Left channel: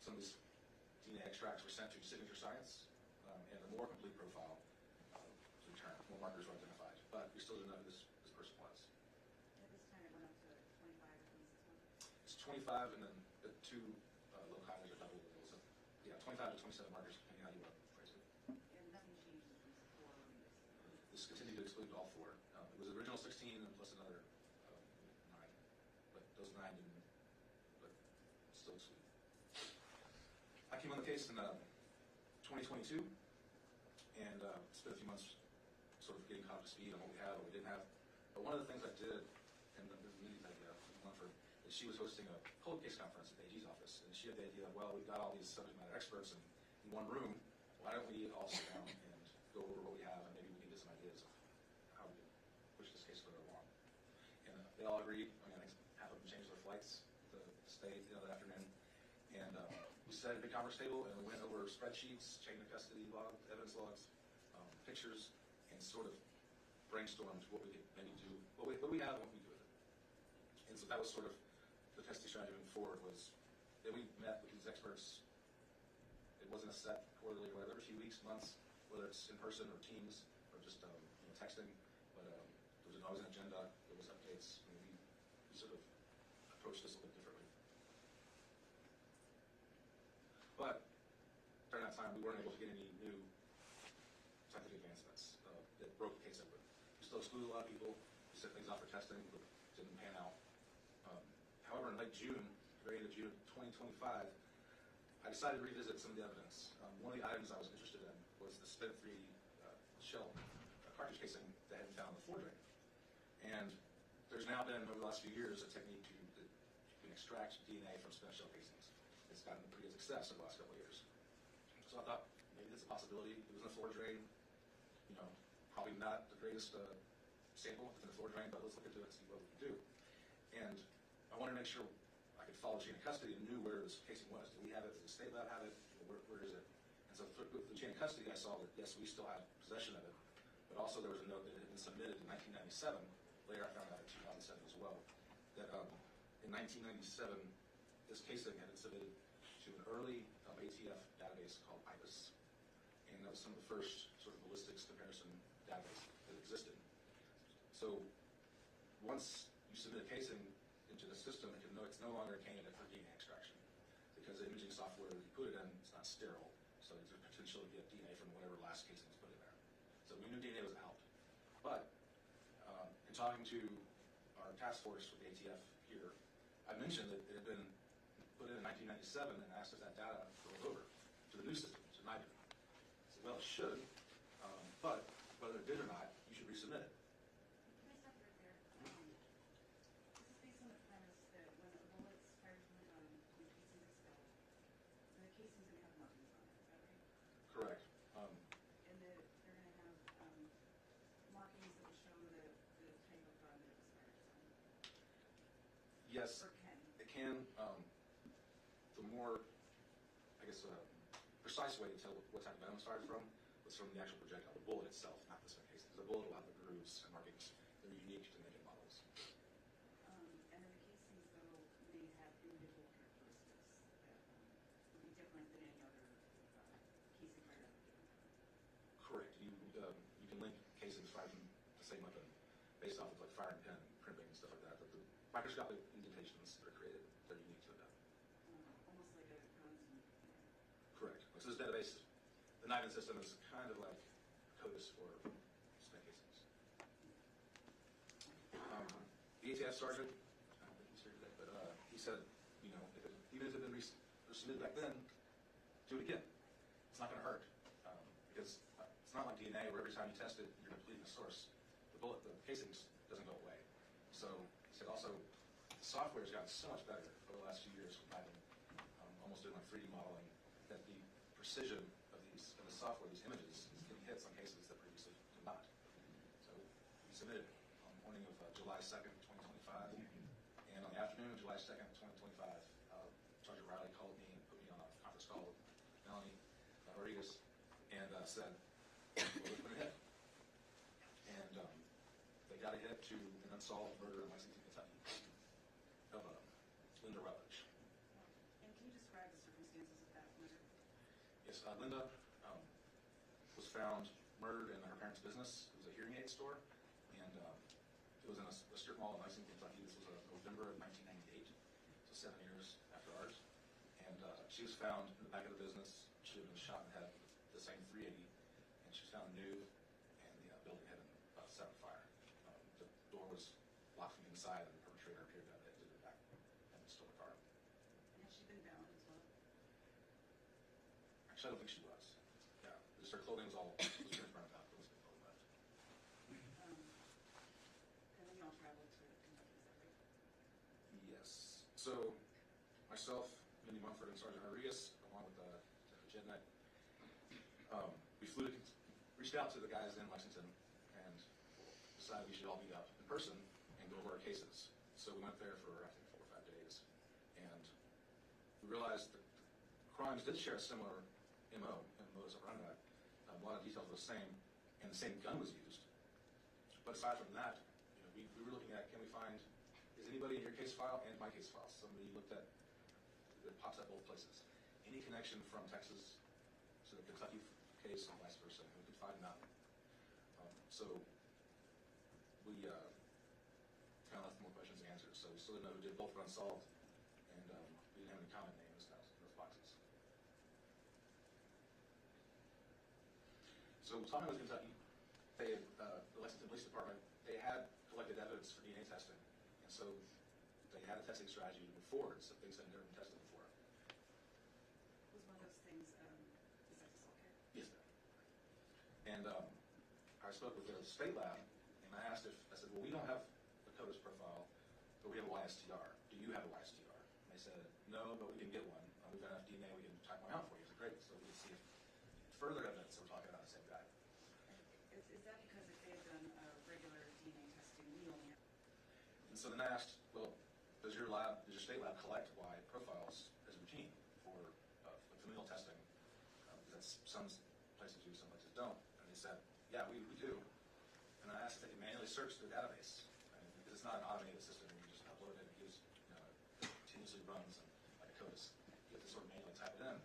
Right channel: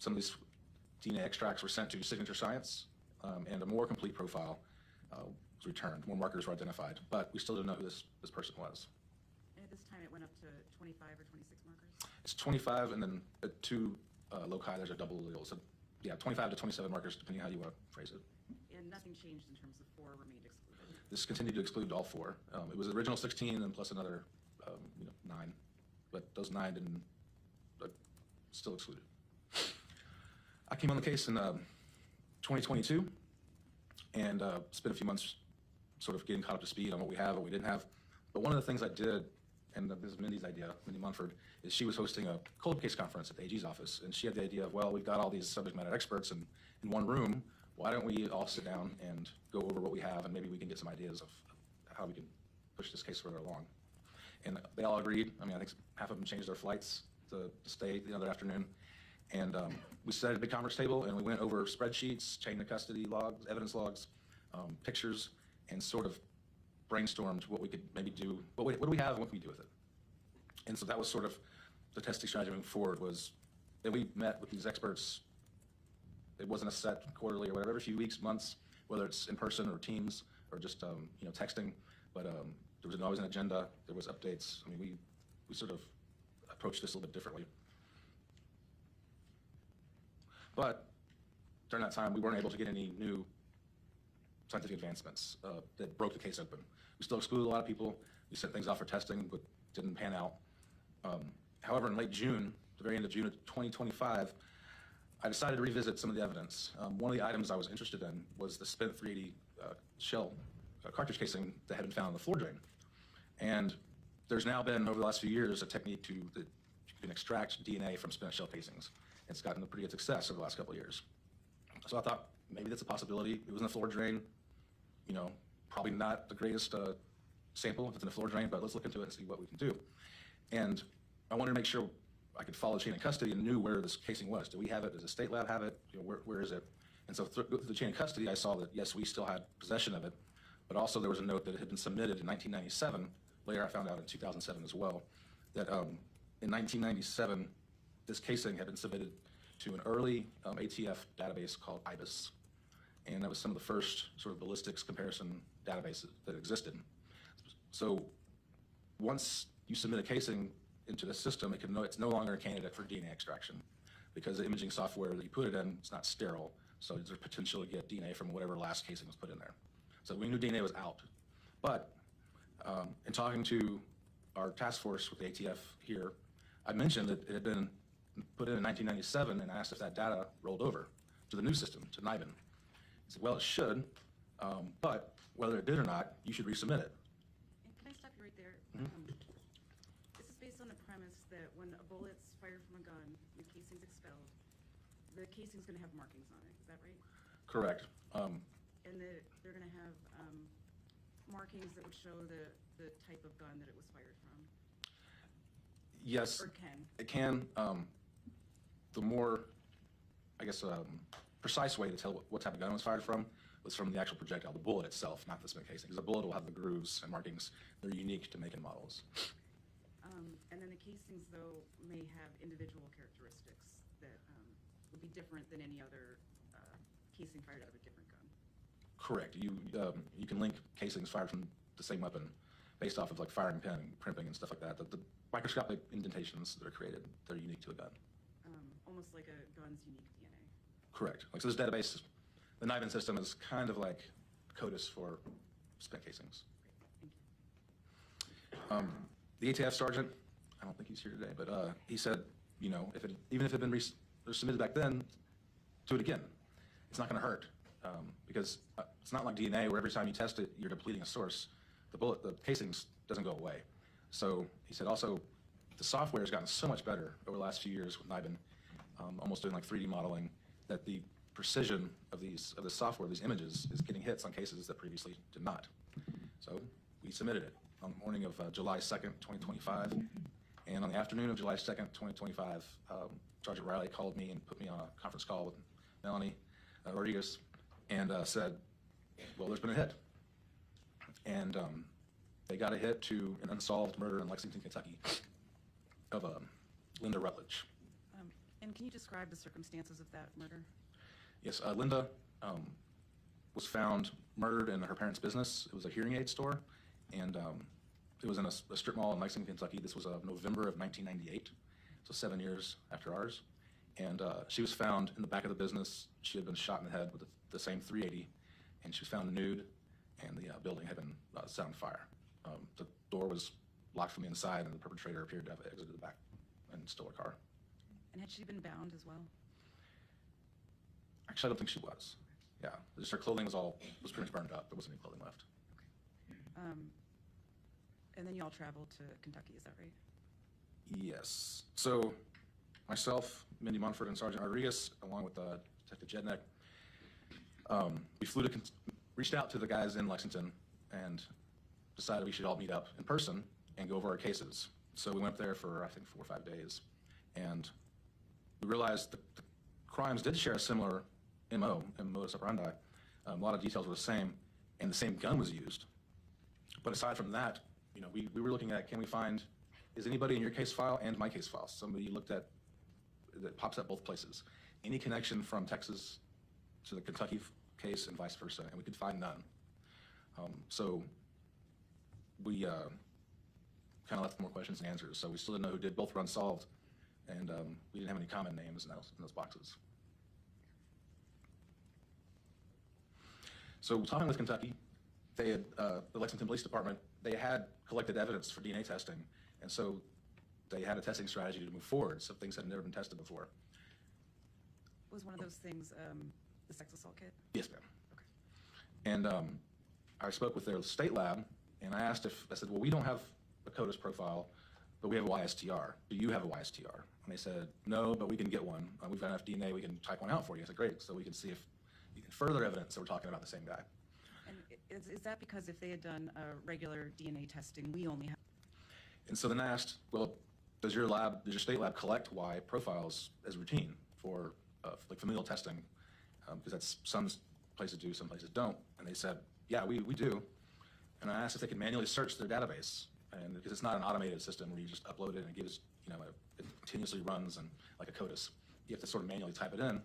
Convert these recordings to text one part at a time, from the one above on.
some of these DNA extracts were sent to Signature Science, and a more complete profile was returned. More markers were identified, but we still don't know who this person was. And at this time, it went up to 25 or 26 markers? It's 25, and then at 2 loci, there's a double allele. So, yeah, 25 to 27 markers, depending on how you want to phrase it. And nothing changed in terms of 4 remained excluded? This continued to exclude all 4. It was the original 16, and plus another 9. But those 9 didn't, still excluded. I came on the case in 2022, and spent a few months sort of getting caught up to speed on what we have, what we didn't have. But one of the things I did, and this is Mindy's idea, Mindy Munford, is she was hosting a cold case conference at the AG's office, and she had the idea of, well, we've got all these subject matter experts in one room, why don't we all sit down and go over what we have, and maybe we can get some ideas of how we can push this case further along. And they all agreed. I mean, I think half of them changed their flights to stay the other afternoon. And we sat at a big conference table, and we went over spreadsheets, chain of custody logs, evidence logs, pictures, and sort of brainstormed what we could maybe do, what do we have and what can we do with it. And so that was sort of the testing strategy moving forward, was that we met with these experts. It wasn't a set quarterly or whatever, every few weeks, months, whether it's in person or Teams or just texting, but there was always an agenda, there was updates. I mean, we sort of approached this a little bit differently. But during that time, we weren't able to get any new scientific advancements that broke the case open. We still excluded a lot of people. We sent things off for testing, but didn't pan out. However, in late June, the very end of June of 2025, I decided to revisit some of the evidence. One of the items I was interested in was the spent 380 shell cartridge casing that had been found in the floor drain. And there's now been, over the last few years, a technique that you can extract DNA from spent shell casings. It's gotten a pretty good success over the last couple of years. So I thought maybe that's a possibility. It was in the floor drain. Probably not the greatest sample if it's in the floor drain, but let's look into it and see what we can do. And I wanted to make sure I could follow chain of custody and knew where this casing was. Do we have it? Does the state lab have it? Where is it? And so through the chain of custody, I saw that, yes, we still had possession of it, but also there was a note that it had been submitted in 1997. Later, I found out in 2007 as well, that in 1997, this casing had been submitted to an early ATF database called IBIS. And that was some of the first sort of ballistics comparison databases that existed. So once you submit a casing into the system, it's no longer a candidate for DNA extraction, because the imaging software that you put it in is not sterile, so there's potential to get DNA from whatever last casing was put in there. So we knew DNA was out. But in talking to our task force with the ATF here, I mentioned that it had been put in 1997 and asked if that data rolled over to the new system, to NIBIN. I said, well, it should, but whether it did or not, you should resubmit it. And can I stop you right there? Mm-hmm. This is based on the premise that when a bullet's fired from a gun, the casing's expelled, the casing's going to have markings on it. Is that right? Correct. And they're going to have markings that would show the type of gun that it was fired from? Yes. Or can? It can. The more, I guess, precise way to tell what type of gun it was fired from was from the actual projectile, the bullet itself, not the spent casing. Because the bullet will have the grooves and markings. They're unique to make and models. And then the casings, though, may have individual characteristics that would be different than any other casing fired out of a different gun. Correct. You can link casings fired from the same weapon based off of like firing pin and crimping and stuff like that. The microscopic indentations that are created, they're unique to a gun. Almost like a gun's unique DNA. Correct. Like, so this database, the NIBIN system is kind of like CODIS for spent casings. The ATF sergeant, I don't think he's here today, but he said, even if it had been submitted back then, do it again. It's not going to hurt, because it's not like DNA where every time you test it, you're depleting a source. The casings doesn't go away. So he said also, the software has gotten so much better over the last few years with NIBIN, almost doing like 3D modeling, that the precision of the software, these images, is getting hits on cases that previously did not. So we submitted it on the morning of July 2nd, 2025. And on the afternoon of July 2nd, 2025, Sergeant Riley called me and put me on a conference call with Melanie Rodriguez and said, well, there's been a hit. And they got a hit to an unsolved murder in Lexington, Kentucky of Linda Rutledge. And And can you describe the circumstances of that murder? Yes, Linda was found murdered in her parents' business. It was a hearing aid store, and it was in a strip mall in Lexington, Kentucky. This was November of 1998, so 7 years after ours. And she was found in the back of the business. She had been shot in the head with the same .380, and she was found nude, and the building had been set on fire. The door was locked from the inside, and the perpetrator appeared to have exited the back and stole her car. And had she been bound as well? Actually, I don't think she was. Yeah, just her clothing was pretty much burned up. There wasn't any clothing left. And then you all traveled to Kentucky, is that right? Yes. So myself, Mindy Munford, and Sergeant Rodriguez, along with Detective Jednek, we reached out to the guys in Lexington and decided we should all meet up in person and go over our cases. So we went up there for, I think, 4 or 5 days. And we realized the crimes did share a similar MO and modus operandi. A lot of details were the same, and the same gun was used. But aside from that, you know, we were looking at, can we find, is anybody in your case file and my case file, somebody you looked at that pops up both places? Any connection from Texas to the Kentucky case and vice versa, and we could find none. So we kind of left more questions than answers. So we still didn't know who did. Both were unsolved, and we didn't have any common names in those boxes. So talking with Kentucky, they had, the Lexington Police Department, they had collected evidence for DNA testing, and so they had a testing strategy to move forward, so things had never been tested before. Was one of those things the sex assault kit? Yes, ma'am. Okay. And I spoke with their state lab, and I said, well, we don't have a CODIS profile, but we have a YSTR. Do you have a YSTR? And they said, no, but we can get one. We've got enough DNA, we can type one out for you. I said, great, so we can see if you can further evidence that we're talking about the same guy. And is that because if they had done regular DNA testing, we only have... And so then I asked, well, does your state lab collect Y profiles as routine for like familial testing? Because that's some places do, some places don't. And they said, yeah, we do. And I asked if they could manually search their database, and because it's not an automated system where you just upload it and it gives, you know, it continuously runs and like a CODIS. You have to sort of manually type it in,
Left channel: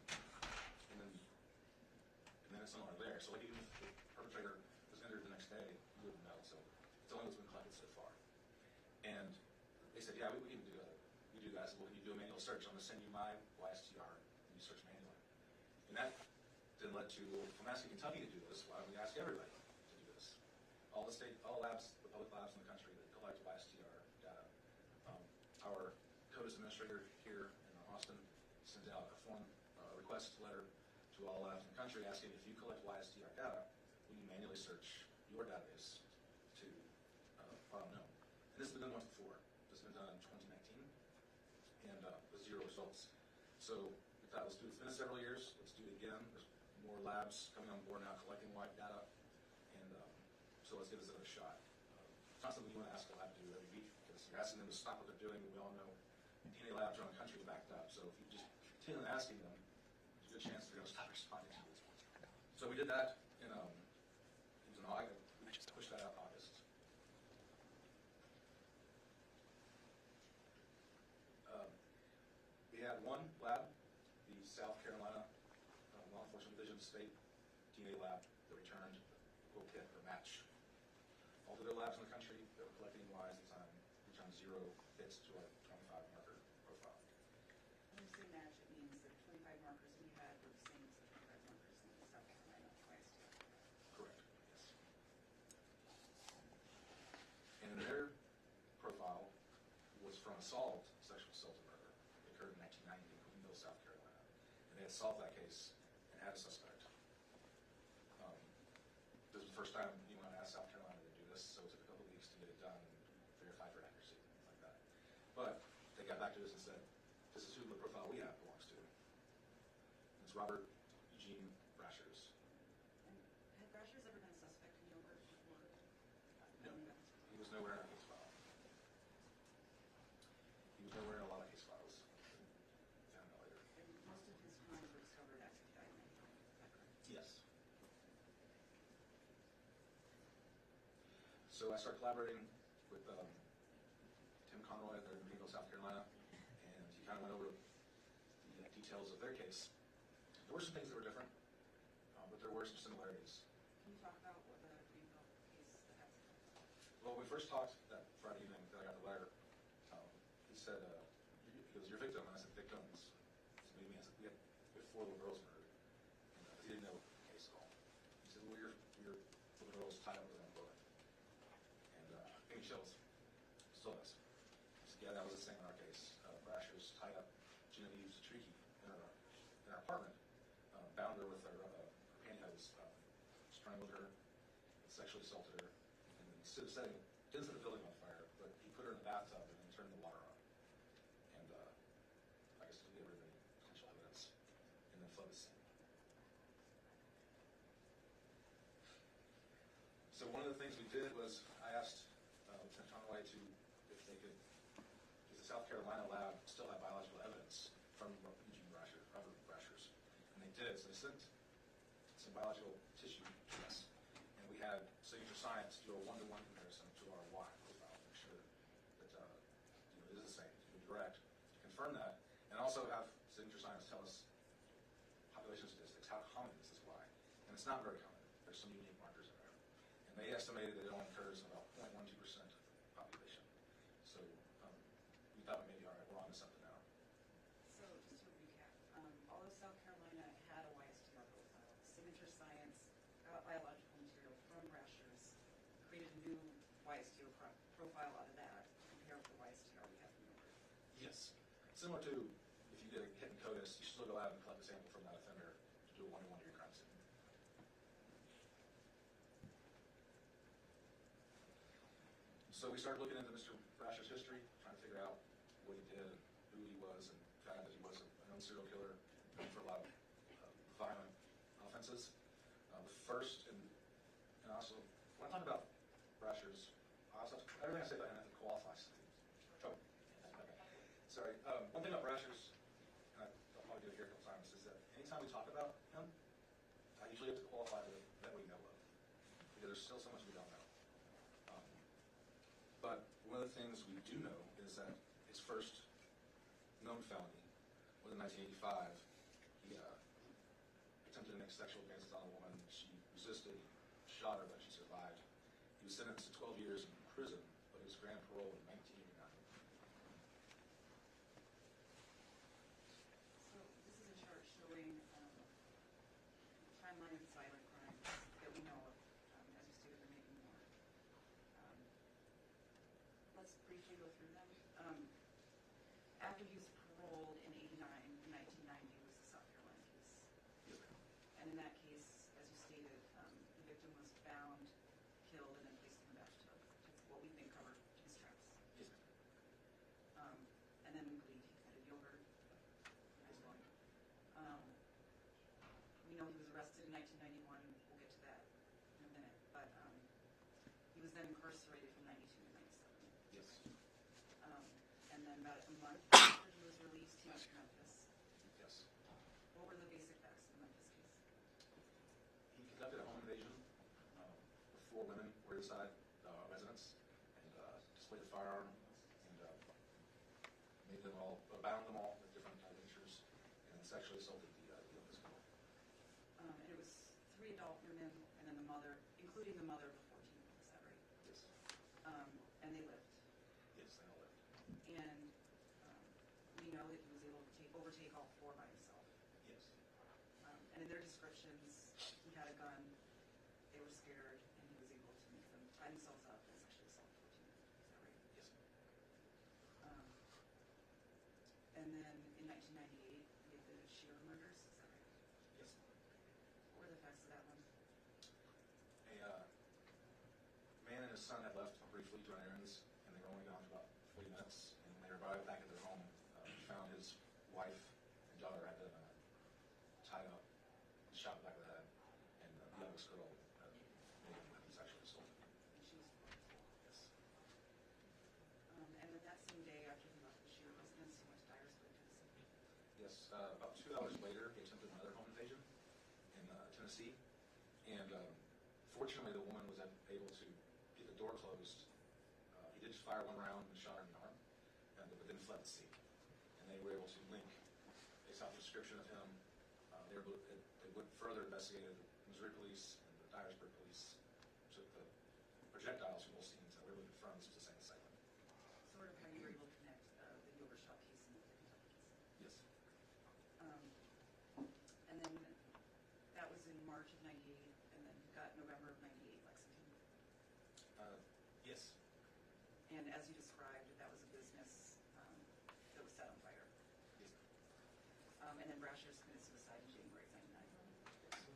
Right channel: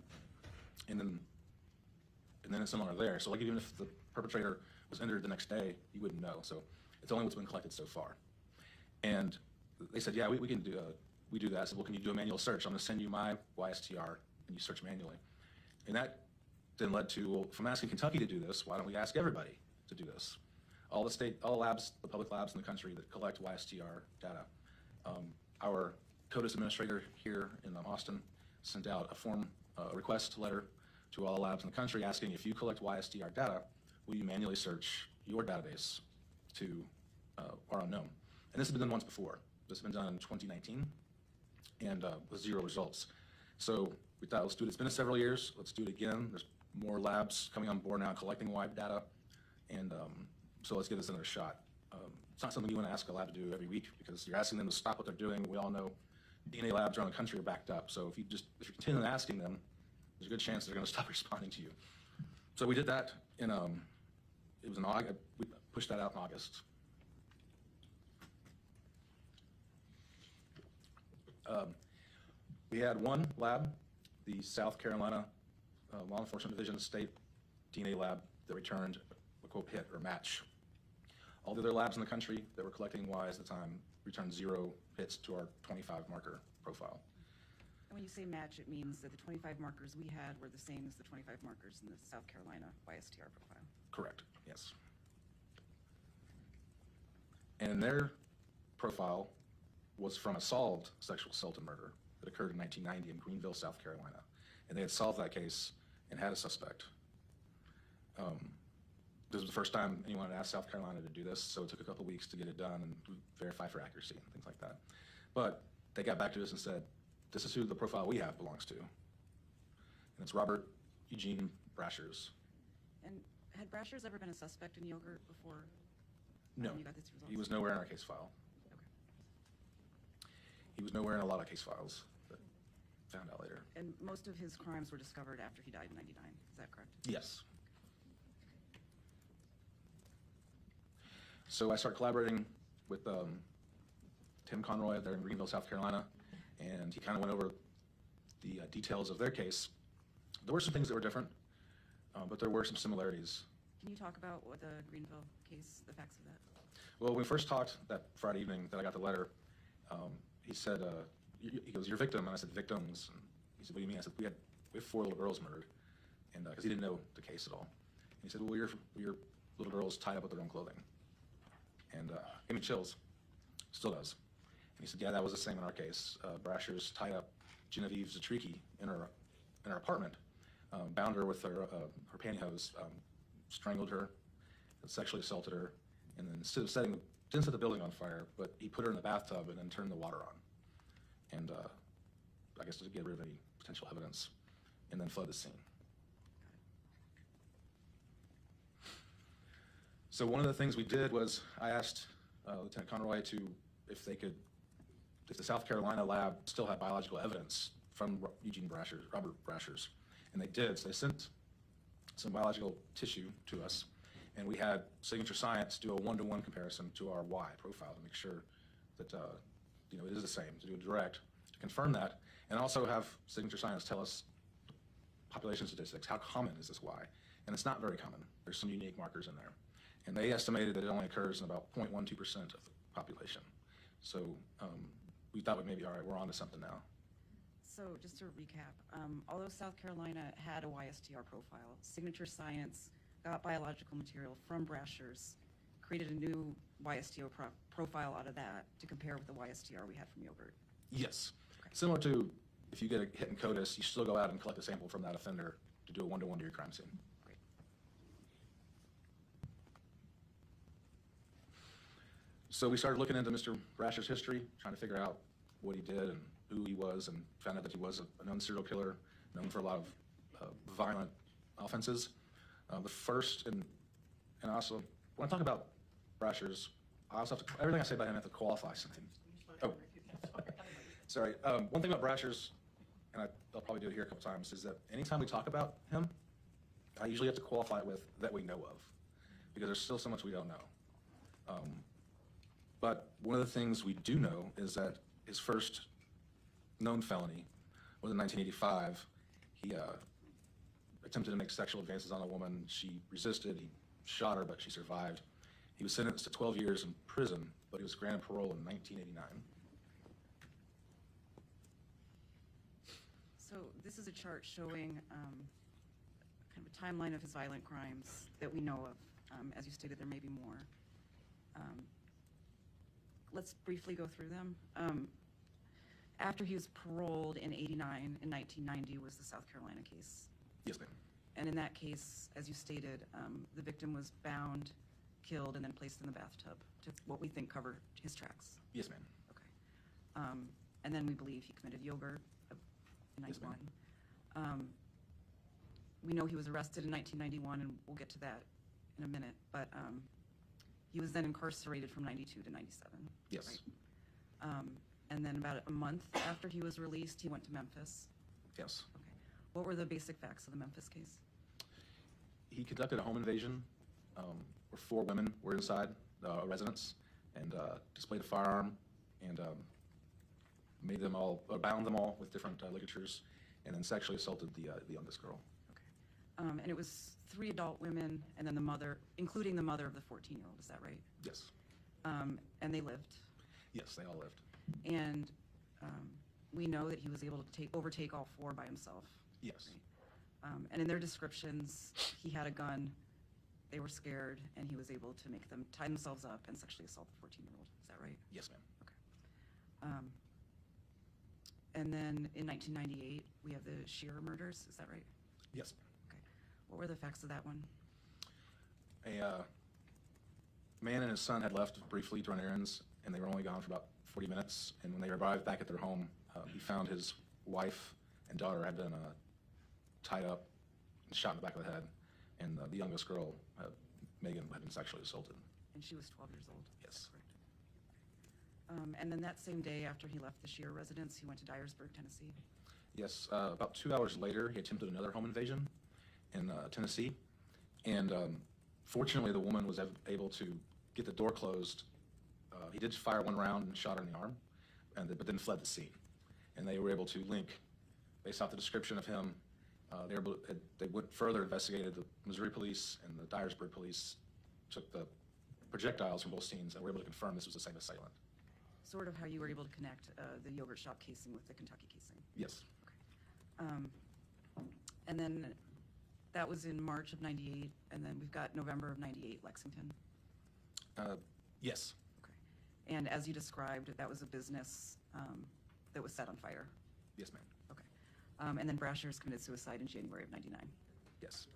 and then it's no longer there. So like even if the perpetrator was entered the next day, you wouldn't know. So it's only what's been collected so far. And they said, yeah, we can do we do that. I said, well, can you do a manual search? I'm going to send you my YSTR, and you search manually. And that then led to, well, if I'm asking Kentucky to do this, why don't we ask everybody to do this? All labs, the public labs in the country that collect YSTR data. Our CODIS administrator here in Austin sent out a request letter to all labs in the country asking, if you collect YSTR data, will you manually search your database to our unknown? And this has been done once before. This has been done in 2019, and with 0 results. So we thought, let's do it. It's been several years. Let's do it again. There's more labs coming on board now collecting Y data, and so let's give this another shot. It's not something you want to ask a lab to do every week, because you're asking them to stop what they're doing. We all know DNA labs around the country are backed up. So if you continue asking them, there's a good chance they're going to stop responding to you. So we did that in it was in August. We pushed that out in August. We had one lab, the South Carolina Law Enforcement Division State DNA lab, that returned a quote hit or match. All the other labs in the country that were collecting Ys at the time returned 0 hits to our 25 marker profile. And when you say match, it means that the 25 markers we had were the same as the 25 markers in the South Carolina YSTR profile. Correct, yes. And their profile was from a solved sexual assault and murder that occurred in 1990 in Greenville, South Carolina. And they had solved that case and had a suspect. This was the first time anyone had asked South Carolina to do this, so it took a couple weeks to get it done and verify for accuracy and things like that. But they got back to us and said, this is who the profile we have belongs to. And it's Robert Eugene Brashers. And had Brashers ever been a suspect in yogurt before No, you got this result? he was nowhere in our case file. He was nowhere in a lot of case files, but found out later. And most of his crimes were discovered after he died in '99, is that correct? Yes. So I started collaborating with Tim Conroy there in Greenville, South Carolina, and he kind of went over the details of their case, there were some things that were different, but there were some similarities. Can you talk about what the Greenville case, the facts of that? Well, when we first talked that Friday evening that I got the letter, he said, he goes, "Your victim," and I said, "Victims." And he said, "What do you mean?" I said, we have 4 little girls murdered, and because he didn't know the case at all. And he said, "Well, your little girls tied up with their own clothing," and gave me chills. Still does. And he said, "Yeah, that was the same in our case. Brashers tied up Genevieve Zatriki in her apartment, bound her with her pantyhose, strangled her, and sexually assaulted her, and then instead of didn't set the building on fire, but he put her in the bathtub and then turned the water on, and I guess to get rid of any potential evidence, and then fled the scene." So one of the things we did was I asked Lieutenant Conroy if the South Carolina lab still had biological evidence from Robert Brashers, and they did. So they sent some biological tissue to us, and we had Signature Science do a 1-to-1 comparison to our Y profile to make sure that it is the same, to do a direct to confirm that, and also have Signature Science tell us population statistics. How common is this Y? And it's not very common. There's some unique markers in there, and they estimated that it only occurs in about 0.12% of the population. So we thought we maybe, all right, we're on to something now. So just to recap, although South Carolina had a YSTR profile, Signature Science got biological material from Brashers, created a new YSTO profile out of that to compare with the YSTR we had from yogurt. Yes. Okay. Similar to if you get a hit in CODIS, you still go out and collect a sample from that offender to do a 1-to-1 to your crime scene. Great. So we started looking into Mr. Brasher's history, trying to figure out what he did and who he was, and found out that he was a known serial killer, known for a lot of violent offenses. The first, and also, when I talk about Brashers, I also have to, everything I say about him I have to qualify something. Oh, sorry. One thing about Brashers, and I'll probably do it here a couple times, is that anytime we talk about him, I usually have to qualify it with that we know of, because there's still so much we don't know. But one of the things we do know is that his first known felony was in 1985. He attempted to make sexual advances on a woman. She resisted. He shot her, but she survived. He was sentenced to 12 years in prison, but he was granted parole in 1989. So this is a chart showing kind of a timeline of his violent crimes that we know of. As you stated, there may be more. Let's briefly go through them. After he was paroled in 89, in 1990 was the South Carolina case. Yes, ma'am. And in that case, as you stated, the victim was bound, killed, and then placed in the bathtub to what we think covered his tracks. Yes, ma'am. Okay. And then we believe he committed yogurt in 91. Yes, ma'am. We know he was arrested in 1991, and we'll get to that in a minute, but he was then incarcerated from 92 to 97. Yes. Right? And then about a month after he was released, he went to Memphis. Yes. What were the basic facts of the Memphis case? He conducted a home invasion where 4 women were inside a residence and displayed a firearm and bound them all with different ligatures, and then sexually assaulted the youngest girl. Okay. And it was 3 adult women and then the mother, including the mother of the 14-year-old, is that right? Yes. And they lived. Yes, they all lived. And we know that he was able to overtake all 4 by himself. Yes. And in their descriptions, he had a gun, they were scared, and he was able to make them tie themselves up and sexually assault the 14-year-old. Is that right? Yes, ma'am. Okay. And then in 1998, we have the Shearer murders. Is that right? Yes. Okay. What were the facts of that one? A man and his son had left briefly to run errands, and they were only gone for about 40 minutes. And when they arrived back at their home, he found his wife and daughter had been tied up and shot in the back of the head, and the youngest girl, Megan, had been sexually assaulted. And she was 12 years old. Yes. And then that same day after he left the Shearer residence, he went to Dyersburg, Tennessee. Yes. About 2 hours later, he attempted another home invasion in Tennessee, and fortunately, the woman was able to get the door closed. He did fire 1 round and shot her in the arm, but then fled the scene. And they were able to link based off the description of him, they went further, investigated. The Missouri police and the Dyersburg police took the projectiles from both scenes and were able to confirm this was the same assailant. Sort of how you were able to connect the yogurt shop casing with the Kentucky casing. Yes. And then that was in March of '98, and then we've got November of '98, Lexington. Yes. Okay. And as you described, that was a business that was set on fire. Yes, ma'am. Okay. And then Brashers committed suicide in January of '99. Yes.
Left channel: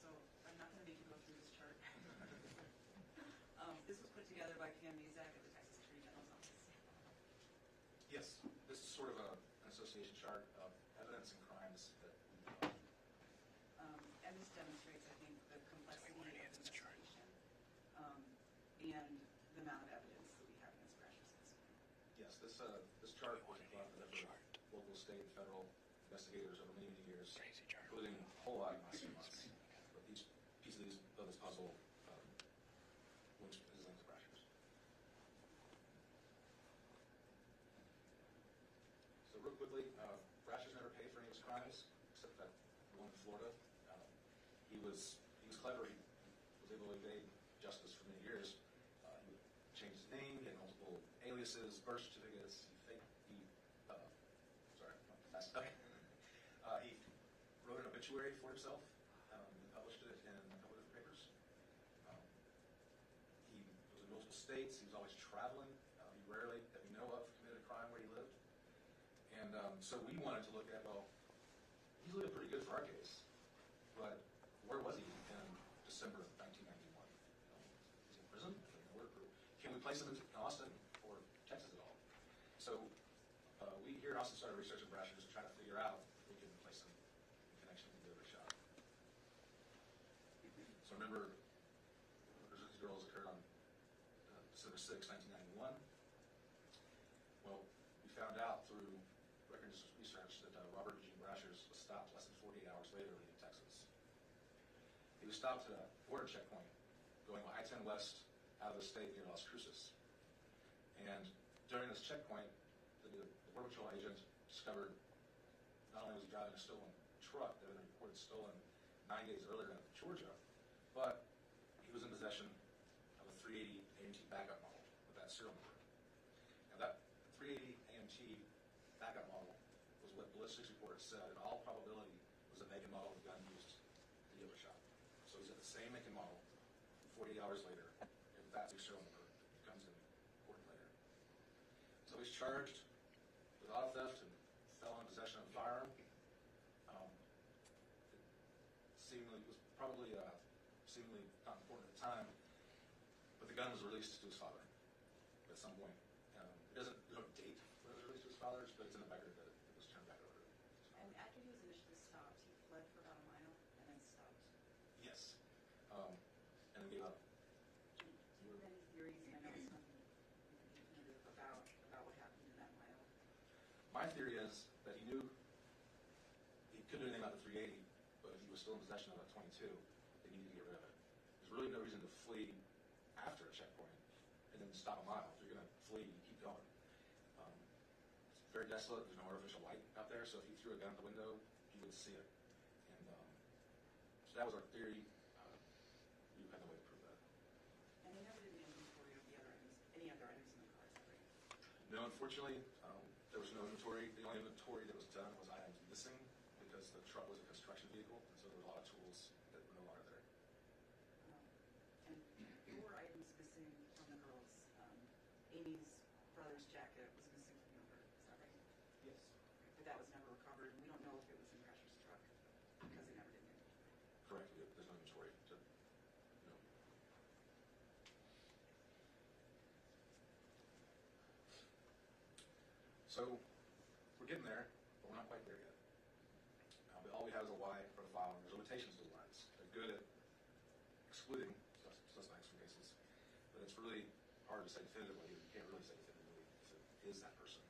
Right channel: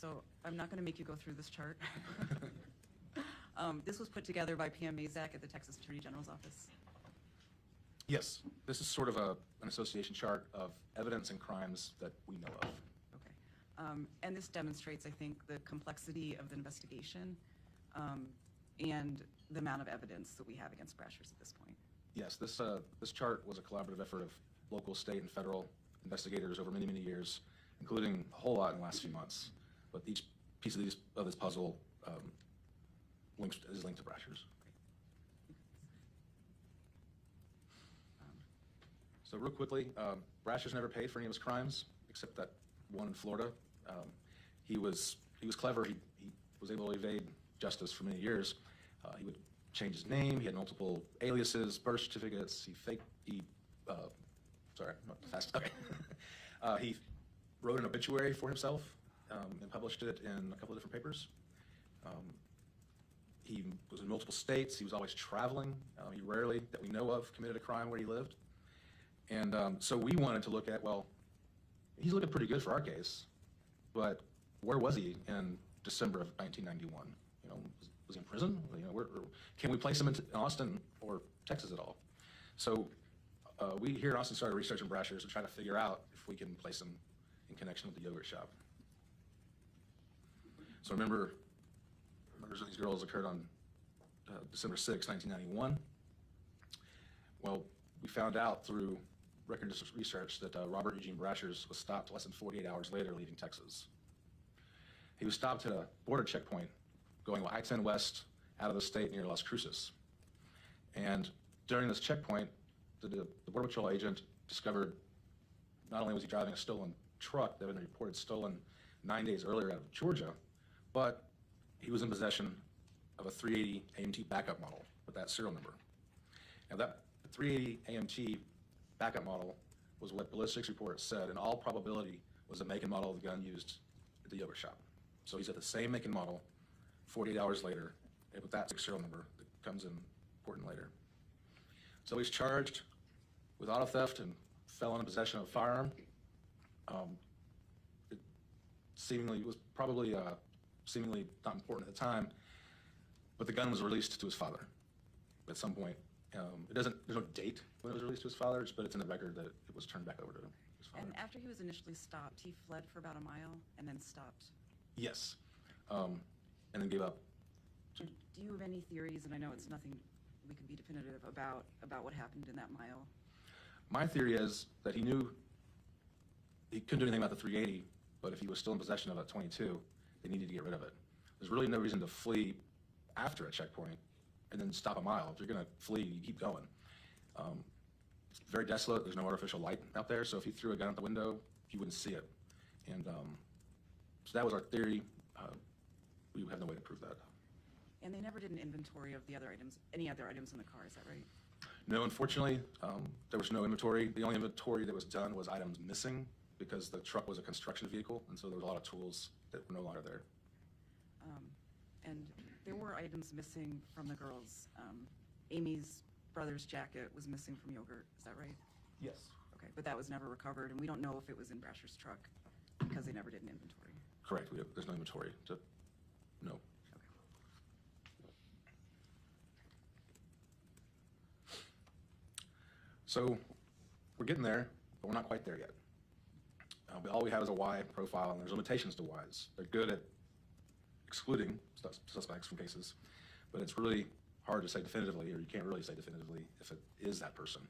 So I'm not going to make you go through this chart. This was put together by PM Mazak at the Texas Attorney General's office. Yes. This is sort of an association chart of evidence and crimes that we know of. Okay. And this demonstrates, I think, the complexity of the investigation and the amount of evidence that we have against Brashers at this point. Yes, this chart was a collaborative effort of local, state, and federal investigators over many, many years, including a whole lot in the last few months. But each piece of this puzzle is linked to Brashers. So real quickly, Brashers never paid for any of his crimes, except that one in Florida. He was clever. He was able to evade justice for many years. He would change his name. He had multiple aliases, birth certificates. Sorry, not fast. Okay. He wrote an obituary for himself and published it in a couple of different papers. He was in multiple states. He was always traveling. He rarely, that we know of, committed a crime where he lived. And so we wanted to look at, well, he's looking pretty good for our case, but where was he in December of 1991? You know, was he in prison? You know, can we place him in Austin or Texas at all? So we here in Austin started researching Brashers to try to figure out if we can place him in connection with the yogurt shop. So remember, murders of these girls occurred on December 6, 1991. Well, we found out through record research that Robert Eugene Brashers was stopped less than 48 hours later leaving Texas. He was stopped at a border checkpoint going I-10 west out of the state near Las Cruces. And during this checkpoint, the Border Patrol agent discovered not only was he driving a stolen truck that had been reported stolen 9 days earlier out of Georgia, but he was in possession of a 380 AMT backup model with that serial number. Now that 380 AMT backup model was what ballistics reports said in all probability was the make and model of the gun used at the yogurt shop. So he's at the same make and model 48 hours later with that serial number that comes in important later. So he's charged with auto theft and felon in possession of a firearm. It seemingly was probably seemingly not important at the time, but the gun was released to his father at some point. There's no date when it was released to his father, but it's in the record that it was turned back over to his father. And after he was initially stopped, he fled for about a mile and then stopped. Yes, and then gave up. Do you have any theories, and I know it's nothing we could be definitive about what happened in that mile? My theory is that he knew he couldn't do anything about the 380, but if he was still in possession of a 22, they needed to get rid of it. There's really no reason to flee after a checkpoint and then stop a mile. If you're going to flee, you keep going. It's very desolate. There's no artificial light out there, so if he threw a gun out the window, you wouldn't see it. And so that was our theory. We have no way to prove that. And they never did an inventory of the other items, any other items in the car, is that right? No, unfortunately, there was no inventory. The only inventory that was done was items missing because the truck was a construction vehicle, and so there was a lot of tools that were no longer there. And there were items missing from the girls. Amy's brother's jacket was missing from yogurt, is that right? Yes. Okay, but that was never recovered, and we don't know if it was in Brasher's truck because they never did an inventory. Correct. There's no inventory to know. So we're getting there, but we're not quite there yet. All we have is a Y profile, and there's limitations to Ys. They're good at excluding suspects from cases, but it's really hard to say definitively, or you can't really say definitively if it is that person,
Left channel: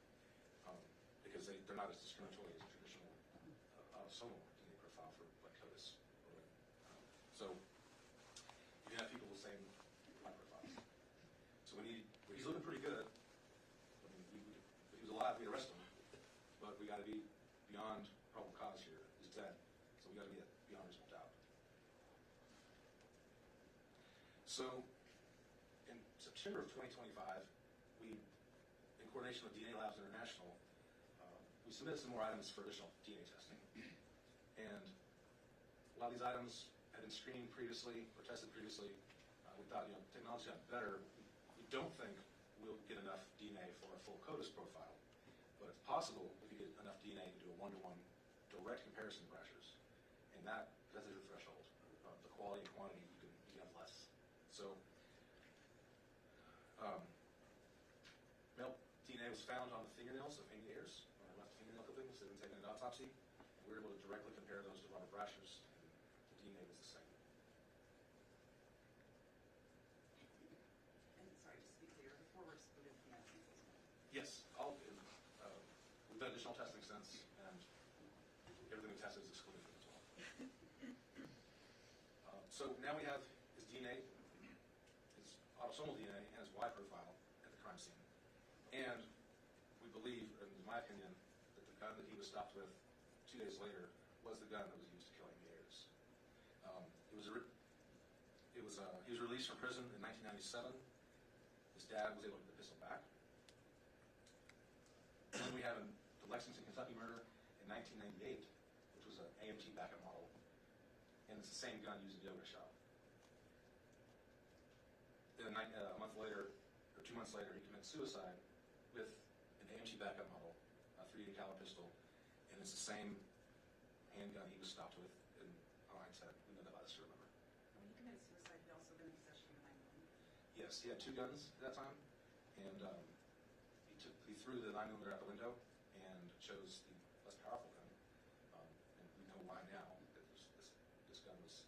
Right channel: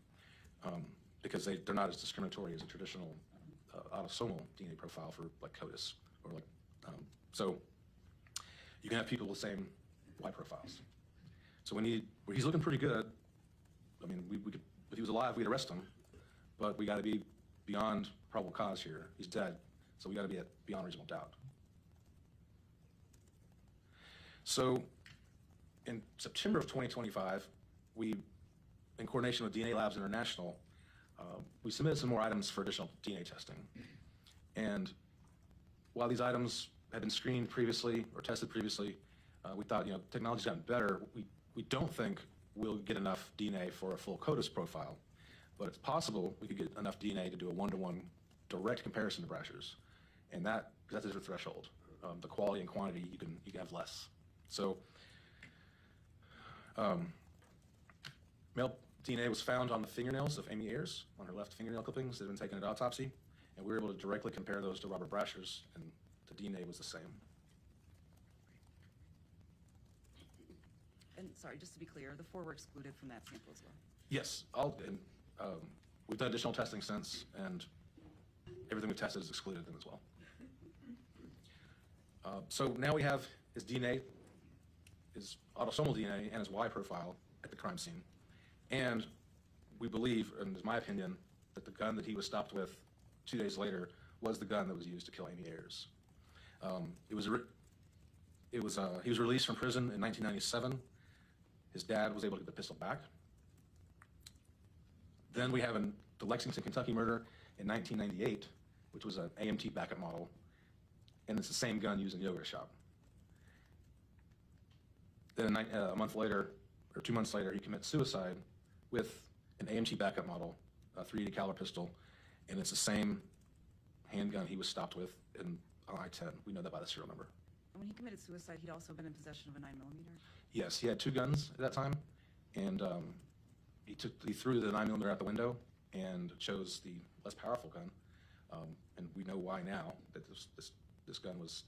because they're not as discriminatory as a traditional autosomal DNA profile for like CODIS or like. So you can have people with the same Y profiles. So he's looking pretty good. I mean, we could, if he was alive, we'd arrest him, but we got to be beyond probable cause here. He's dead, so we got to be at beyond reasonable doubt. So in September of 2025, we, in coordination with DNA Labs International, we submitted some more items for additional DNA testing. And while these items had been screened previously or tested previously, we thought, technology's gotten better. We don't think we'll get enough DNA for a full CODIS profile, but it's possible we could get enough DNA to do a one-to-one direct comparison to Brasher's, and that's the threshold. The quality and quantity, you can have less. So, male DNA was found on the fingernails of Amy Ayers, on her left fingernail clippings that had been taken at autopsy, and we were able to directly compare those to Robert Brasher's, and the DNA was the same. And sorry, just to be clear, the 4 were excluded from that sample as well? Yes, we've done additional testing since, and everything we've tested has excluded them as well. So now we have his DNA, his autosomal DNA, and his Y profile at the crime scene. And we believe, and it's my opinion, that the gun that he was stopped with 2 days later was the gun that was used to kill Amy Ayers. He was released from prison in 1997. His dad was able to get the pistol back. Then we have the Lexington, Kentucky murder in 1998, which was an AMT backup model, and it's the same gun used in the yoga shop. Then a month later, or 2 months later, he commits suicide with an AMT backup model, a .380 caliber pistol, and it's the same handgun he was stopped with on I-10. We know that by the serial number. When he committed suicide, he'd also been in possession of a 9mm? Yes, he had 2 guns at that time, and he threw the 9mm out the window and chose the less powerful gun, and we know why now, that this gun was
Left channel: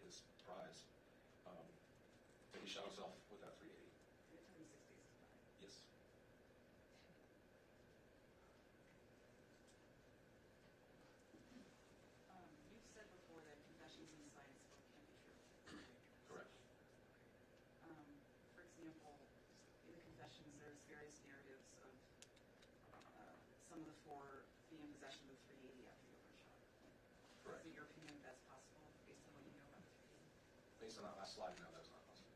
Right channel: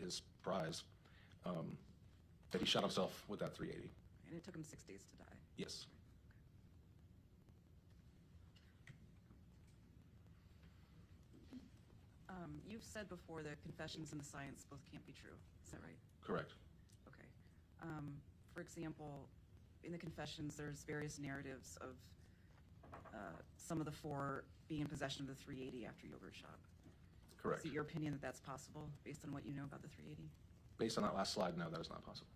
his prize, that he shot himself with that .380. And it took him 6 days to die? Yes. You've said before that confessions and the science both can't be true, is that right? Correct. Okay. For example, in the confessions, there's various narratives of some of the 4 being in possession of the .380 after yogurt shop. Correct. Is it your opinion that that's possible, based on what you know about the .380? Based on that last slide, no, that is not possible.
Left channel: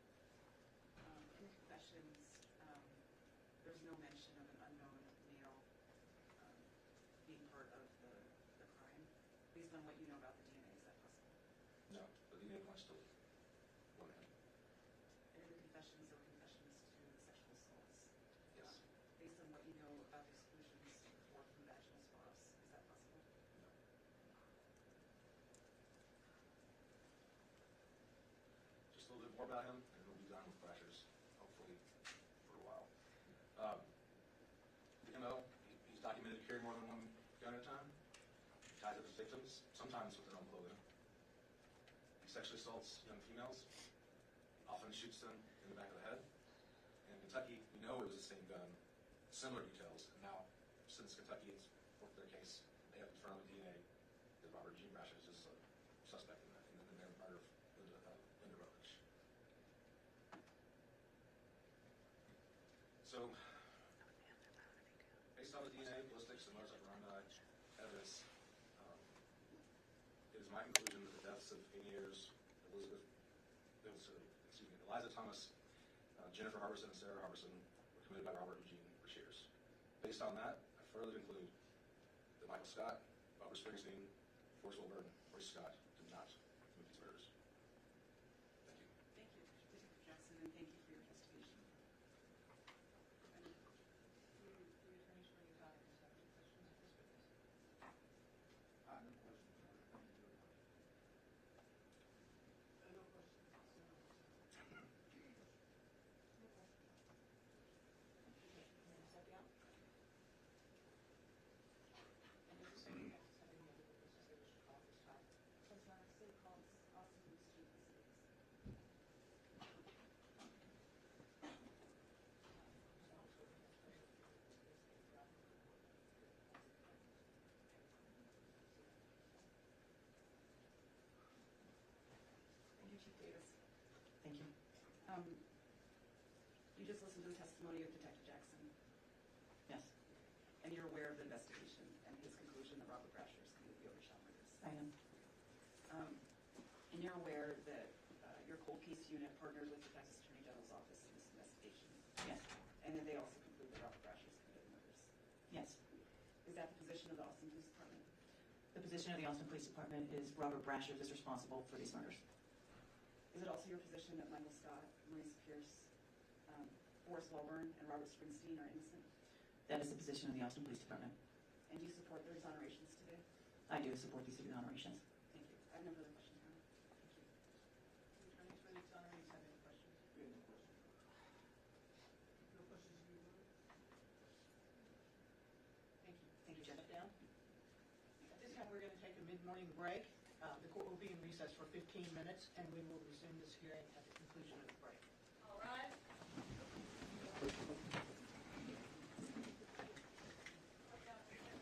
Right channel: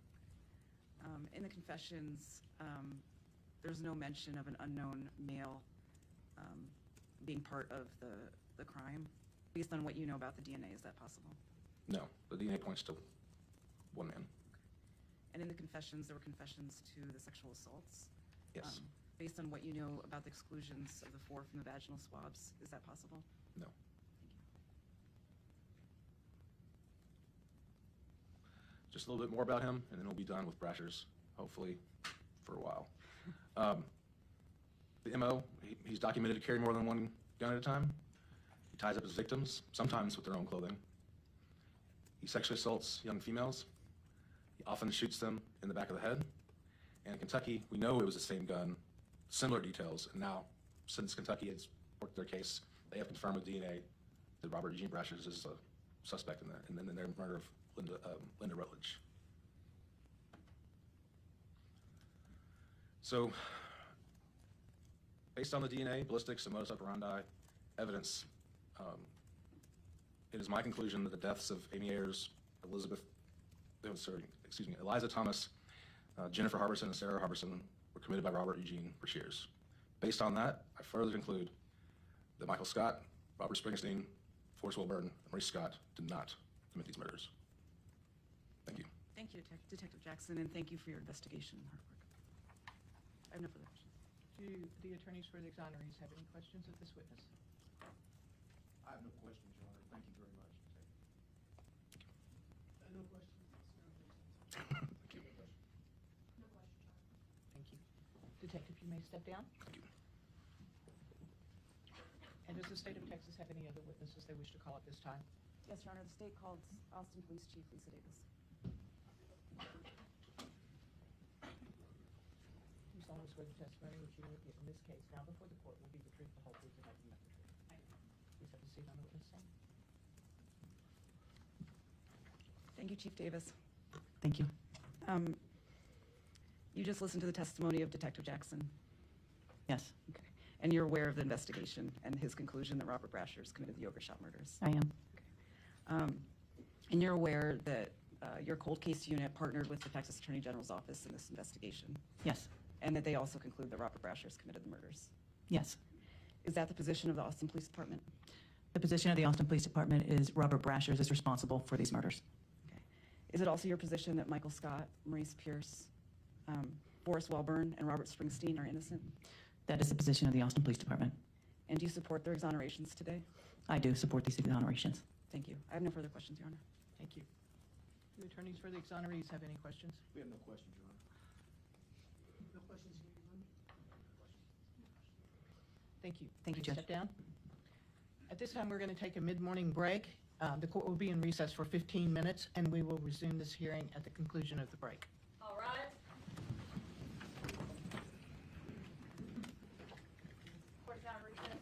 In the confessions, there's no mention of an unknown male being part of the crime. Based on what you know about the DNA, is that possible? No, the DNA points to one man. And in the confessions, there were confessions to the sexual assaults? Yes. Based on what you know about the exclusions of the 4 from the vaginal swabs, is that possible? No. Just a little bit more about him, and then we'll be done with Brasher's, hopefully, for a while. The MO, he's documented to carry more than 1 gun at a time. He ties up his victims, sometimes with their own clothing. He sexually assaults young females. He often shoots them in the back of the head. And in Kentucky, we know it was the same gun, similar details, and now, since Kentucky has worked their case, they have confirmed with DNA that Robert Eugene Brasher's is a suspect in their murder of Linda Rutledge. So, based on the DNA, ballistics, and modus operandi evidence, it is my conclusion that the deaths of Amy Ayers, Eliza Thomas, Jennifer Harbison, and Sarah Harbison were committed by Robert Eugene Brasher's. Based on that, I further conclude that Michael Scott, Robert Springsteen, Forrest Wilburn, and Maurice Scott did not commit these murders. Thank you. Thank you, Detective Jackson, and thank you for your investigation and hard work. I have no further questions. Do the attorneys for the exonerees have any questions of this witness? I have no questions, Your Honor. Thank you very much. No questions. Thank you. Detective, you may step down. Thank you. And does the state of Texas have any other witnesses they wish to call at this time? Yes, Your Honor, the state called Austin Police Chief Lisa Davis. Whose always swear the testimony which you will give in this case now before the court will be the truth, the whole truth, and nothing but the truth. Please have a seat on the witness stand. Thank you, Chief Davis. Thank you. You just listened to the testimony of Detective Jackson. Yes, Okay. And you're aware of the investigation and his conclusion that Robert Brashers committed the Overshot murders. I am. And you're aware that your cold case unit partnered with the Texas Attorney General's office in this investigation, Yes, and that they also conclude that Robert Brashers committed the murders. yes. Is that the position of the Austin Police Department? The position of the Austin Police Department is Robert Brashers is responsible for these murders. Is it also your position that Michael Scott, Maurice Pierce, Forrest Welburn, and Robert Springsteen are innocent? That is the position of the Austin Police Department. And do you support their exonerations today? I do support these exonerations. Thank you. I have no further questions, Your Honor. Thank you. Do attorneys for the exonerees have any questions? We have no questions, Your Honor. No questions, Your Honor? Thank you. Thank you, Please Judge. step down. At this time, we're going to take a mid-morning break. The court will be in recess for 15 minutes, and we will resume this hearing at the conclusion of the break. All right. Court now recess.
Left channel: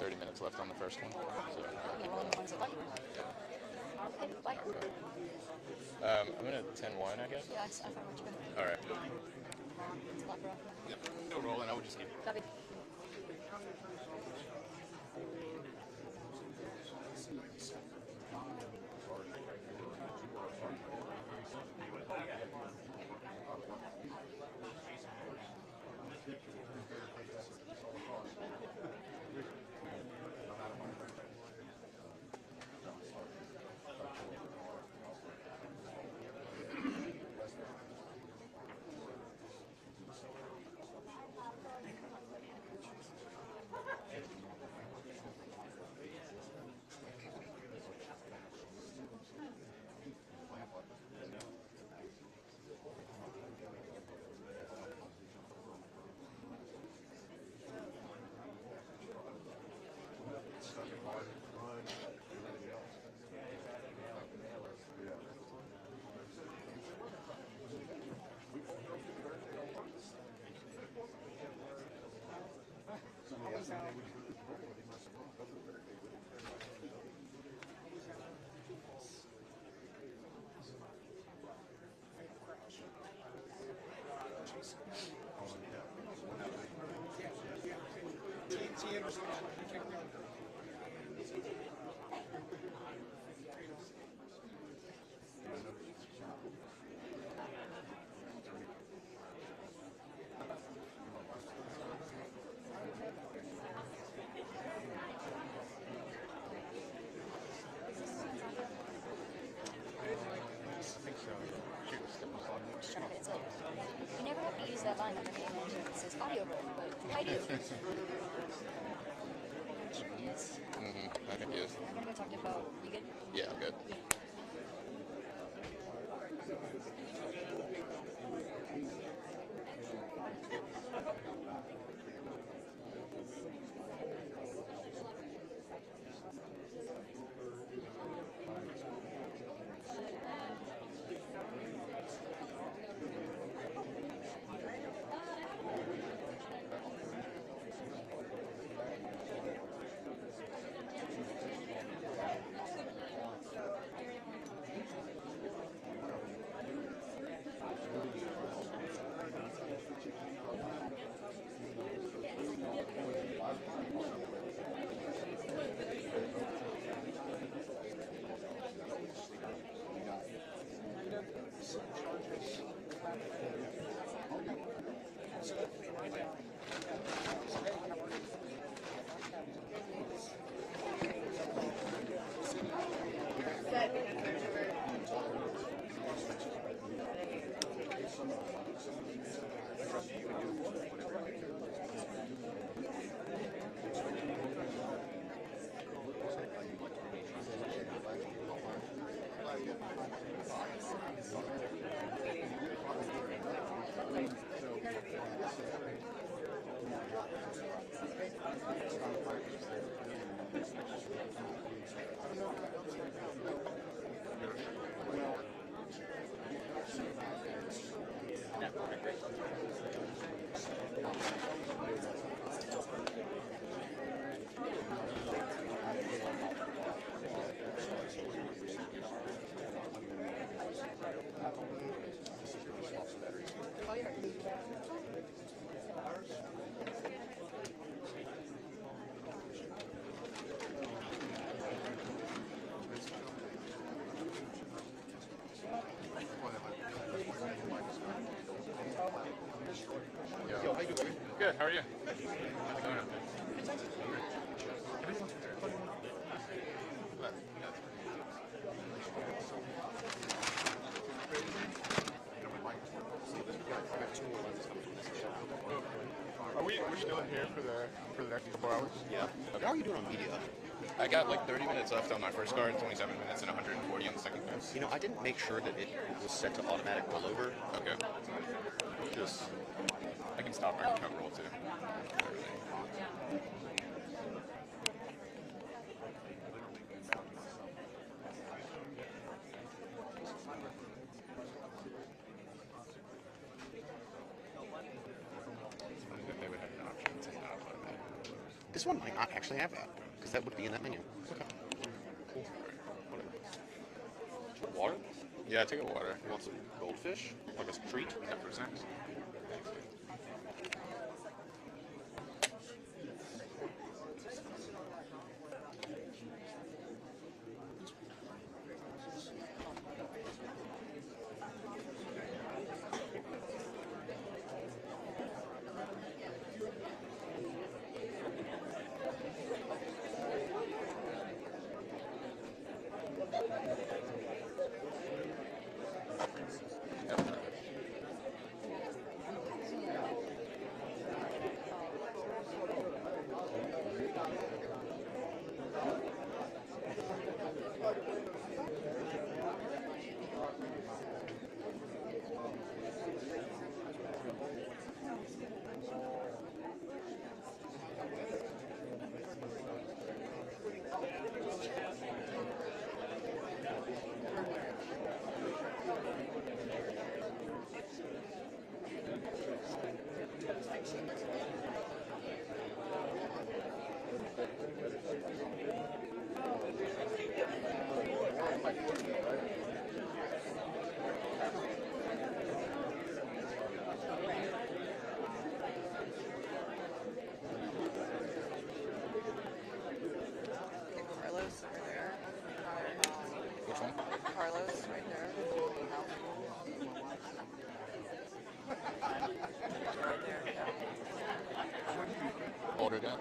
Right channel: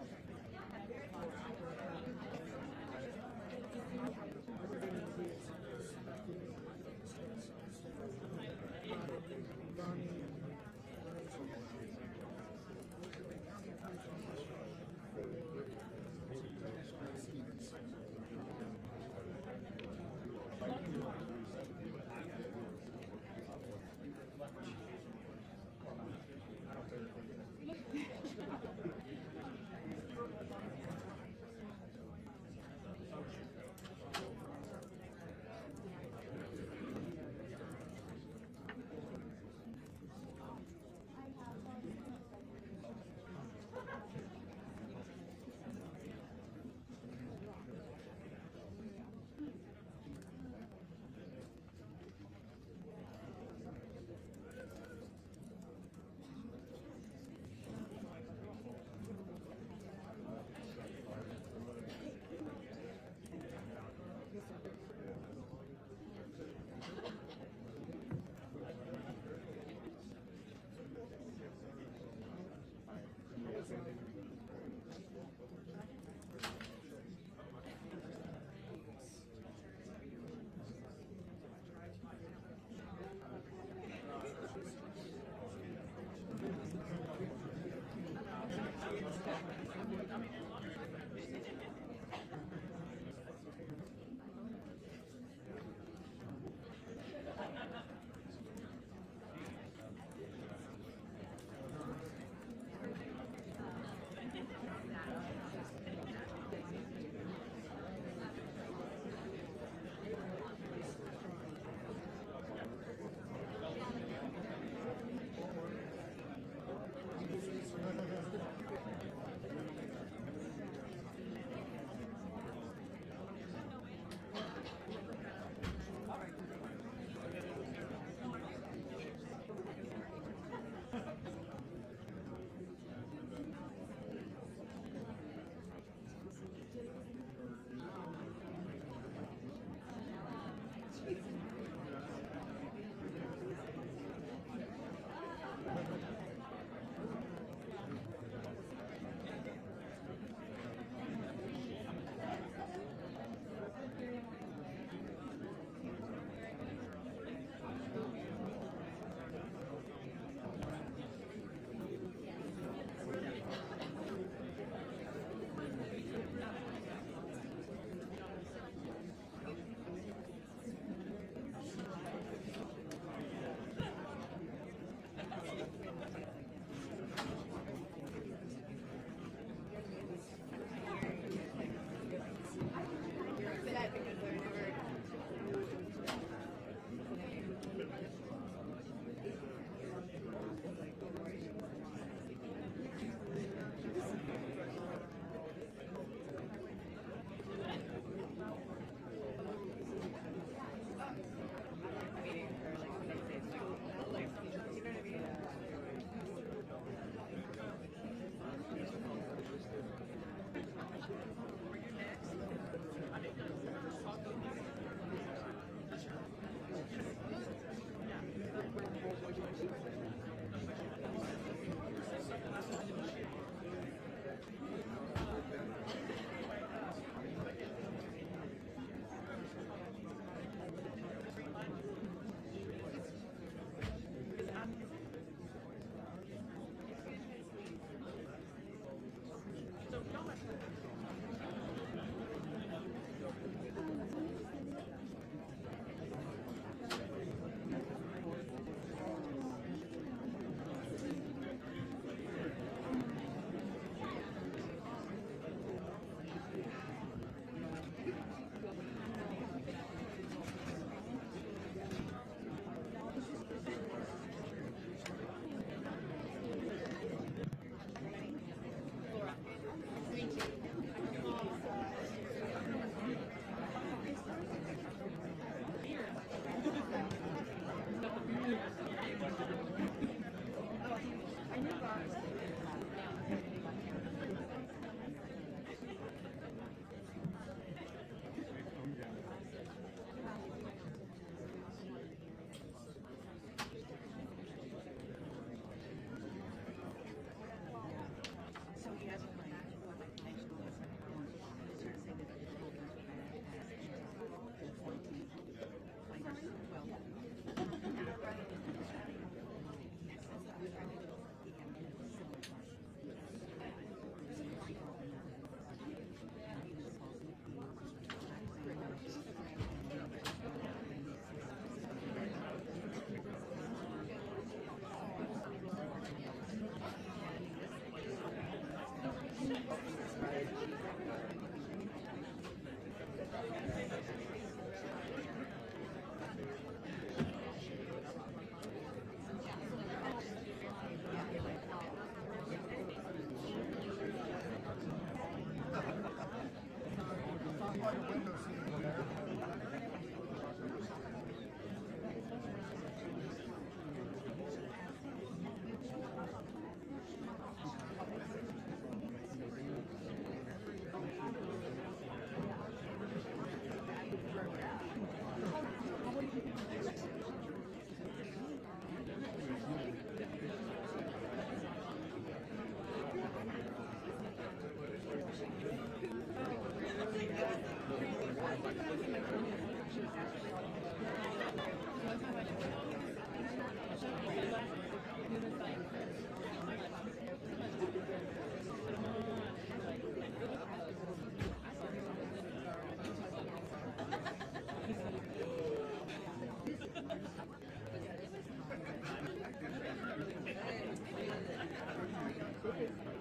30 minutes left on the first one. I'm gonna 10-1, I guess. All right. Yeah, no rolling. I would just keep. I never have to use that line under the animation. It says audio break, but I do. Yes. I could use. I'm gonna talk about you good? Yeah, I'm good. Good. How are you? Are we still here for the next couple hours? Yeah. How are you doing on media? I got like 30 minutes left on my first card, 27 minutes, and 140 on the second card. You know, I didn't make sure that it was set to automatic rollover. Okay. Just, I can stop. I can come roll too. This one might not actually have that, because that would be in that menu. Water? Yeah, take a water. You want some goldfish? As a treat? Yeah, for snacks. Order that.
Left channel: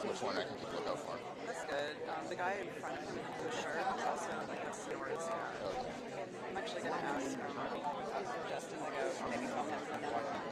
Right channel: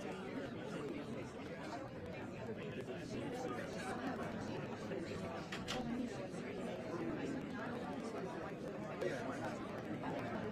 Which one I can just look out for? That's good. The guy in front of me, for sure, also like a story snap. I'm actually gonna ask just as I go, maybe comment on that.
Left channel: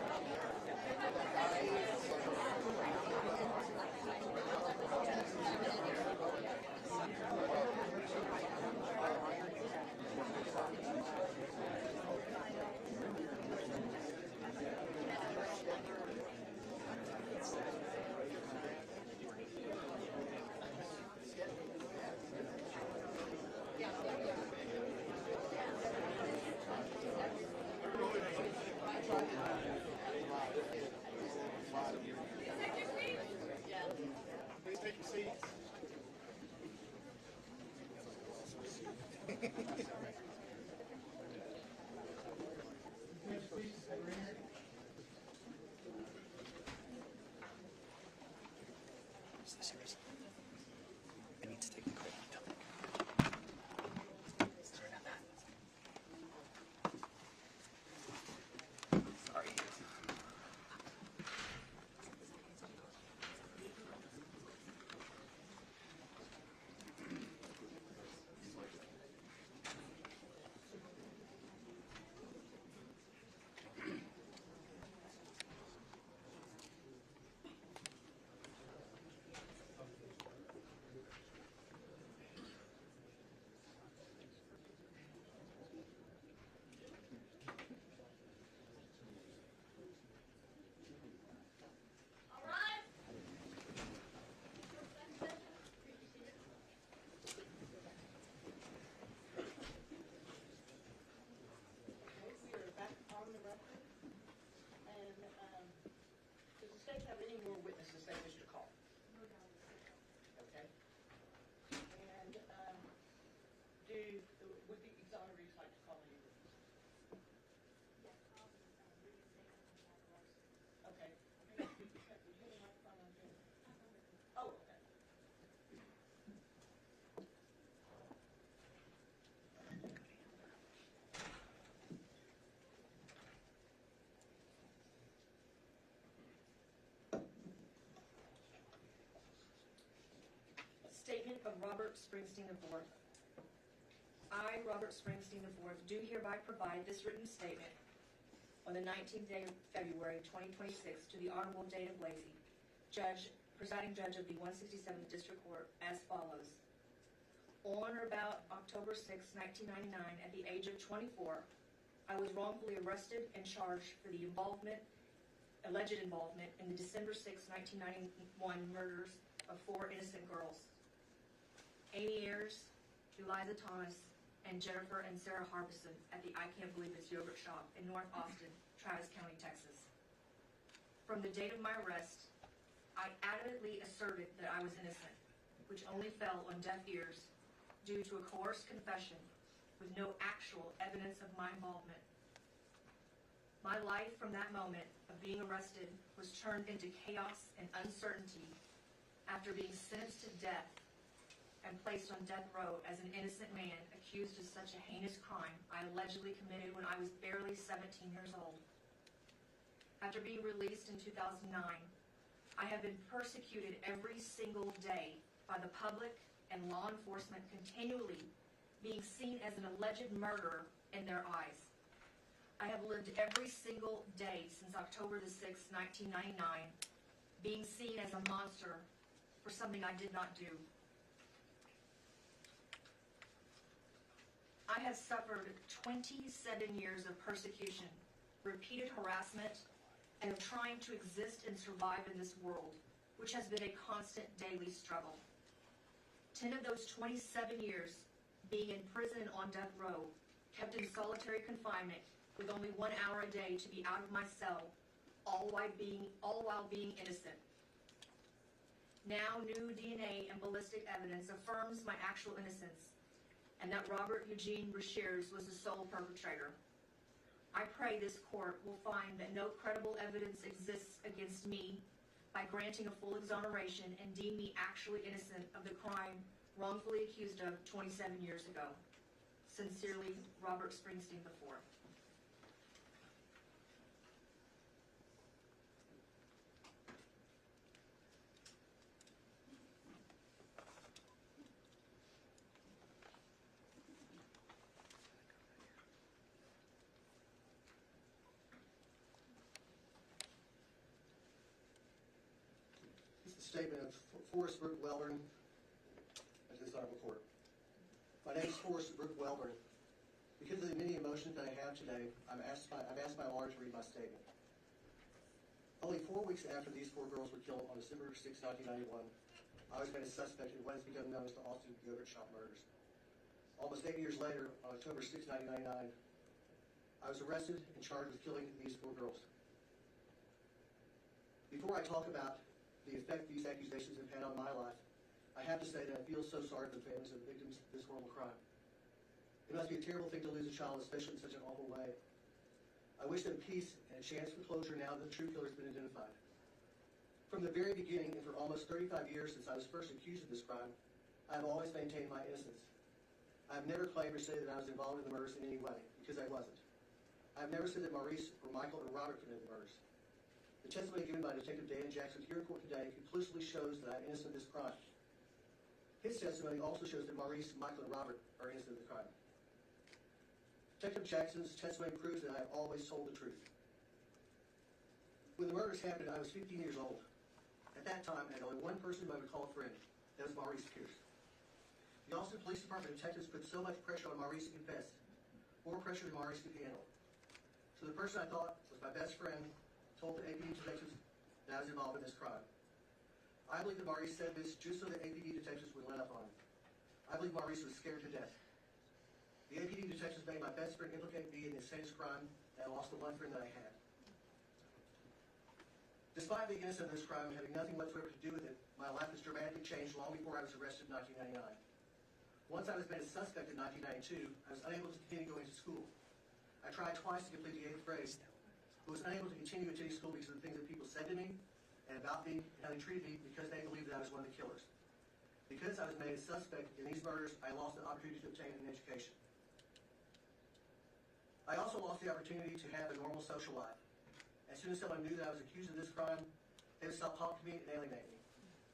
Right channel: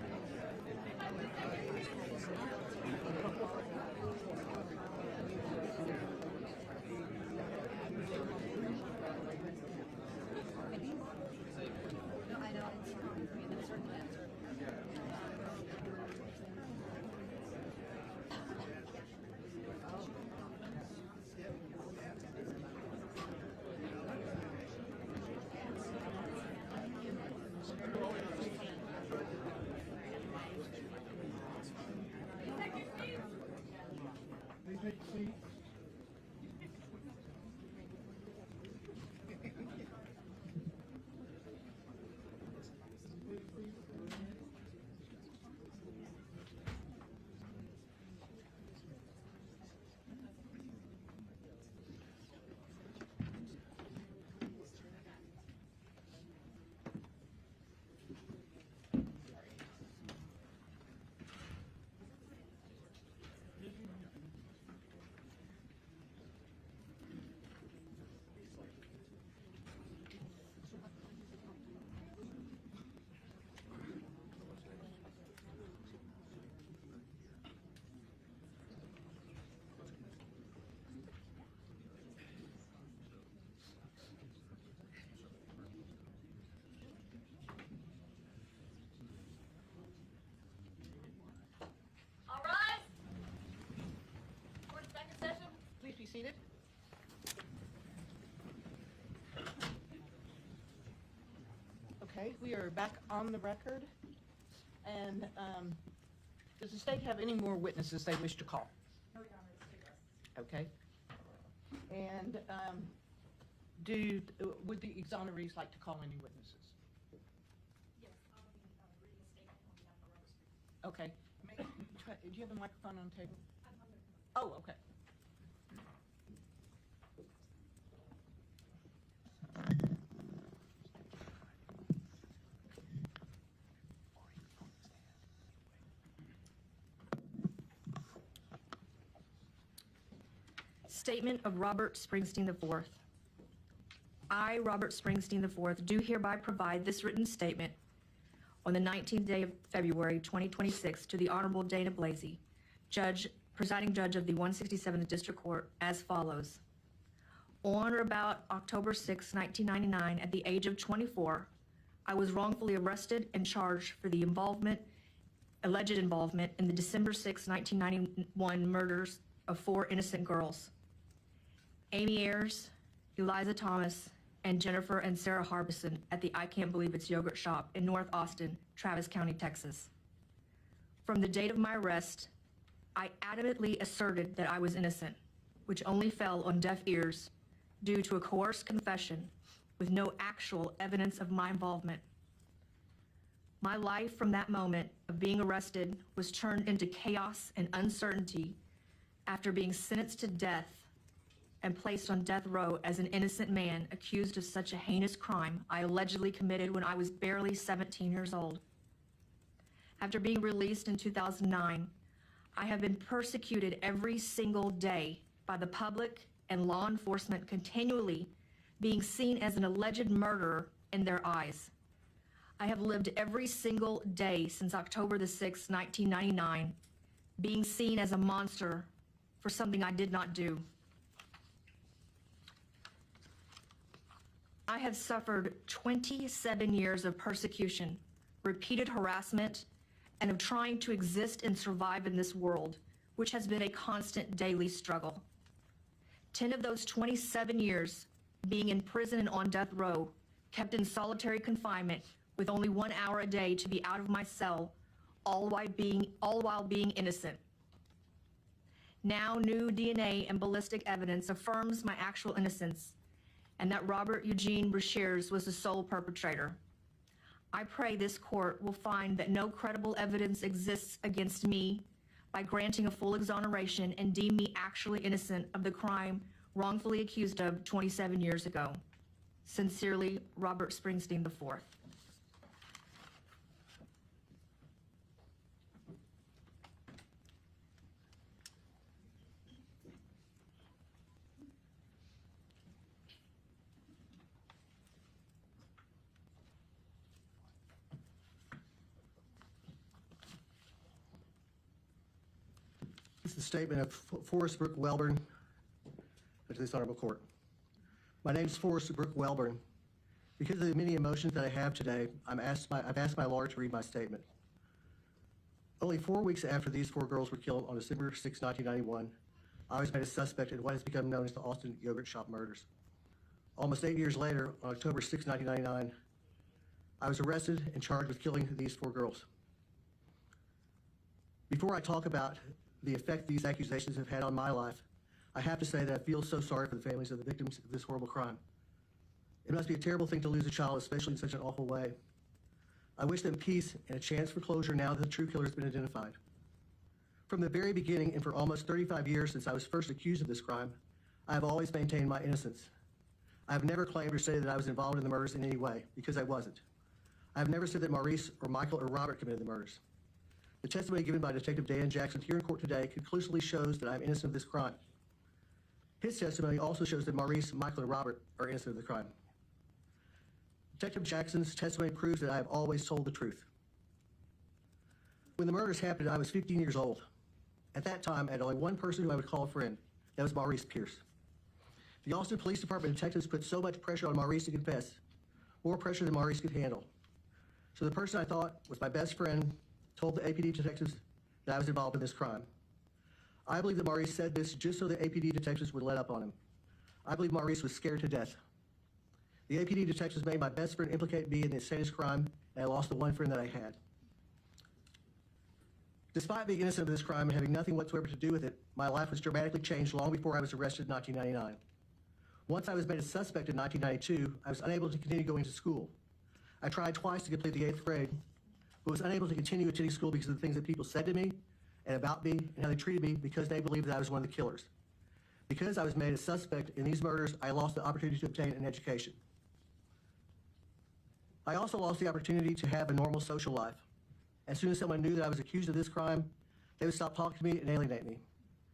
I need to take the credit. Sorry. All rise. For the second session. Please be seated. Okay, we are back on the record. And does the state have any more witnesses they wish to call? Okay. And would the exonerees like to call any witnesses? Yes, read the statement and declaration. Okay. Do you have a microphone on the table? Oh, okay. Statement of Robert Springsteen IV. I, Robert Springsteen IV, do hereby provide this written statement on the 19th day of February 2026 to the Honorable Dana Blasey, presiding judge of the 167th District Court, as follows. On or about October 6, 1999, at the age of 24, I was wrongfully arrested and charged for the alleged involvement in the December 6, 1991 murders of 4 innocent girls: Amy Ayers, Eliza Thomas, and Jennifer and Sarah Harbison at the I Can't Believe It's Yogurt shop in North Austin, Travis County, Texas. From the date of my arrest, I adamantly asserted that I was innocent, which only fell on deaf ears due to a coerced confession with no actual evidence of my involvement. My life from that moment of being arrested was turned into chaos and uncertainty after being sentenced to death and placed on death row as an innocent man accused of such a heinous crime I allegedly committed when I was barely 17 years old. After being released in 2009, I have been persecuted every single day by the public and law enforcement, continually being seen as an alleged murderer in their eyes. I have lived every single day since October the 6th, 1999, being seen as a monster for something I did not do. I have suffered 27 years of persecution, repeated harassment, and of trying to exist and survive in this world, which has been a constant daily struggle. 10 of those 27 years being in prison and on death row, kept in solitary confinement with only 1 hour a day to be out of my cell, all while being innocent. Now, new DNA and ballistic evidence affirms my actual innocence and that Robert Eugene Brashears was the sole perpetrator. I pray this court will find that no credible evidence exists against me by granting a full exoneration and deem me actually innocent of the crime wrongfully accused of 27 years ago. Sincerely, Robert Springsteen IV. This is a statement of Forrest Brook Welborn to this honorable court. My name is Forrest Brook Welborn. Because of the many emotions that I have today, I've asked my lawyer to read my statement. Only 4 weeks after these 4 girls were killed on December 6, 1991, I was made a suspect in what has become known as the Austin Yogurt Shop murders. Almost 8 years later, on October 6, 1999, I was arrested and charged with killing these 4 girls. Before I talk about the effect these accusations have had on my life, I have to say that I feel so sorry for the families of the victims of this horrible crime. It must be a terrible thing to lose a child, especially in such an awful way. I wish them peace and a chance for closure now that the true killer has been identified. From the very beginning, and for almost 35 years since I was first accused of this crime, I have always maintained my innocence. I have never claimed or said that I was involved in the murders in any way, because I wasn't. I have never said that Maurice or Michael or Robert committed the murders. The testimony given by Detective Dan Jackson here in court today conclusively shows that I am innocent of this crime. His testimony also shows that Maurice, Michael, and Robert are innocent of the crime. Detective Jackson's testimony proves that I have always told the truth. When the murders happened, I was 15 years old. At that time, I had only one person who I would call a friend. That was Maurice Pierce. The Austin Police Department detectives put so much pressure on Maurice to confess, more pressure than Maurice could handle. So the person I thought was my best friend told the APD detectives that I was involved in this crime. I believe that Maurice said this just so the APD detectives would let up on him. I believe Maurice was scared to death. The APD detectives made my best friend implicate me in this heinous crime, and I lost the one friend that I had. Despite being innocent of this crime and having nothing whatsoever to do with it, my life was dramatically changed long before I was arrested in 1999. Once I was made a suspect in 1992, I was unable to continue going to school. I tried twice to complete the 8th grade, but was unable to continue attending school because of the things that people said to me and about me and how they treated me because they believed that I was one of the killers. Because I was made a suspect in these murders, I lost the opportunity to obtain an education. I also lost the opportunity to have a normal social life. As soon as someone knew that I was accused of this crime, they would stop talking to me and alienate me.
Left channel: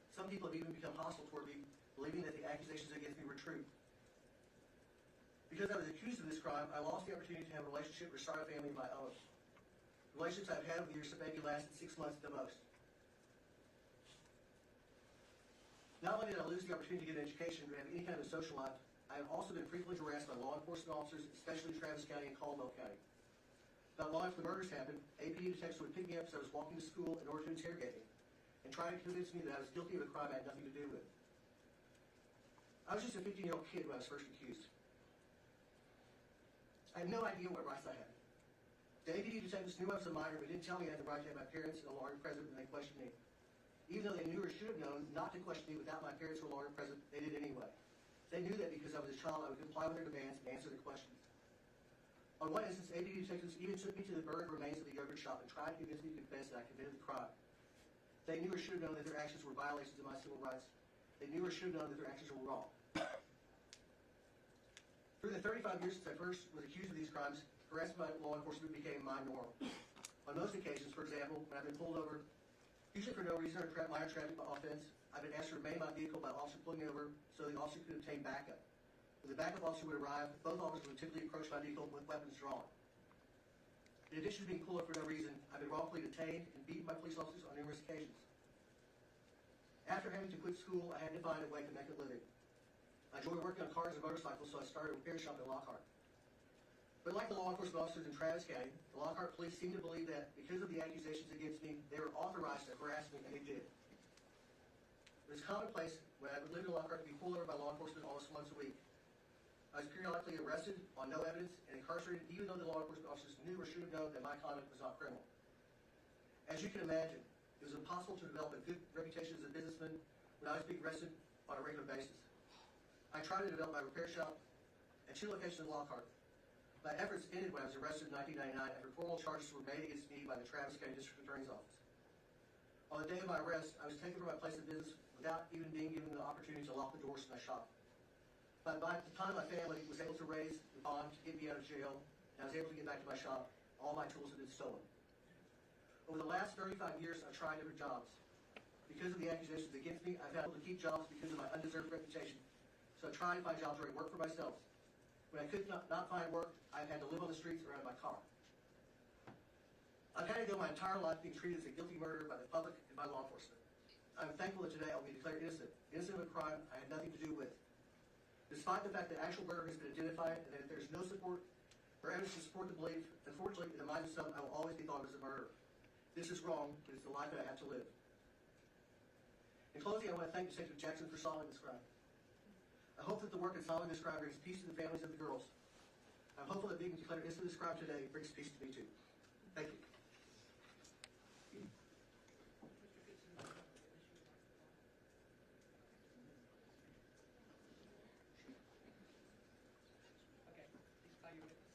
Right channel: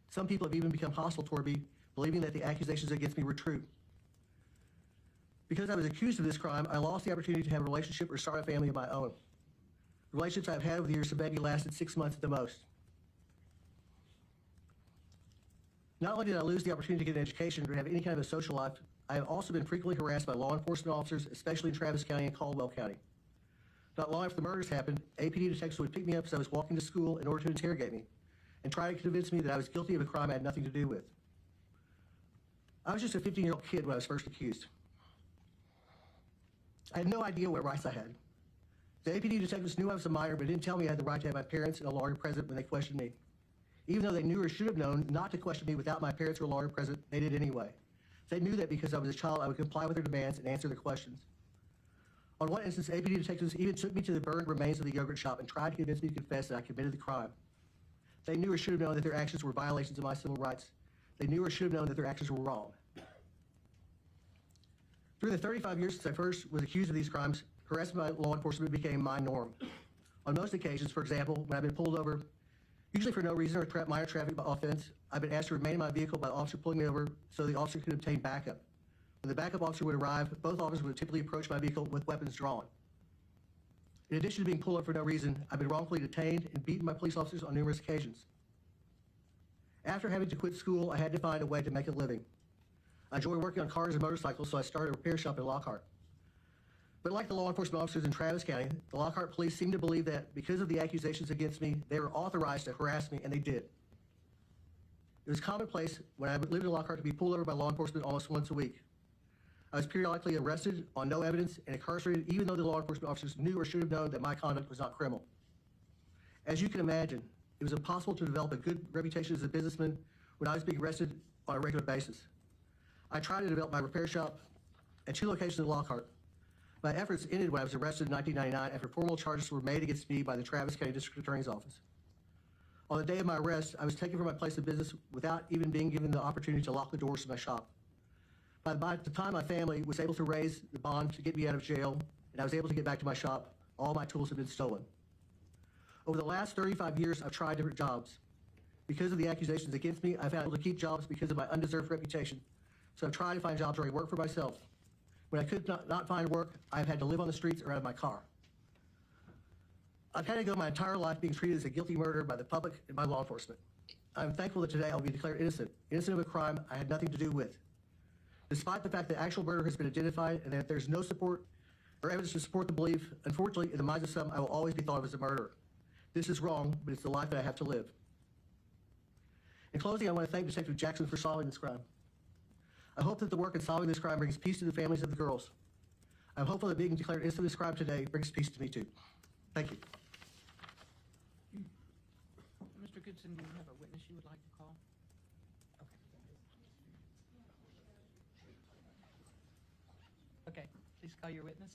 Some people have even become hostile toward me, believing that the accusations against me were true. Because I was accused of this crime, I lost the opportunity to have a relationship or start a family of my own. The relationships I've had over the years have maybe lasted 6 months at the most. Not only did I lose the opportunity to get an education or have any kind of a social life, I have also been frequently harassed by law enforcement officers, especially in Travis County and Caldwell County. Not long after the murders happened, APD detectives would pick me up as I was walking to school in order to interrogate me and try to convince me that I was guilty of a crime I had nothing to do with. I was just a 15-year-old kid when I was first accused. I had no idea what rights I had. The APD detectives knew I was a minor, but didn't tell me I had the right to have my parents and a lawyer present when they questioned me. Even though they knew or should have known not to question me without my parents or lawyer present, they did anyway. They knew that because I was a child, I would comply with their demands and answer their questions. On one instance, APD detectives even took me to the burned remains of the yogurt shop and tried to convince me to confess that I committed the crime. They knew or should have known that their actions were violations of my civil rights. They knew or should have known that their actions were wrong. Through the 35 years since I first was accused of these crimes, harassment by law enforcement became my norm. On most occasions, for example, when I've been pulled over, usually for no reason or minor traffic offense, I've been asked to remain in my vehicle by the officer pulling me over so the officer could obtain backup. When the backup officer would arrive, both officers would typically approach my vehicle with weapons drawn. In addition to being pulled over for no reason, I've been wrongfully detained and beaten by police officers on numerous occasions. After having to quit school, I had to find a way to make a living. I enjoy working on cars and motorcycles, so I started a repair shop in Lockhart. But like the law enforcement officers in Travis County, the Lockhart police seemed to believe that because of the accusations against me, they were authorized to harass me, and they did. It was commonplace when I lived in Lockhart to be pulled over by law enforcement almost once a week. I was periodically arrested on no evidence and incarcerated even though the law enforcement officers knew or should have known that my conduct was not criminal. As you can imagine, it was impossible to develop a good reputation as a businessman when I was being arrested on a regular basis. I tried to develop my repair shop at 2 locations in Lockhart. My efforts ended when I was arrested in 1999 after formal charges were made against me by the Travis County District Attorney's Office. On the day of my arrest, I was taken from my place of business without even being given the opportunity to lock the doors to my shop. By the time my family was able to raise the bond to get me out of jail, and I was able to get back to my shop, all my tools had been stolen. Over the last 35 years, I've tried different jobs. Because of the accusations against me, I've had able to keep jobs because of my undeserved reputation. So I've tried to find jobs where I work for myself. When I could not find work, I've had to live on the streets or out of my car. I've had to go my entire life being treated as a guilty murderer by the public and by law enforcement. I'm thankful that today I'll be declared innocent of a crime I had nothing to do with. Despite the fact that actual murder has been identified and that there's no support or evidence to support the belief, unfortunately, in the minds of some, I will always be thought of as a murderer. This is wrong, but it's the life that I have to live. In closing, I want to thank Detective Jackson for solving this crime. I hope that the work in solving this crime brings peace to the families of the girls. I'm hopeful that being declared innocent of this crime today brings peace to me too. Thank you. Mr. Goodson, do you have a witness you would like to call? Okay. Okay, please call your witness.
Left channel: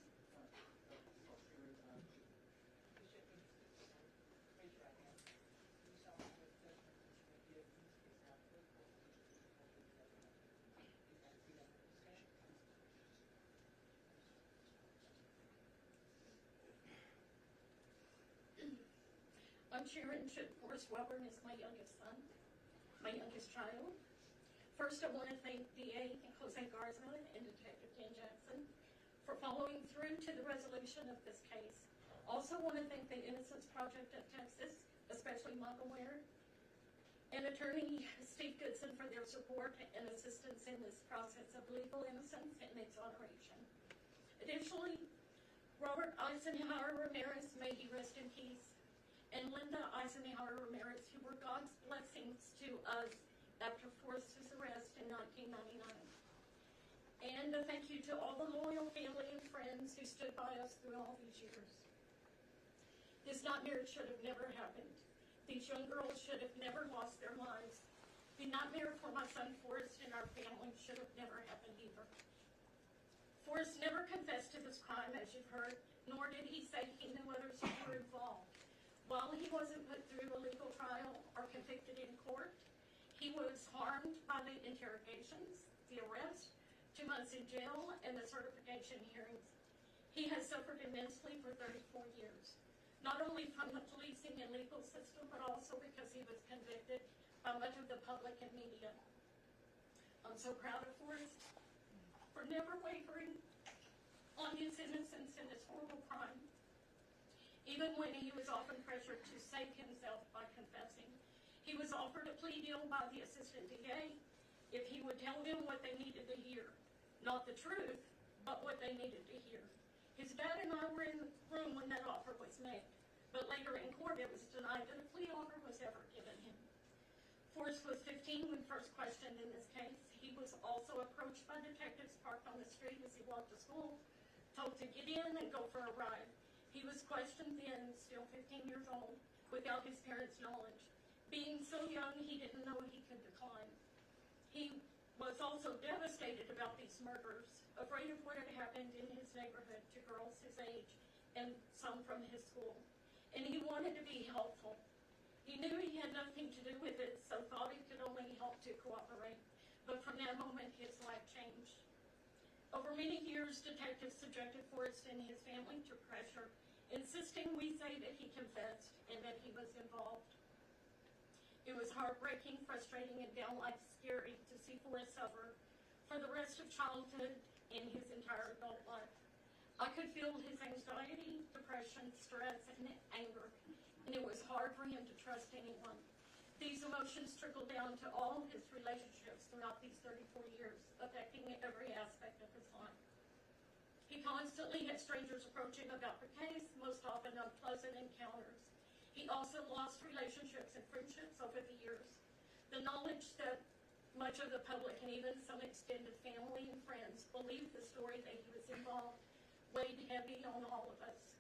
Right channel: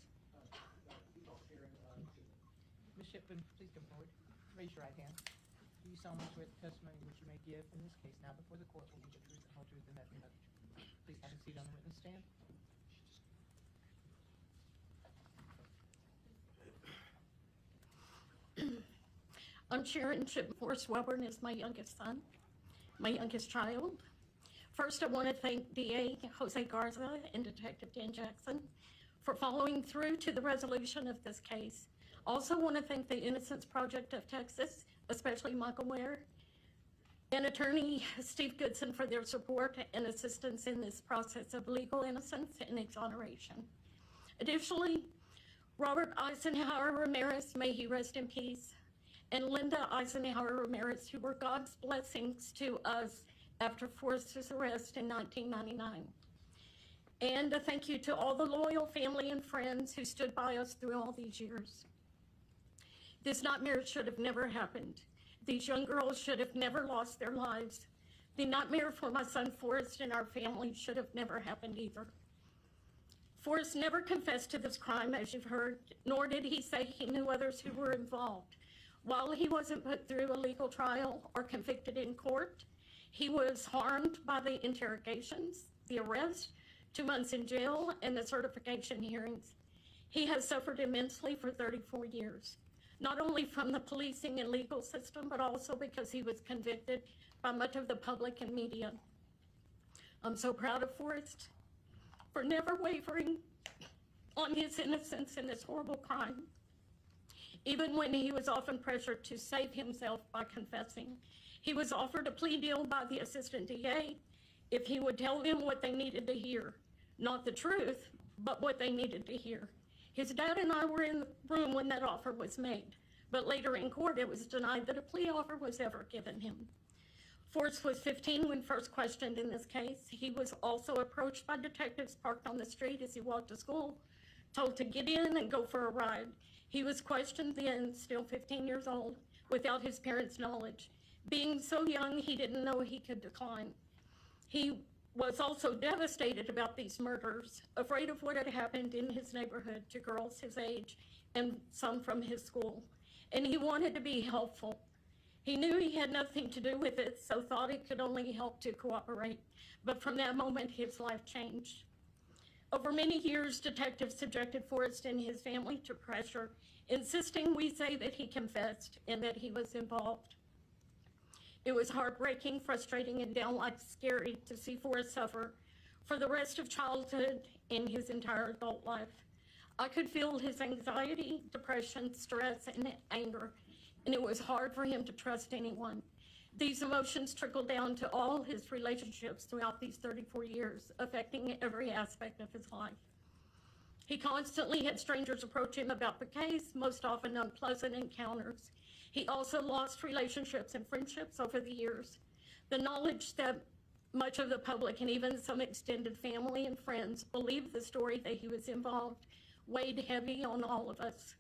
Ms. Shipman, please come forward. Raise your right hand. Do you solemnly swear the testimony which you may give in this case now before the court will be the truth, the whole truth, and nothing but the truth? Please have a seat on the witness stand. I'm Sharon Chipforce Wellborn is my youngest son, my youngest child. First, I want to thank DA Jose Garza and Detective Dan Jackson for following through to the resolution of this case. Also want to thank the Innocence Project of Texas, especially Michael Ware, and attorney Steve Goodson for their support and assistance in this process of legal innocence and exoneration. Additionally, Robert Eisenhower Ramirez, may he rest in peace, and Linda Eisenhower Ramirez, who were God's blessings to us after Forrest's arrest in 1999. And a thank you to all the loyal family and friends who stood by us through all these years. This nightmare should have never happened. These young girls should have never lost their lives. The nightmare for my son Forrest and our family should have never happened either. Forrest never confessed to this crime, as you've heard, nor did he say he knew others who were involved. While he wasn't put through a legal trial or convicted in court, he was harmed by the interrogations, the arrest, 2 months in jail, and the certification hearings. He has suffered immensely for 34 years, not only from the policing and legal system, but also because he was convicted by much of the public and media. I'm so proud of Forrest for never wavering on his innocence in this horrible crime. Even when he was often pressured to save himself by confessing, he was offered a plea deal by the assistant DA if he would tell them what they needed to hear. Not the truth, but what they needed to hear. His dad and I were in the room when that offer was made, but later in court it was denied that a plea offer was ever given him. Forrest was 15 when first questioned in this case. He was also approached by detectives parked on the street as he walked to school told to get in and go for a ride. He was questioned then, still 15 years old, without his parents' knowledge. Being so young, he didn't know he could decline. He was also devastated about these murders, afraid of what had happened in his neighborhood to girls his age and some from his school. And he wanted to be helpful. He knew he had nothing to do with it, so thought it could only help to cooperate. But from that moment, his life changed. Over many years, detectives subjected Forrest and his family to pressure, insisting we say that he confessed and that he was involved. It was heartbreaking, frustrating, and downright scary to see Forrest suffer for the rest of childhood and his entire adult life. I could feel his anxiety, depression, stress, and anger, and it was hard for him to trust anyone. These emotions trickled down to all his relationships throughout these 34 years, affecting every aspect of his life. He constantly had strangers approach him about the case, most often unpleasant encounters. He also lost relationships and friendships over the years. The knowledge that much of the public and even some extended family and friends believed the story that he was involved weighed heavy on all of us.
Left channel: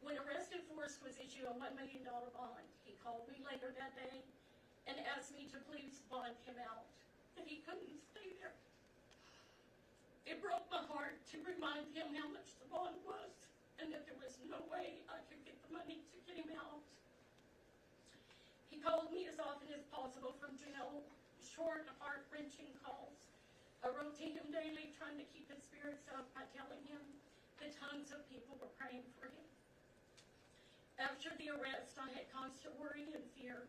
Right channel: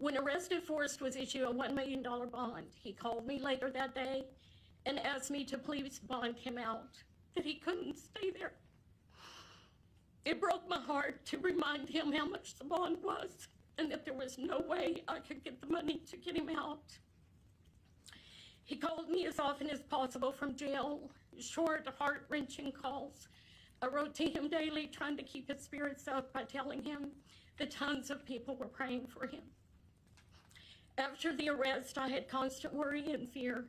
When arrested, Forrest was issued a $1 million bond. He called me later that day and asked me to please bond him out, that he couldn't stay there. It broke my heart to remind him how much the bond was and that there was no way I could get the money to get him out. He called me as often as possible from jail, short, heart-wrenching calls. I wrote to him daily, trying to keep his spirits up by telling him that tons of people were praying for him. After the arrest, I had constant worry and fear.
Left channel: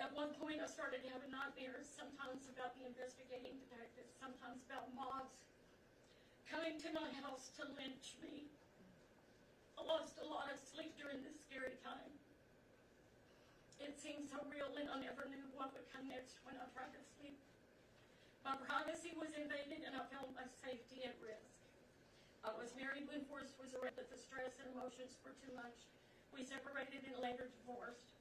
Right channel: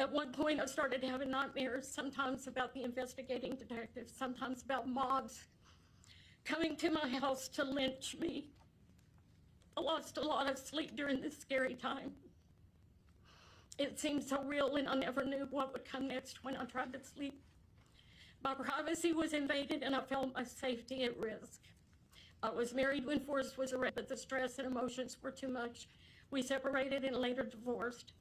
At one point, I started having nightmares, sometimes about the investigating detectives, sometimes about mobs coming to my house to lynch me. I lost a lot of sleep during this scary time. It seemed so real, and I never knew what would come next when I tried to sleep. My privacy was invaded, and I felt my safety at risk. I was married when Forrest was arrested, but the stress and emotions were too much. We separated and later divorced.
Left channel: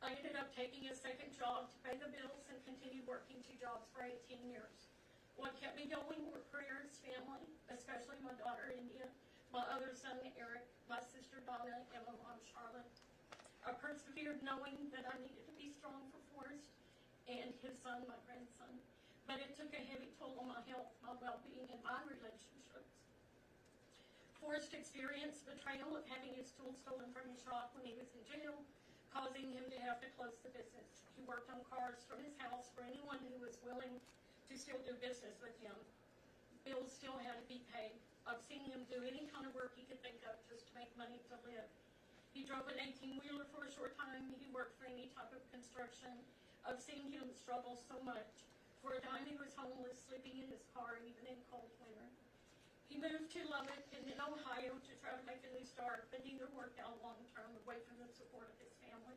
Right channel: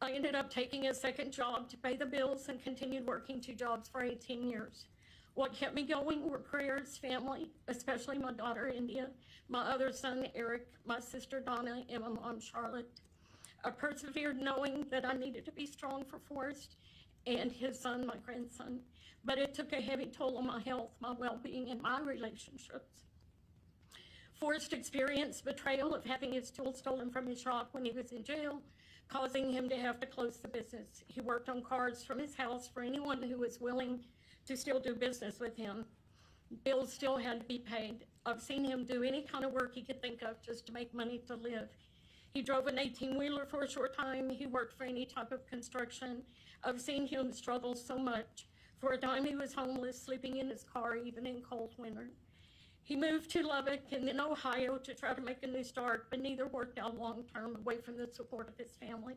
I ended up taking a second job to pay the bills and continued working 2 jobs for 18 years. What kept me going were prayers, family, especially my daughter India, my other son Eric, my sister Donna, and my mom Charlotte. I persevered knowing that I needed to be strong for Forrest and his son, my grandson, but it took a heavy toll on my health, my well-being, and my relationships. Forrest experienced betrayal of having his tools stolen from his shop when he was in jail, causing him to have to close the business. He worked on cars from his house for anyone who was willing to still do business with him. Bills still had to be paid. I've seen him do any kind of work he could think of just to make money to live. He drove an 18-wheeler for a short time. He worked for any type of construction. I've seen him struggle so much. For a time, he was homeless, sleeping in his car, even in cold winter. He moved to Lubbock and then Ohio to try to make a new start, but neither worked out long-term, away from the support of his family.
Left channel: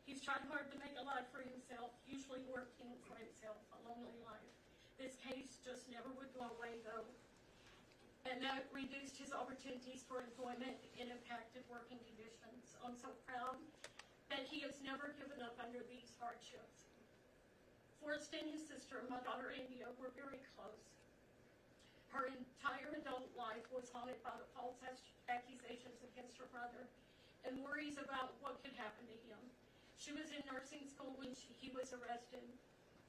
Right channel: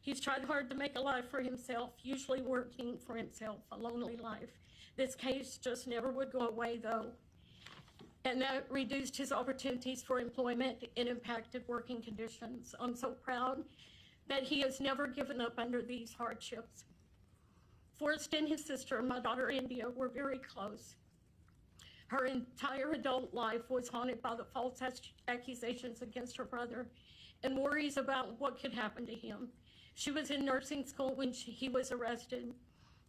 He's tried hard to make a life for himself, usually working for himself, a lonely life. This case just never would go away, though, and that reduced his opportunities for employment and impacted working conditions. I'm so proud that he has never given up under these hardships. Forrest and his sister, my daughter India, were very close. Her entire adult life was haunted by the false accusations against her brother and worries about what could happen to him. She was in nursing school when he was arrested.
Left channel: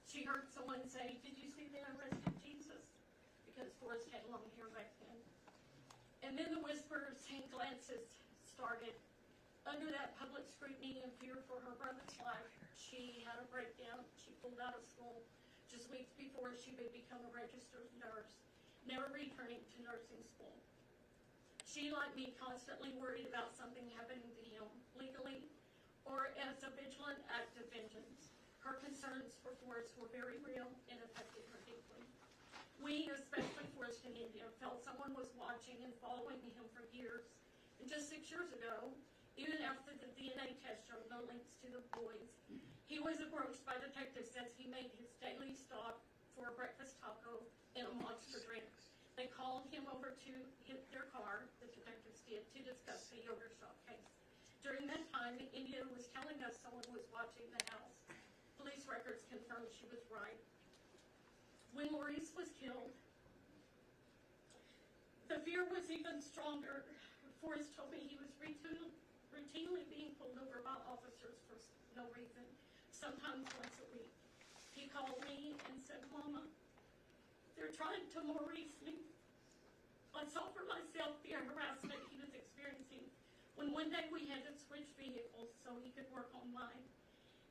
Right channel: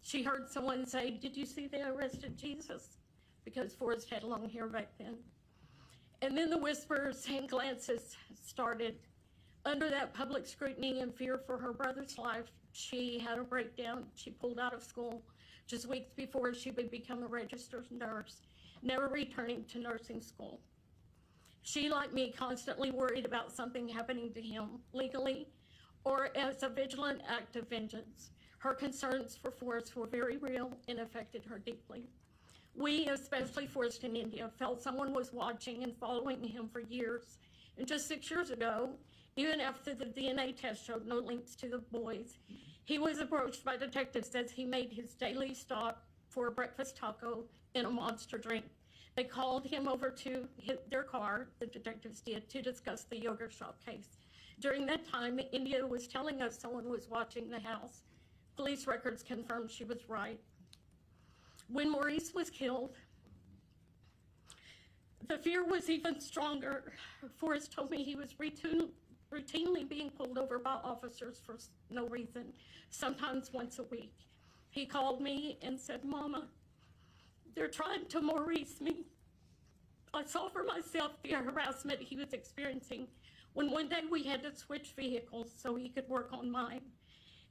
She heard someone say, "Did you see they arrested Jesus?" Because Forrest had long hair back then. And then the whispers and glances started. Under that public scrutiny and fear for her brother's life, she had a breakdown. She pulled out of school just weeks before she would become a registered nurse, never returning to nursing school. She, like me, constantly worried about something happening to him legally or as a vigilant act of vengeance. Her concerns for Forrest were very real and affected her deeply. We, especially Forrest in India, felt someone was watching and following him for years. And just 6 years ago, even after the DNA test showed no links to the boys, he was approached by detectives as he made his daily stop for a breakfast taco and a monster drink. They called him over to their car, the detectives did, to discuss the yogurt shop case. During that time, India was telling us someone was watching the house. Police records confirmed she was right. When Maurice was killed, The fear was even stronger. Forrest told me he was routinely being pulled over by officers for no reason, sometimes once a week. He called me and said, "Mama, they're trying to Maurice me." I saw for myself the harassment he was experiencing when one day we had to switch vehicles so he could work on mine.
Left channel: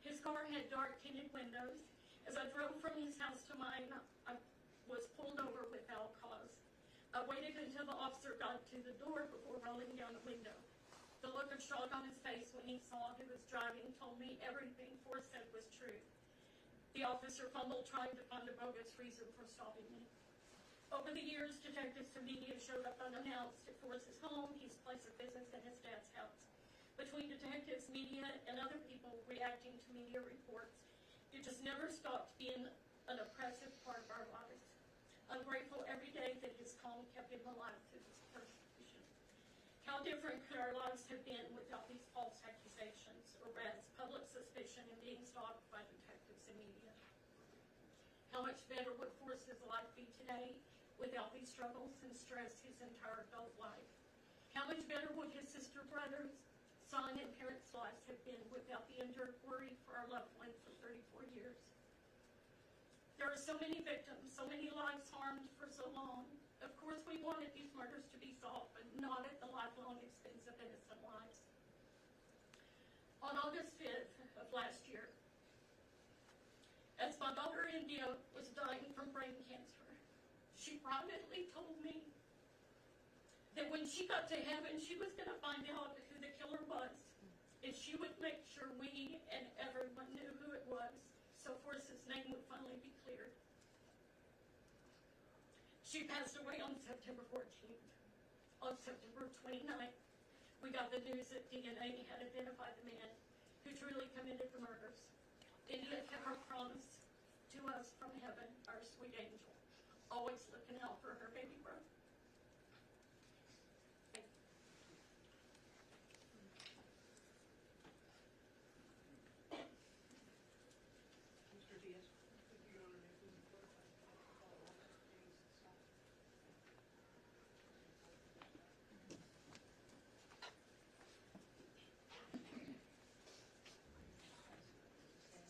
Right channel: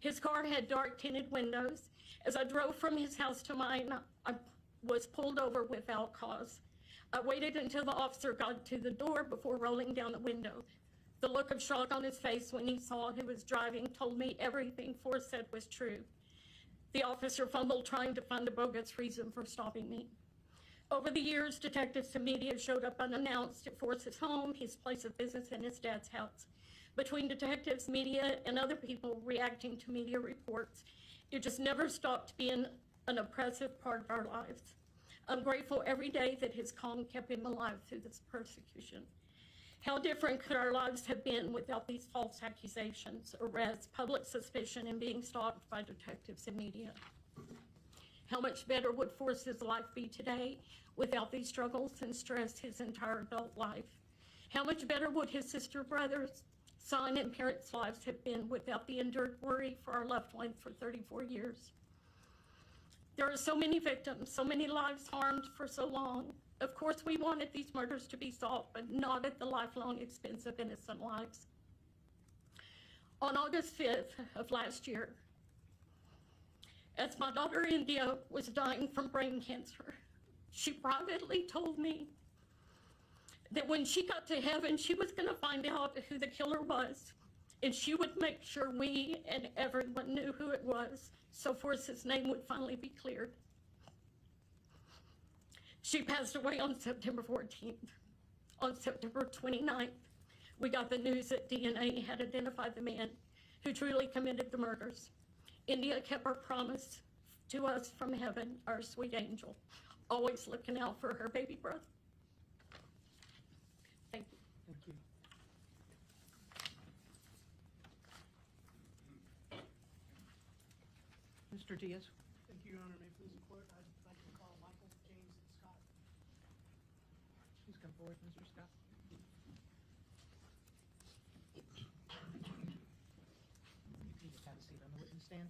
His car had dark tinted windows. As I drove from his house to mine, I was pulled over without cause. I waited until the officer got to the door before rolling down the window. The look of shock on his face when he saw who was driving told me everything Forrest said was true. The officer fumbled trying to find a bogus reason for stopping me. Over the years, detectives and media showed up unannounced at Forrest's home, his place of business, and his dad's house. Between detectives, media, and other people reacting to media reports, it just never stopped being an oppressive part of our lives. I'm grateful every day that his calm kept him alive through this persecution. How different could our lives have been without these false accusations, arrests, public suspicion, and being stalked by detectives and media? How much better would Forrest's life be today without these struggles and stress his entire adult life? How much better would his sister, brothers, son, and parents' lives have been without the endured worry for our loved ones for 34 years? There are so many victims, so many lives harmed for so long. Of course, we wanted these murders to be solved, but not at the lifelong expense of innocent lives. On August 5th of last year, as my daughter India was dying from brain cancer, she privately told me that when she got to heaven, she was going to find out who the killer was, and she would make sure we and everyone knew who it was, so Forrest's name would finally be cleared. She passed away on September 14th. On September 29th, we got the news that DNA had identified the man who truly committed the murders. India kept her promise to us from heaven, our sweet angel, always looking out for her baby brother. Thank you. Thank you. Mr. Diaz? Thank you, Your Honor. May it please the court, I'd like to call Robert James Scott. Please come forward, Mr. Scott. Please have a seat on the witness stand.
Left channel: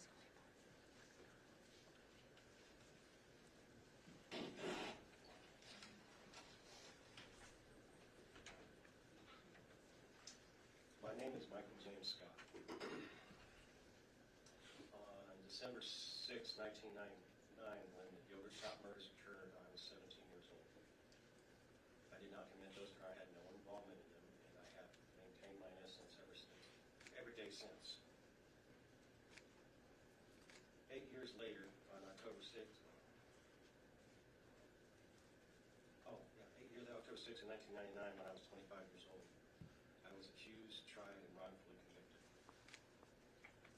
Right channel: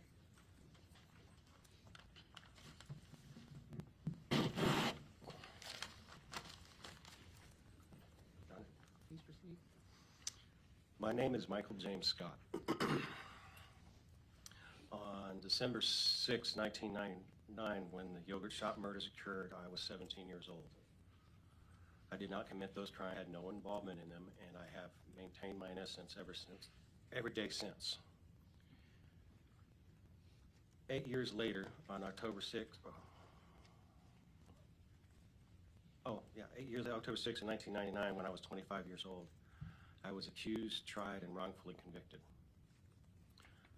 Please proceed. My name is Michael James Scott. On December 6, 1999, when the yogurt shop murders occurred, I was 17 years old. I did not commit those crimes, I had no involvement in them, and I have maintained my innocence every day since. 8 years later, on October 6th, October 6th, 1999, when I was 25 years old, I was accused, tried, and wrongfully convicted.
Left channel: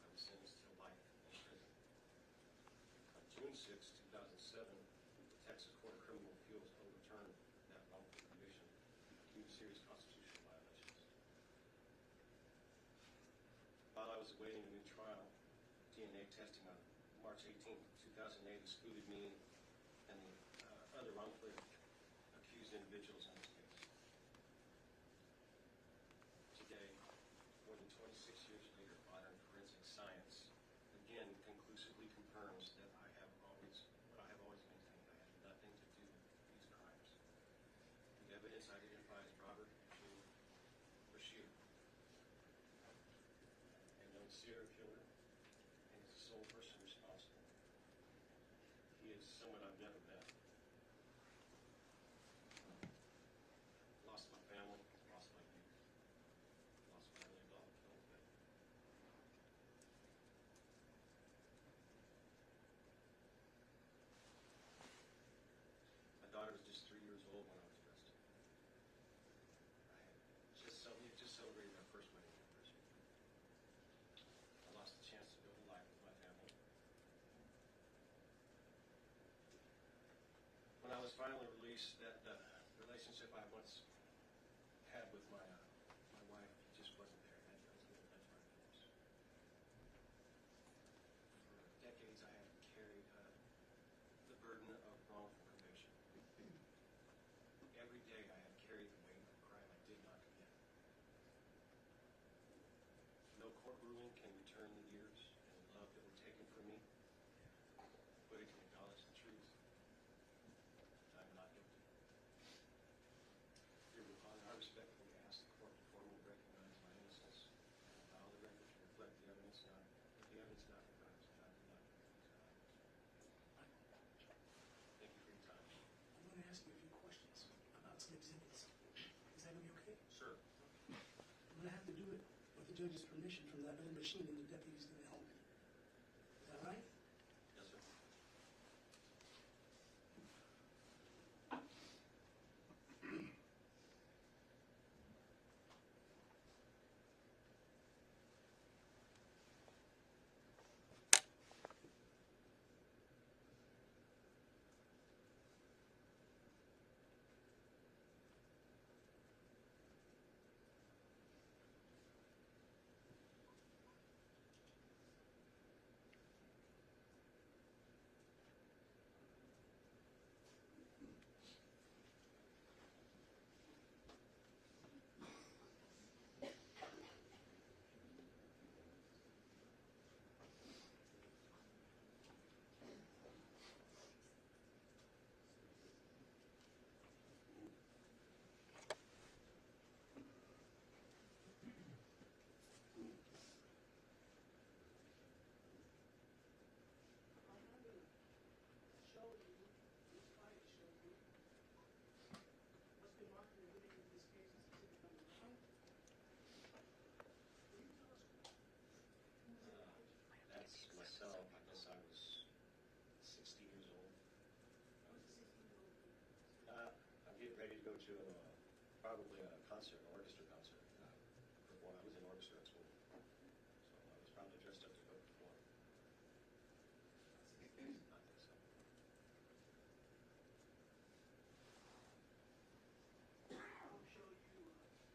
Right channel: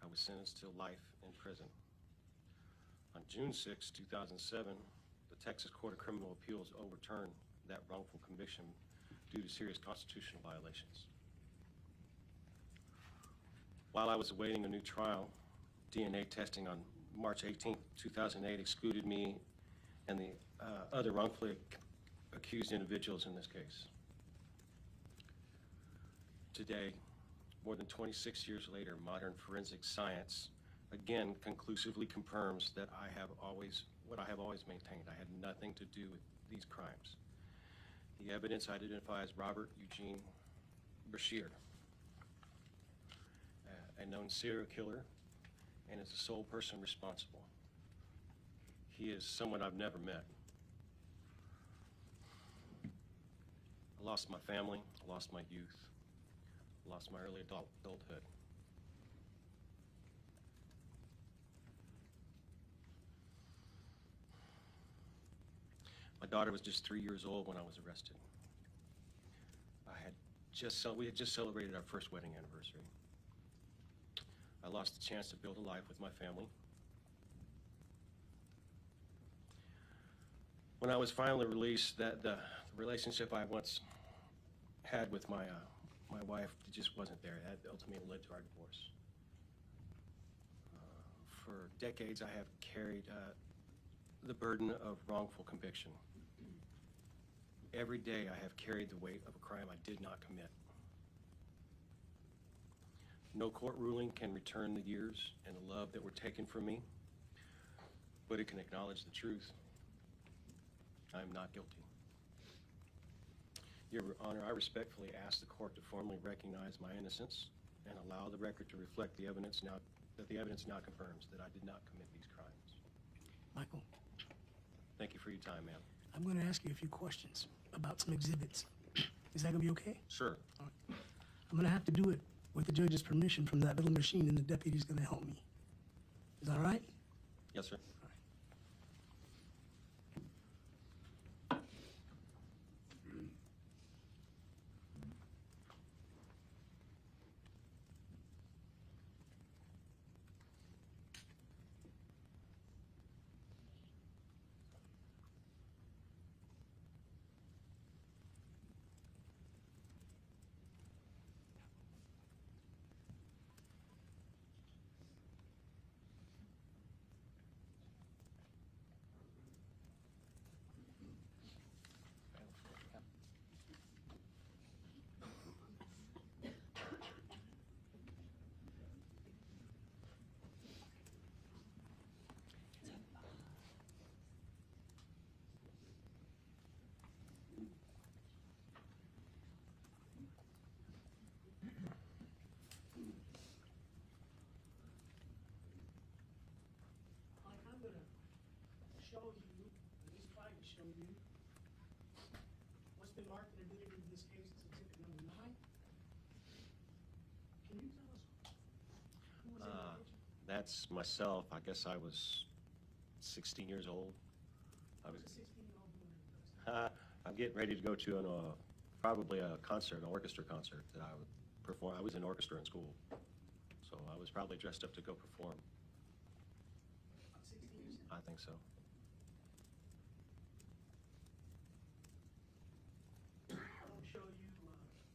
I was sentenced to life in prison. On June 6, 2007, the Texas Court of Criminal Appeals overturned that wrongful conviction due to serious constitutional violations. While I was awaiting a new trial, DNA testing on March 18, 2008 excluded me and the other wrongfully accused individuals in this case. Today, more than 26 years later, modern forensic science again conclusively confirms that what I have always maintained. I had nothing to do with these crimes. The evidence identifies Robert Eugene Brashear, a known serial killer, and is the sole person responsible. He is someone I've never met. I lost my family, lost my youth, lost my early adulthood. My daughter was just 3 years old when I was arrested. We had just celebrated our first wedding anniversary. I lost the chance to build a life with my family. When I was finally released, the relationship I once had with my wife just wasn't there. That ultimately led to our divorce. For decades, I have carried the burden of wrongful conviction. Every day I have carried the weight of a crime I did not commit. No court ruling can return the years and the love that were taken from me, but it can acknowledge the truth. I am not guilty. Your Honor, I respectfully ask the court to formally recognize my innocence and allow the record to reflect the evidence now confirms that I did not commit these crimes. Michael, Thank you for your time, ma'am. I'm going to ask you a few questions about some exhibits. Is that going to be okay? Sure. I'm going to have to do it with the judge's permission from that little machine, and the deputy's going to help me. Is that all right? Yes, sir. I'm going to show you, this slide to show you, what's been marked and admitted in this case as exhibit number 9. Can you tell us who was in the picture? That's myself. I guess I was 16 years old. I was, 16-year-old boy. I'm getting ready to go to probably a concert, an orchestra concert that I would perform. I was in orchestra in school, so I was probably dressed up to go perform. 16 years? I think so. I'll show you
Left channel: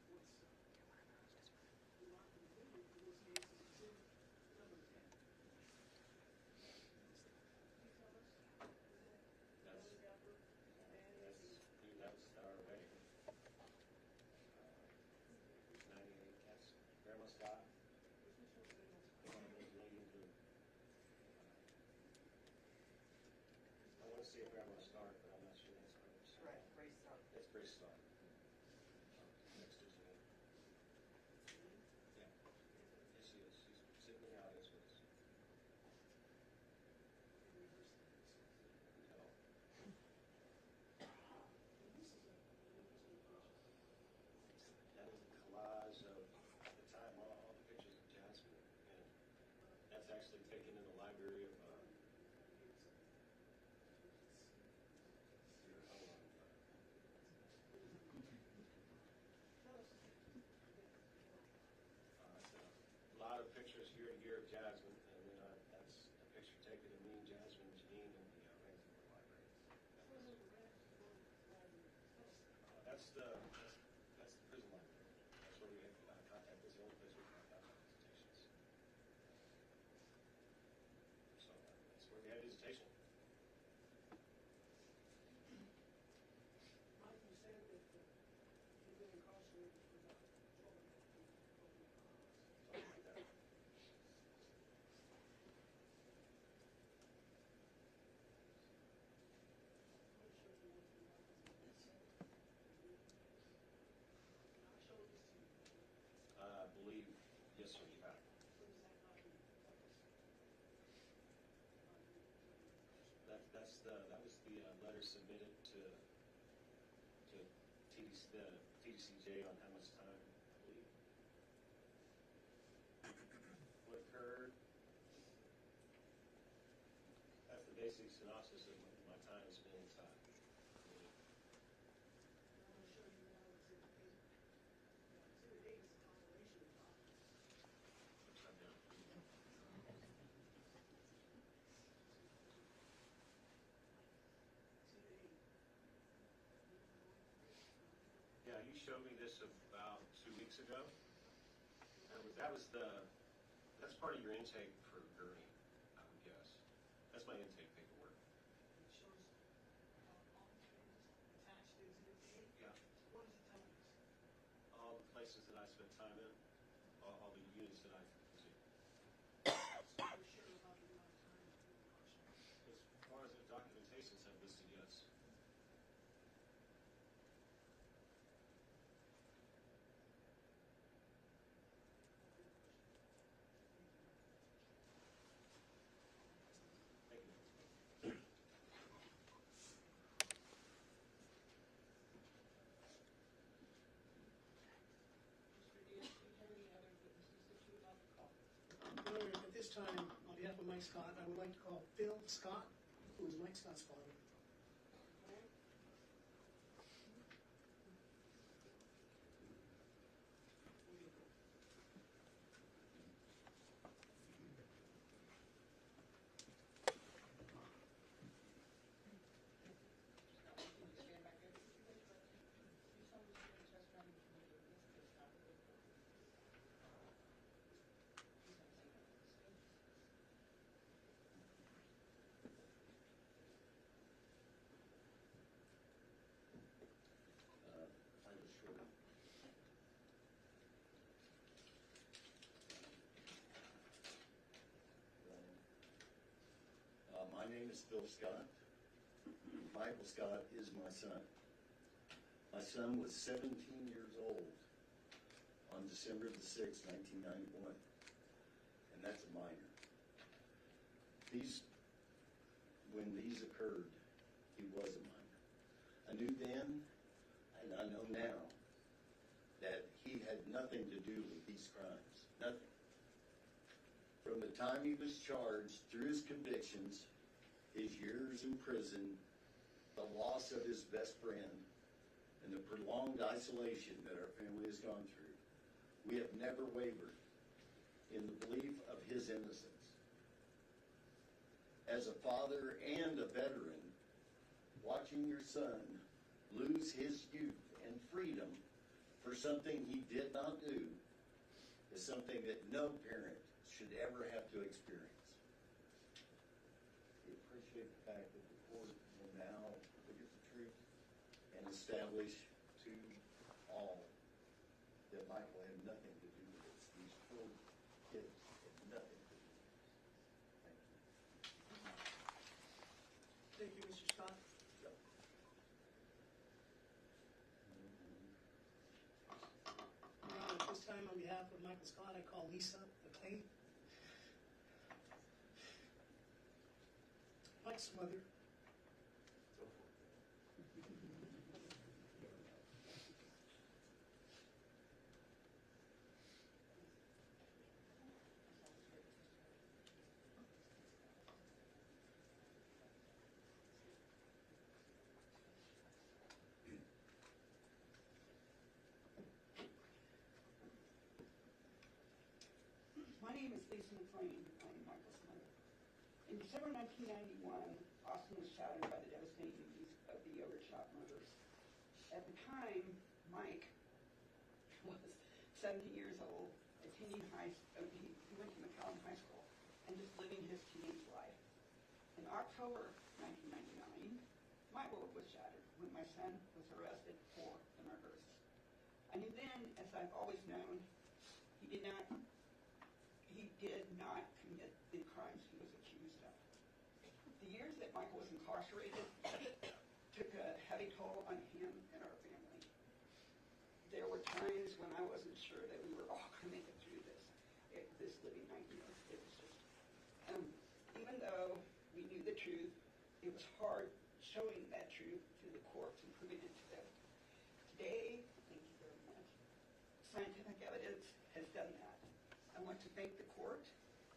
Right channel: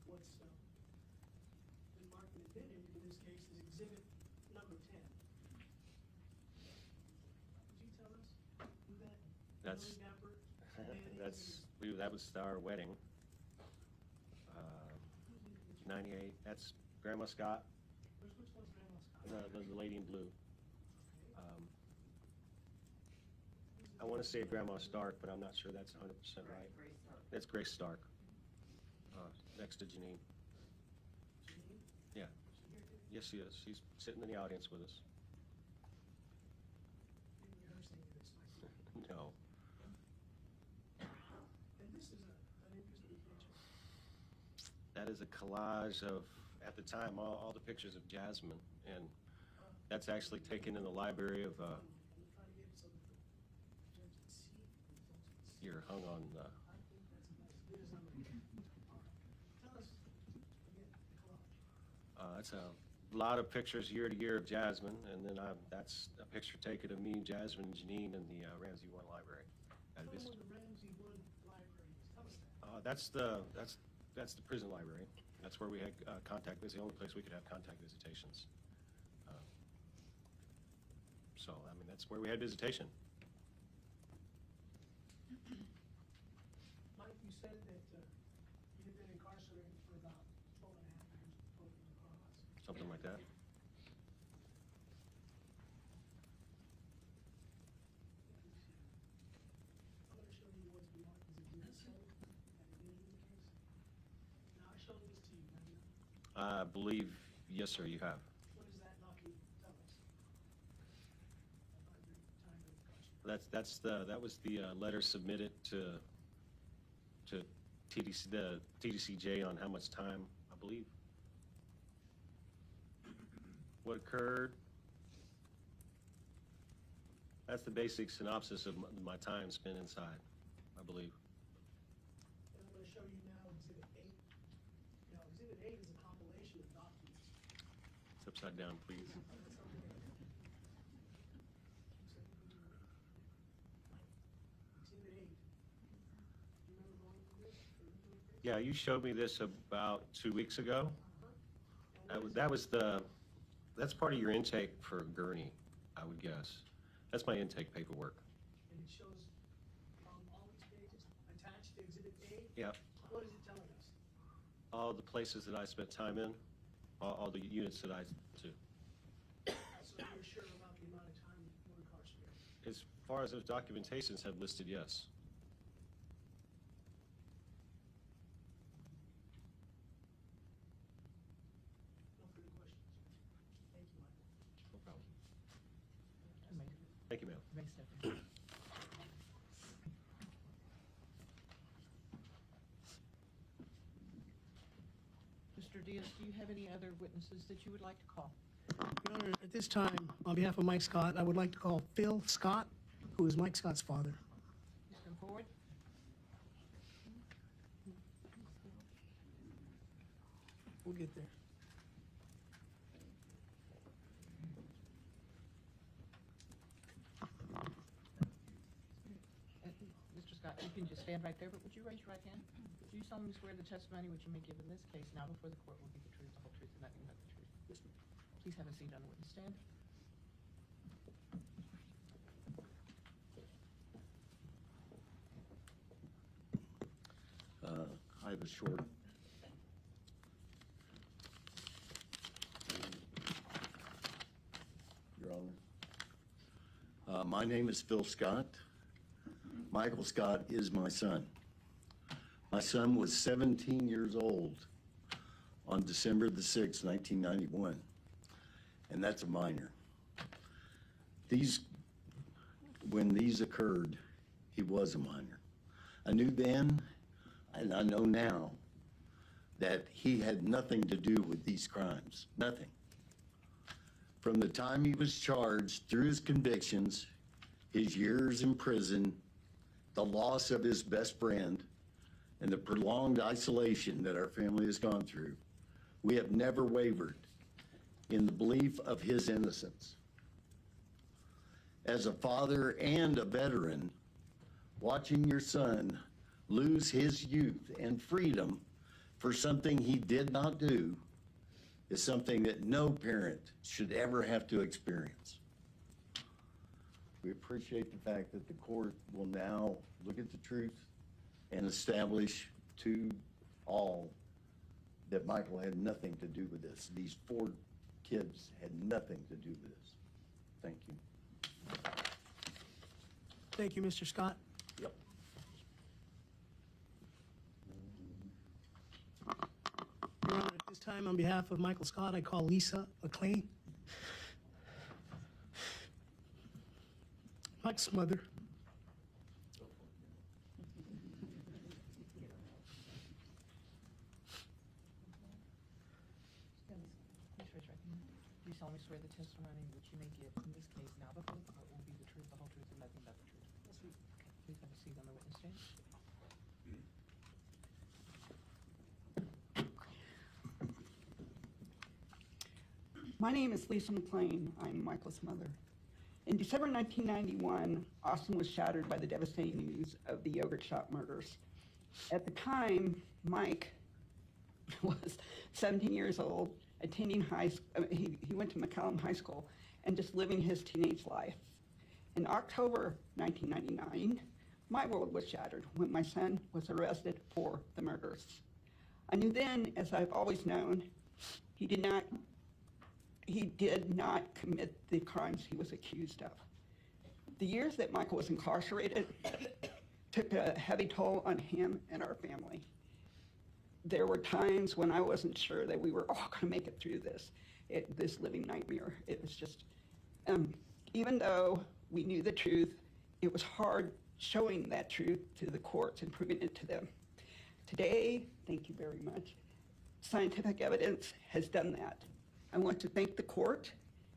what's been marked and admitted in this case as exhibit number 10. Could you tell us who that That's family member that was our wedding. 98. That's Grandma Scott, Which one's Grandma Scott? the lady in blue. I want to say Grandma Stark, but I'm not sure that's 100% right. It's Grace Stark, next to Janine. Yeah. Yes, she is. She's sitting in the audience with us. No. And this is an interesting picture. That is a collage of, at the time, all the pictures of Jasmine, and that's actually taken in the library of, here, hung on, that's a lot of pictures year to year of Jasmine, and then that's a picture taken of me, Jasmine, and Janine in the Ramsey 1 library. That's the prison library. That's where we had contact. It's the only place we could have contact visitations. So, I mean, that's where we had visitation. Mike, you said that you've been incarcerated for about 12 and a half years for broken cause. Something like that. I'm going to show you what's been marked as exhibit 7 in this case. Now, I showed this to you. I believe, yes, sir, you have. What does that not mean? Tell us. That was the letter submitted to TDC, the TDCJ on how much time, I believe. What occurred? That's the basic synopsis of my time spent inside, I believe. I'm going to show you now exhibit 8. Now, exhibit 8 is a compilation of documents. It's upside down, please. Yeah, you showed me this about 2 weeks ago. That's part of your intake for Gurney, I would guess. That's my intake paperwork. And it shows all these pages attached to exhibit A? Yeah, What is it telling us? all the places that I spent time in, all the units that I to. So you're sure about the amount of time that you were incarcerated? As far as those documentations have listed, yes. Thank you, ma'am. Mr. Diaz, do you have any other witnesses that you would like to call? Your Honor, at this time, on behalf of Mike Scott, I would like to call Phil Scott, who is Mike Scott's father. Please come forward. We'll get there. Mr. Scott, you can just stand right there, but would you raise your right hand? Do you solemnly swear the testimony which you may give in this case now before the court will be the truth, the whole truth, and nothing but the truth? Please have a seat on the witness stand. I was short. Your Honor. My name is Phil Scott. Michael Scott is my son. My son was 17 years old on December the 6th, 1991, and that's a minor. When these occurred, he was a minor. I knew then, and I know now, that he had nothing to do with these crimes, nothing. From the time he was charged, through his convictions, his years in prison, the loss of his best friend, and the prolonged isolation that our family has gone through, we have never wavered in the belief of his innocence. As a father and a veteran, watching your son lose his youth and freedom for something he did not do is something that no parent should ever have to experience. We appreciate the fact that the court will now look at the truth and establish to all that Michael had nothing to do with this. These 4 kids had nothing to do with this. Thank you. Thank you, Mr. Scott. Yep. Your Honor, at this time, on behalf of Michael Scott, I call Lisa McLean, Mike's mother. Do you solemnly swear the testimony which you may give in this case now before the court will be the truth, the whole truth, and nothing but the truth? Please have a seat on the witness stand. My name is Lisa McLean. I'm Michael's mother. In December 1991, Austin was shattered by the devastating news of the yogurt shop murders. At the time, Mike was 17 years old, attending he went to McCallum High School and just living his teenage life. In October 1999, my world was shattered when my son was arrested for the murders. I knew then, as I've always known, he did not commit the crimes he was accused of. The years that Michael was incarcerated took a heavy toll on him and our family. There were times when I wasn't sure that we were all going to make it through this living nightmare. It was just, even though we knew the truth, it was hard showing that truth to the courts and proving it to them. Today, thank you very much, scientific evidence has done that. I want to thank the court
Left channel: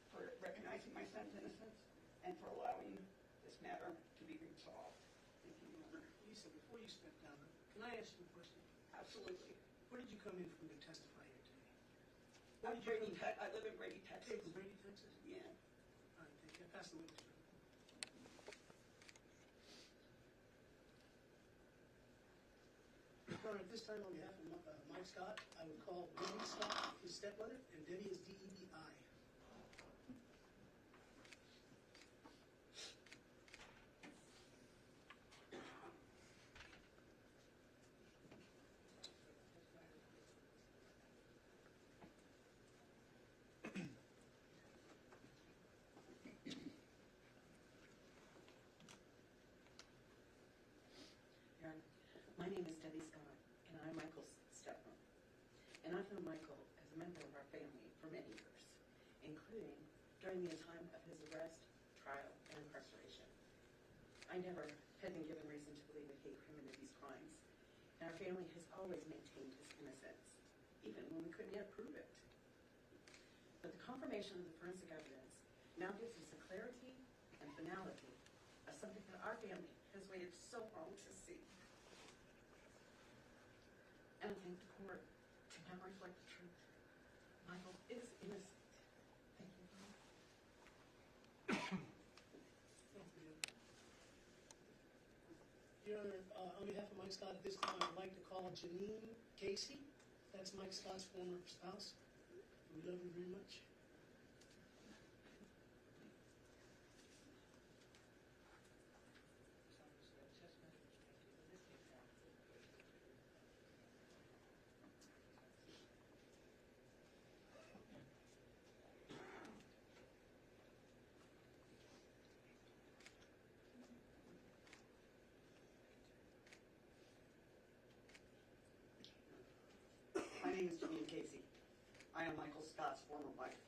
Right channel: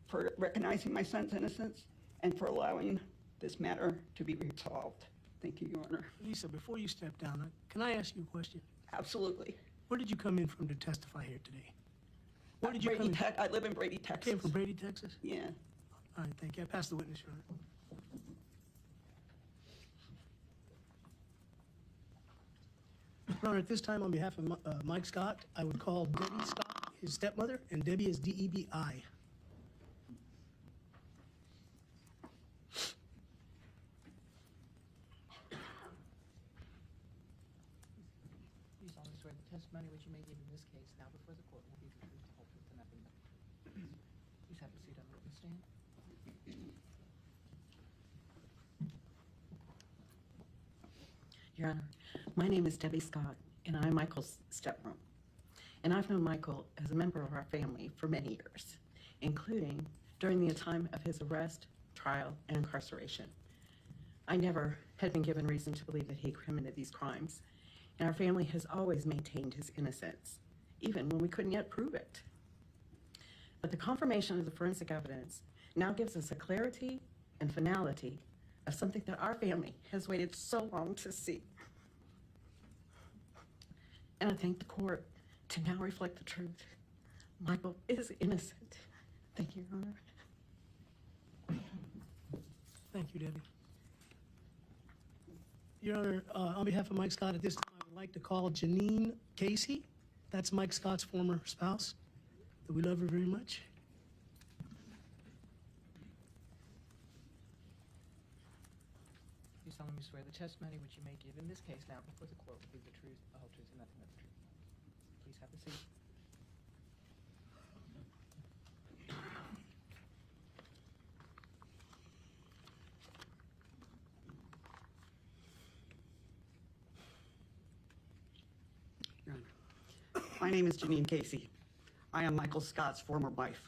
for recognizing my son's innocence and for allowing this matter to be resolved. Thank you, Your Honor. Lisa, before you step down, can I ask you a question? Absolutely. Where did you come in from to testify here today? Where did you come in? I live in Brady, Texas. Came from Brady, Texas? Yeah. All right, thank you. I pass the witness, Your Honor. Your Honor, at this time, on behalf of Mike Scott, I would call Debbie Scott, his stepmother, and Debbie is D-E-B-I. testimony which you may give in this case now before the court will be the truth, the whole truth, and nothing but the truth. Please have a seat on the witness stand. Your Honor, my name is Debbie Scott, and I'm Michael's stepmom. And I've known Michael as a member of our family for many years, including during the time of his arrest, trial, and incarceration. I never had been given reason to believe that he committed these crimes, and our family has always maintained his innocence, even when we couldn't yet prove it. But the confirmation of the forensic evidence now gives us a clarity and finality of something that our family has waited so long to see. And I thank the court to now reflect the truth. Michael is innocent. Thank you, Your Honor. Thank you, Debbie. Your Honor, on behalf of Mike Scott, at this time, I'd like to call Janine Casey. That's Mike Scott's former spouse. We love her very much. You solemnly swear the testimony which you may give in this case now before the court will be the truth, the whole truth, and nothing but the truth. Please have a seat. My name is Janine Casey. I am Michael Scott's former wife.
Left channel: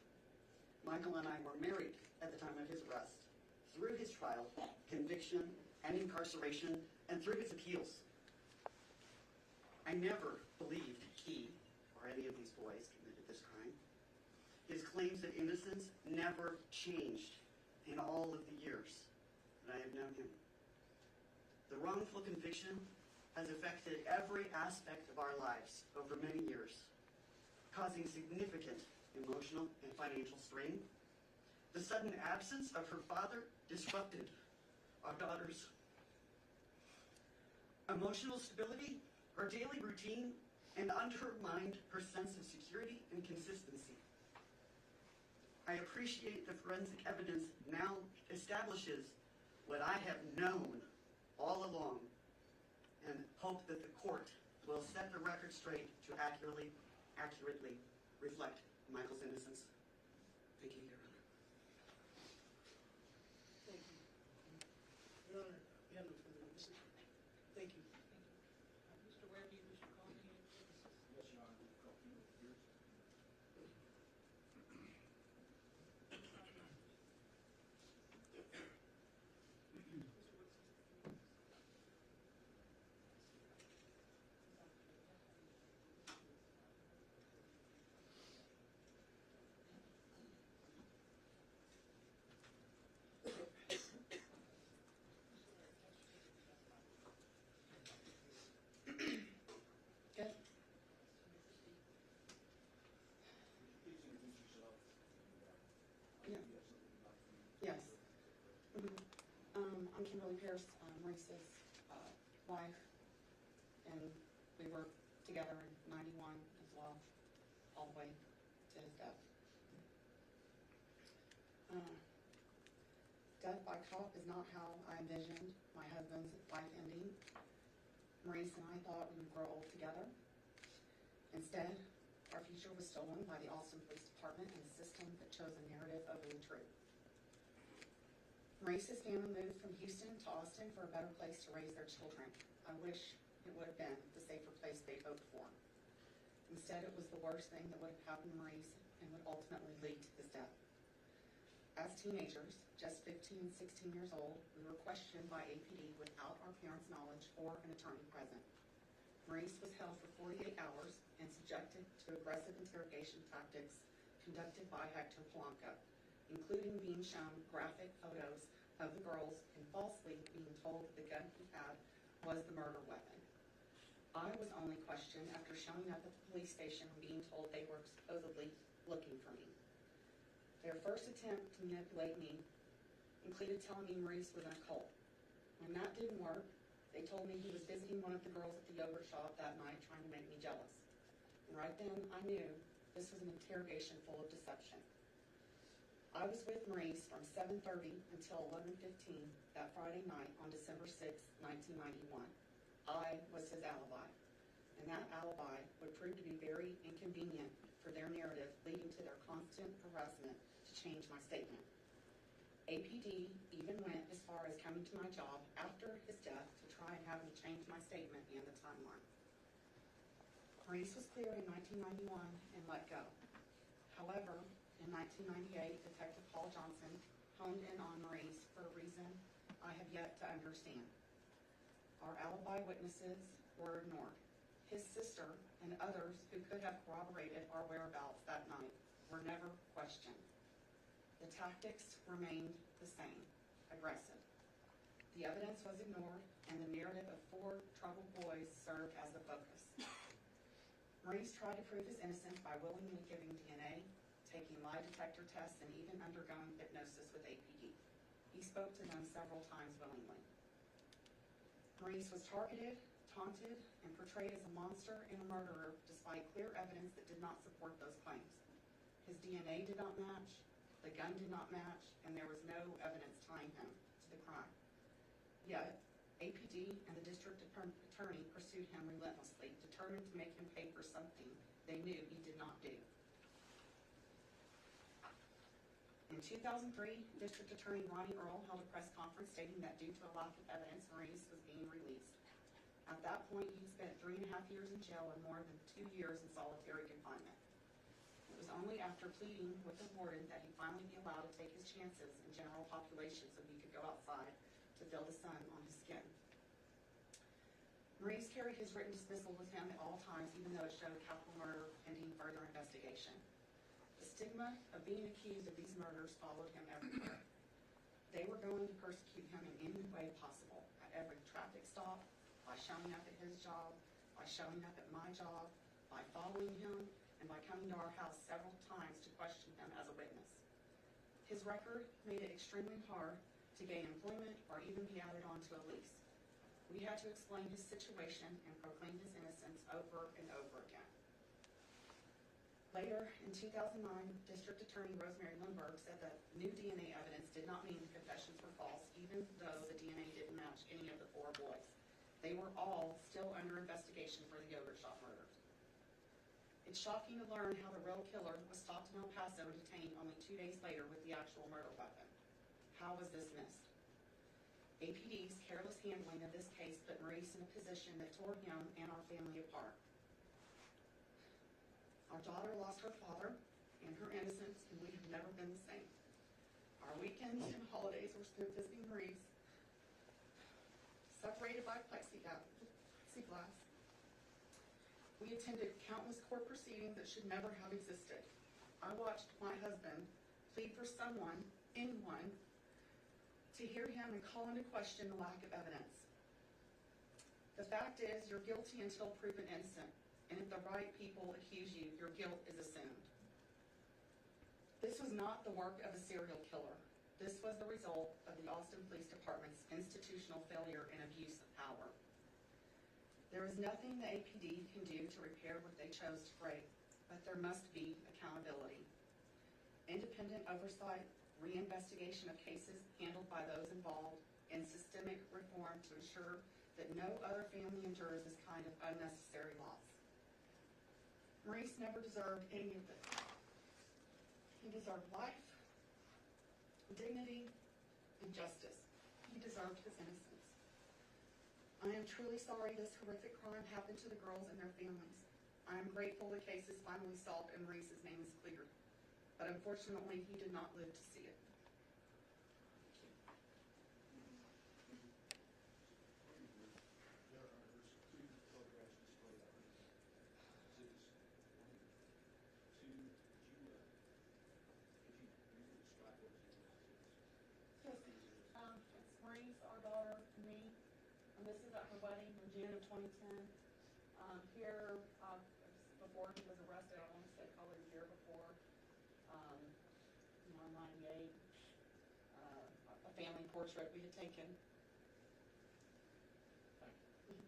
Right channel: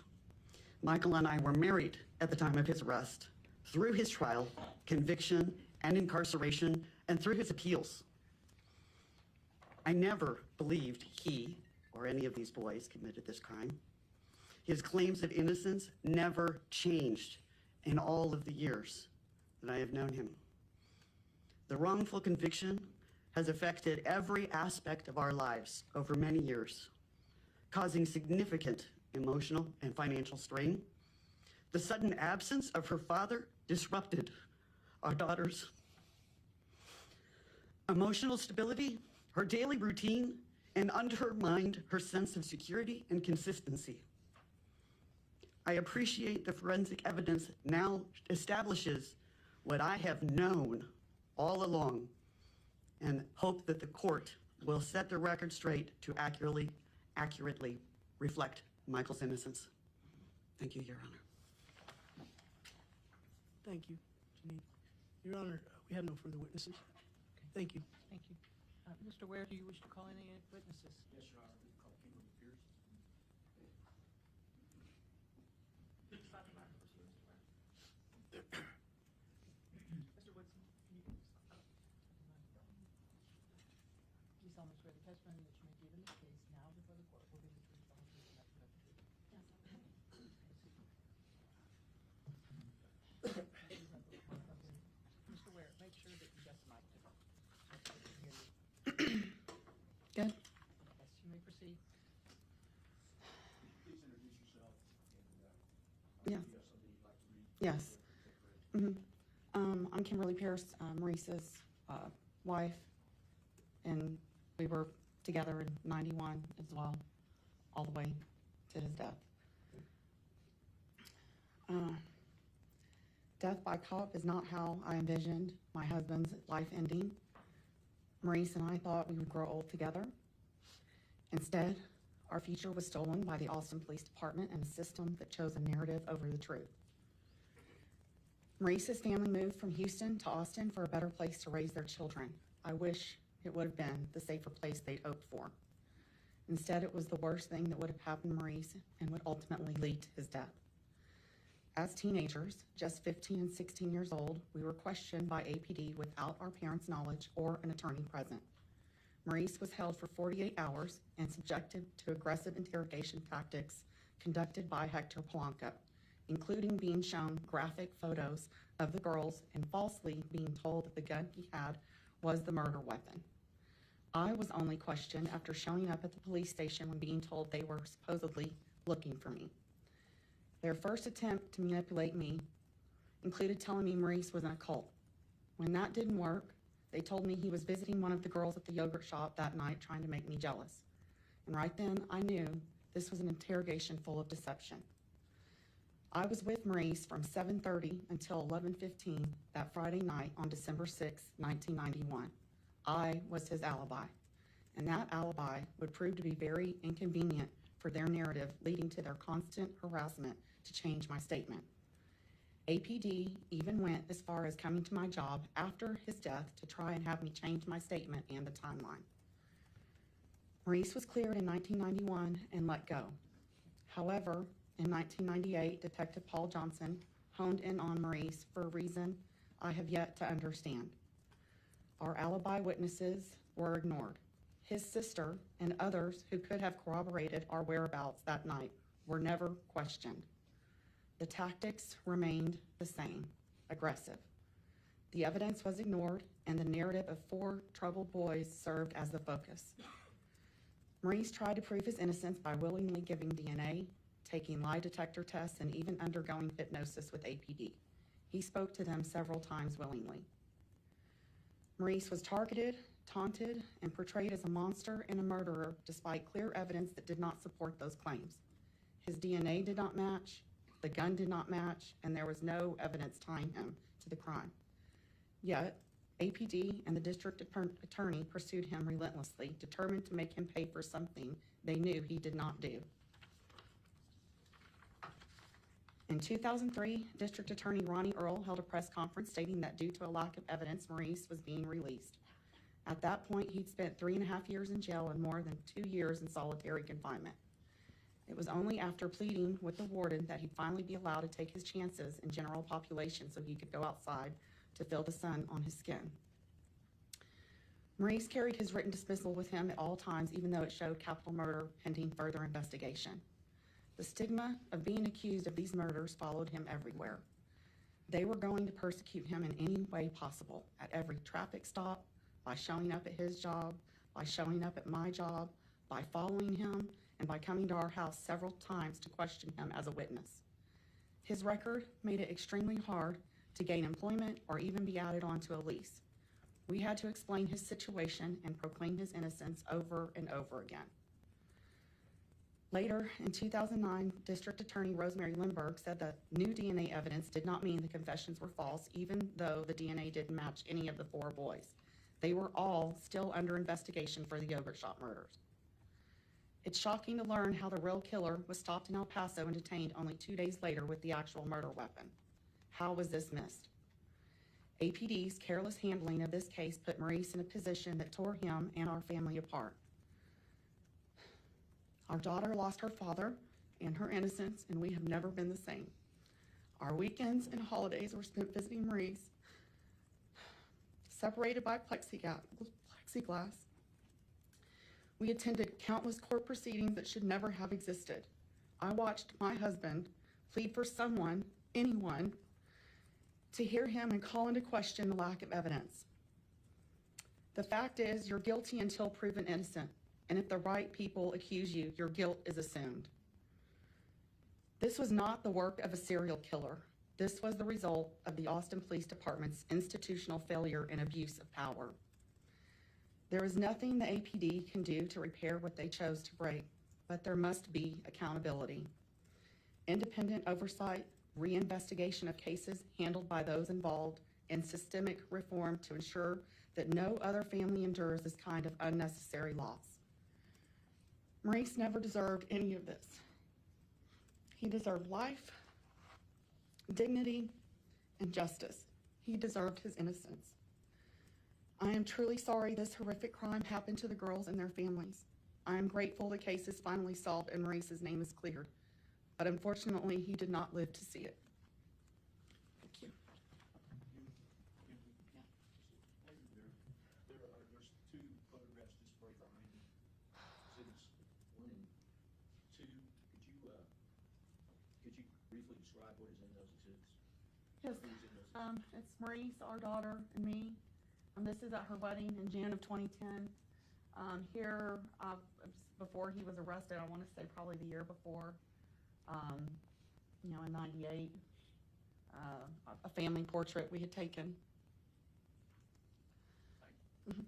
Michael and I were married at the time of his arrest, through his trial, conviction, and incarceration, and through his appeals. I never believed he or any of these boys committed this crime. His claims of innocence never changed in all of the years that I have known him. The wrongful conviction has affected every aspect of our lives over many years, causing significant emotional and financial strain. The sudden absence of her father disrupted our daughter's emotional stability, her daily routine, and undermined her sense of security and consistency. I appreciate the forensic evidence now establishes what I have known all along, and hope that the court will set the record straight to accurately reflect Michael's innocence. Thank you, Your Honor. Thank you. Your Honor, we have no further witnesses. Thank you. Thank you. Mr. Ware, do you wish to call any witnesses? Yes, Your Honor. Call Peter Pierce. Mr. Woodson, can you please solemnly swear the testimony which you may give in this case now before the court will be the truth, the whole truth, and nothing but the truth. Mr. Ware, make sure that you testify. Good. Yes, you may proceed. Please introduce yourself. Yeah. You have something you'd like to read? Yes. I'm Kimberly Pierce, Maurice's wife, and we were together in '91 as well, all the way to his death. Death by cop is not how I envisioned my husband's life ending. Maurice and I thought we would grow old together. Instead, our future was stolen by the Austin Police Department and a system that chose a narrative over the truth. Maurice's family moved from Houston to Austin for a better place to raise their children. I wish it would have been the safer place they'd hoped for. Instead, it was the worst thing that would have happened to Maurice and would ultimately lead to his death. As teenagers, just 15 and 16 years old, we were questioned by APD without our parents' knowledge or an attorney present. Maurice was held for 48 hours and subjected to aggressive interrogation tactics conducted by Hector Polanco, including being shown graphic photos of the girls and falsely being told that the gun he had was the murder weapon. I was only questioned after showing up at the police station when being told they were supposedly looking for me. Their first attempt to manipulate me included telling me Maurice was in a cult. When that didn't work, they told me he was visiting one of the girls at the yogurt shop that night trying to make me jealous. And right then, I knew this was an interrogation full of deception. I was with Maurice from 7:30 until 11:15 that Friday night on December 6, 1991. I was his alibi. and that alibi would prove to be very inconvenient for their narrative, leading to their constant harassment to change my statement. APD even went as far as coming to my job after his death to try and have me change my statement and the timeline. Maurice was cleared in 1991 and let go. However, in 1998, Detective Paul Johnson honed in on Maurice for a reason I have yet to understand. Our alibi witnesses were ignored. His sister and others who could have corroborated our whereabouts that night were never questioned. The tactics remained the same, aggressive. The evidence was ignored, and the narrative of 4 troubled boys served as the focus. Maurice tried to prove his innocence by willingly giving DNA, taking lie detector tests, and even undergoing hypnosis with APD. He spoke to them several times willingly. Maurice was targeted, taunted, and portrayed as a monster and a murderer despite clear evidence that did not support those claims. His DNA did not match, the gun did not match, and there was no evidence tying him to the crime. Yet, APD and the district attorney pursued him relentlessly, determined to make him pay for something they knew he did not do. In 2003, District Attorney Ronnie Earl held a press conference stating that due to a lack of evidence, Maurice was being released. At that point, he'd spent 3.5 years in jail and more than 2 years in solitary confinement. It was only after pleading with the warden that he'd finally be allowed to take his chances in general population so he could go outside to feel the sun on his skin. Maurice carried his written dismissal with him at all times, even though it showed capital murder pending further investigation. The stigma of being accused of these murders followed him everywhere. They were going to persecute him in any way possible, at every traffic stop, by showing up at his job, by showing up at my job, by following him, and by coming to our house several times to question him as a witness. His record made it extremely hard to gain employment or even be added onto a lease. We had to explain his situation and proclaim his innocence over and over again. Later, in 2009, District Attorney Rosemary Lindbergh said that new DNA evidence did not mean the confessions were false, even though the DNA didn't match any of the 4 boys. They were all still under investigation for the yogurt shop murders. It's shocking to learn how the real killer was stopped in El Paso and detained only 2 days later with the actual murder weapon. How was this missed? APD's careless handling of this case put Maurice in a position that tore him and our family apart. Our daughter lost her father and her innocence, and we have never been the same. Our weekends and holidays were spent visiting Maurice, separated by plexiglass. We attended countless court proceedings that should never have existed. I watched my husband plead for someone, anyone, to hear him and call into question the lack of evidence. The fact is, you're guilty until proven innocent, and if the right people accuse you, your guilt is assumed. This was not the work of a serial killer. This was the result of the Austin Police Department's institutional failure and abuse of power. There is nothing the APD can do to repair what they chose to break, but there must be accountability. Independent oversight, reinvestigation of cases handled by those involved, and systemic reform to ensure that no other family endures this kind of unnecessary loss. Maurice never deserved any of this. He deserved life, dignity, and justice. He deserved his innocence. I am truly sorry this horrific crime happened to the girls and their families. I am grateful the case is finally solved and Maurice's name is cleared. But unfortunately, he did not live to see it. Thank you. Yes, it's Maurice, our daughter, and me. This is at her wedding in June of 2010. Here, before he was arrested, I want to say probably the year before, in 98, a family portrait we had taken. Mhm.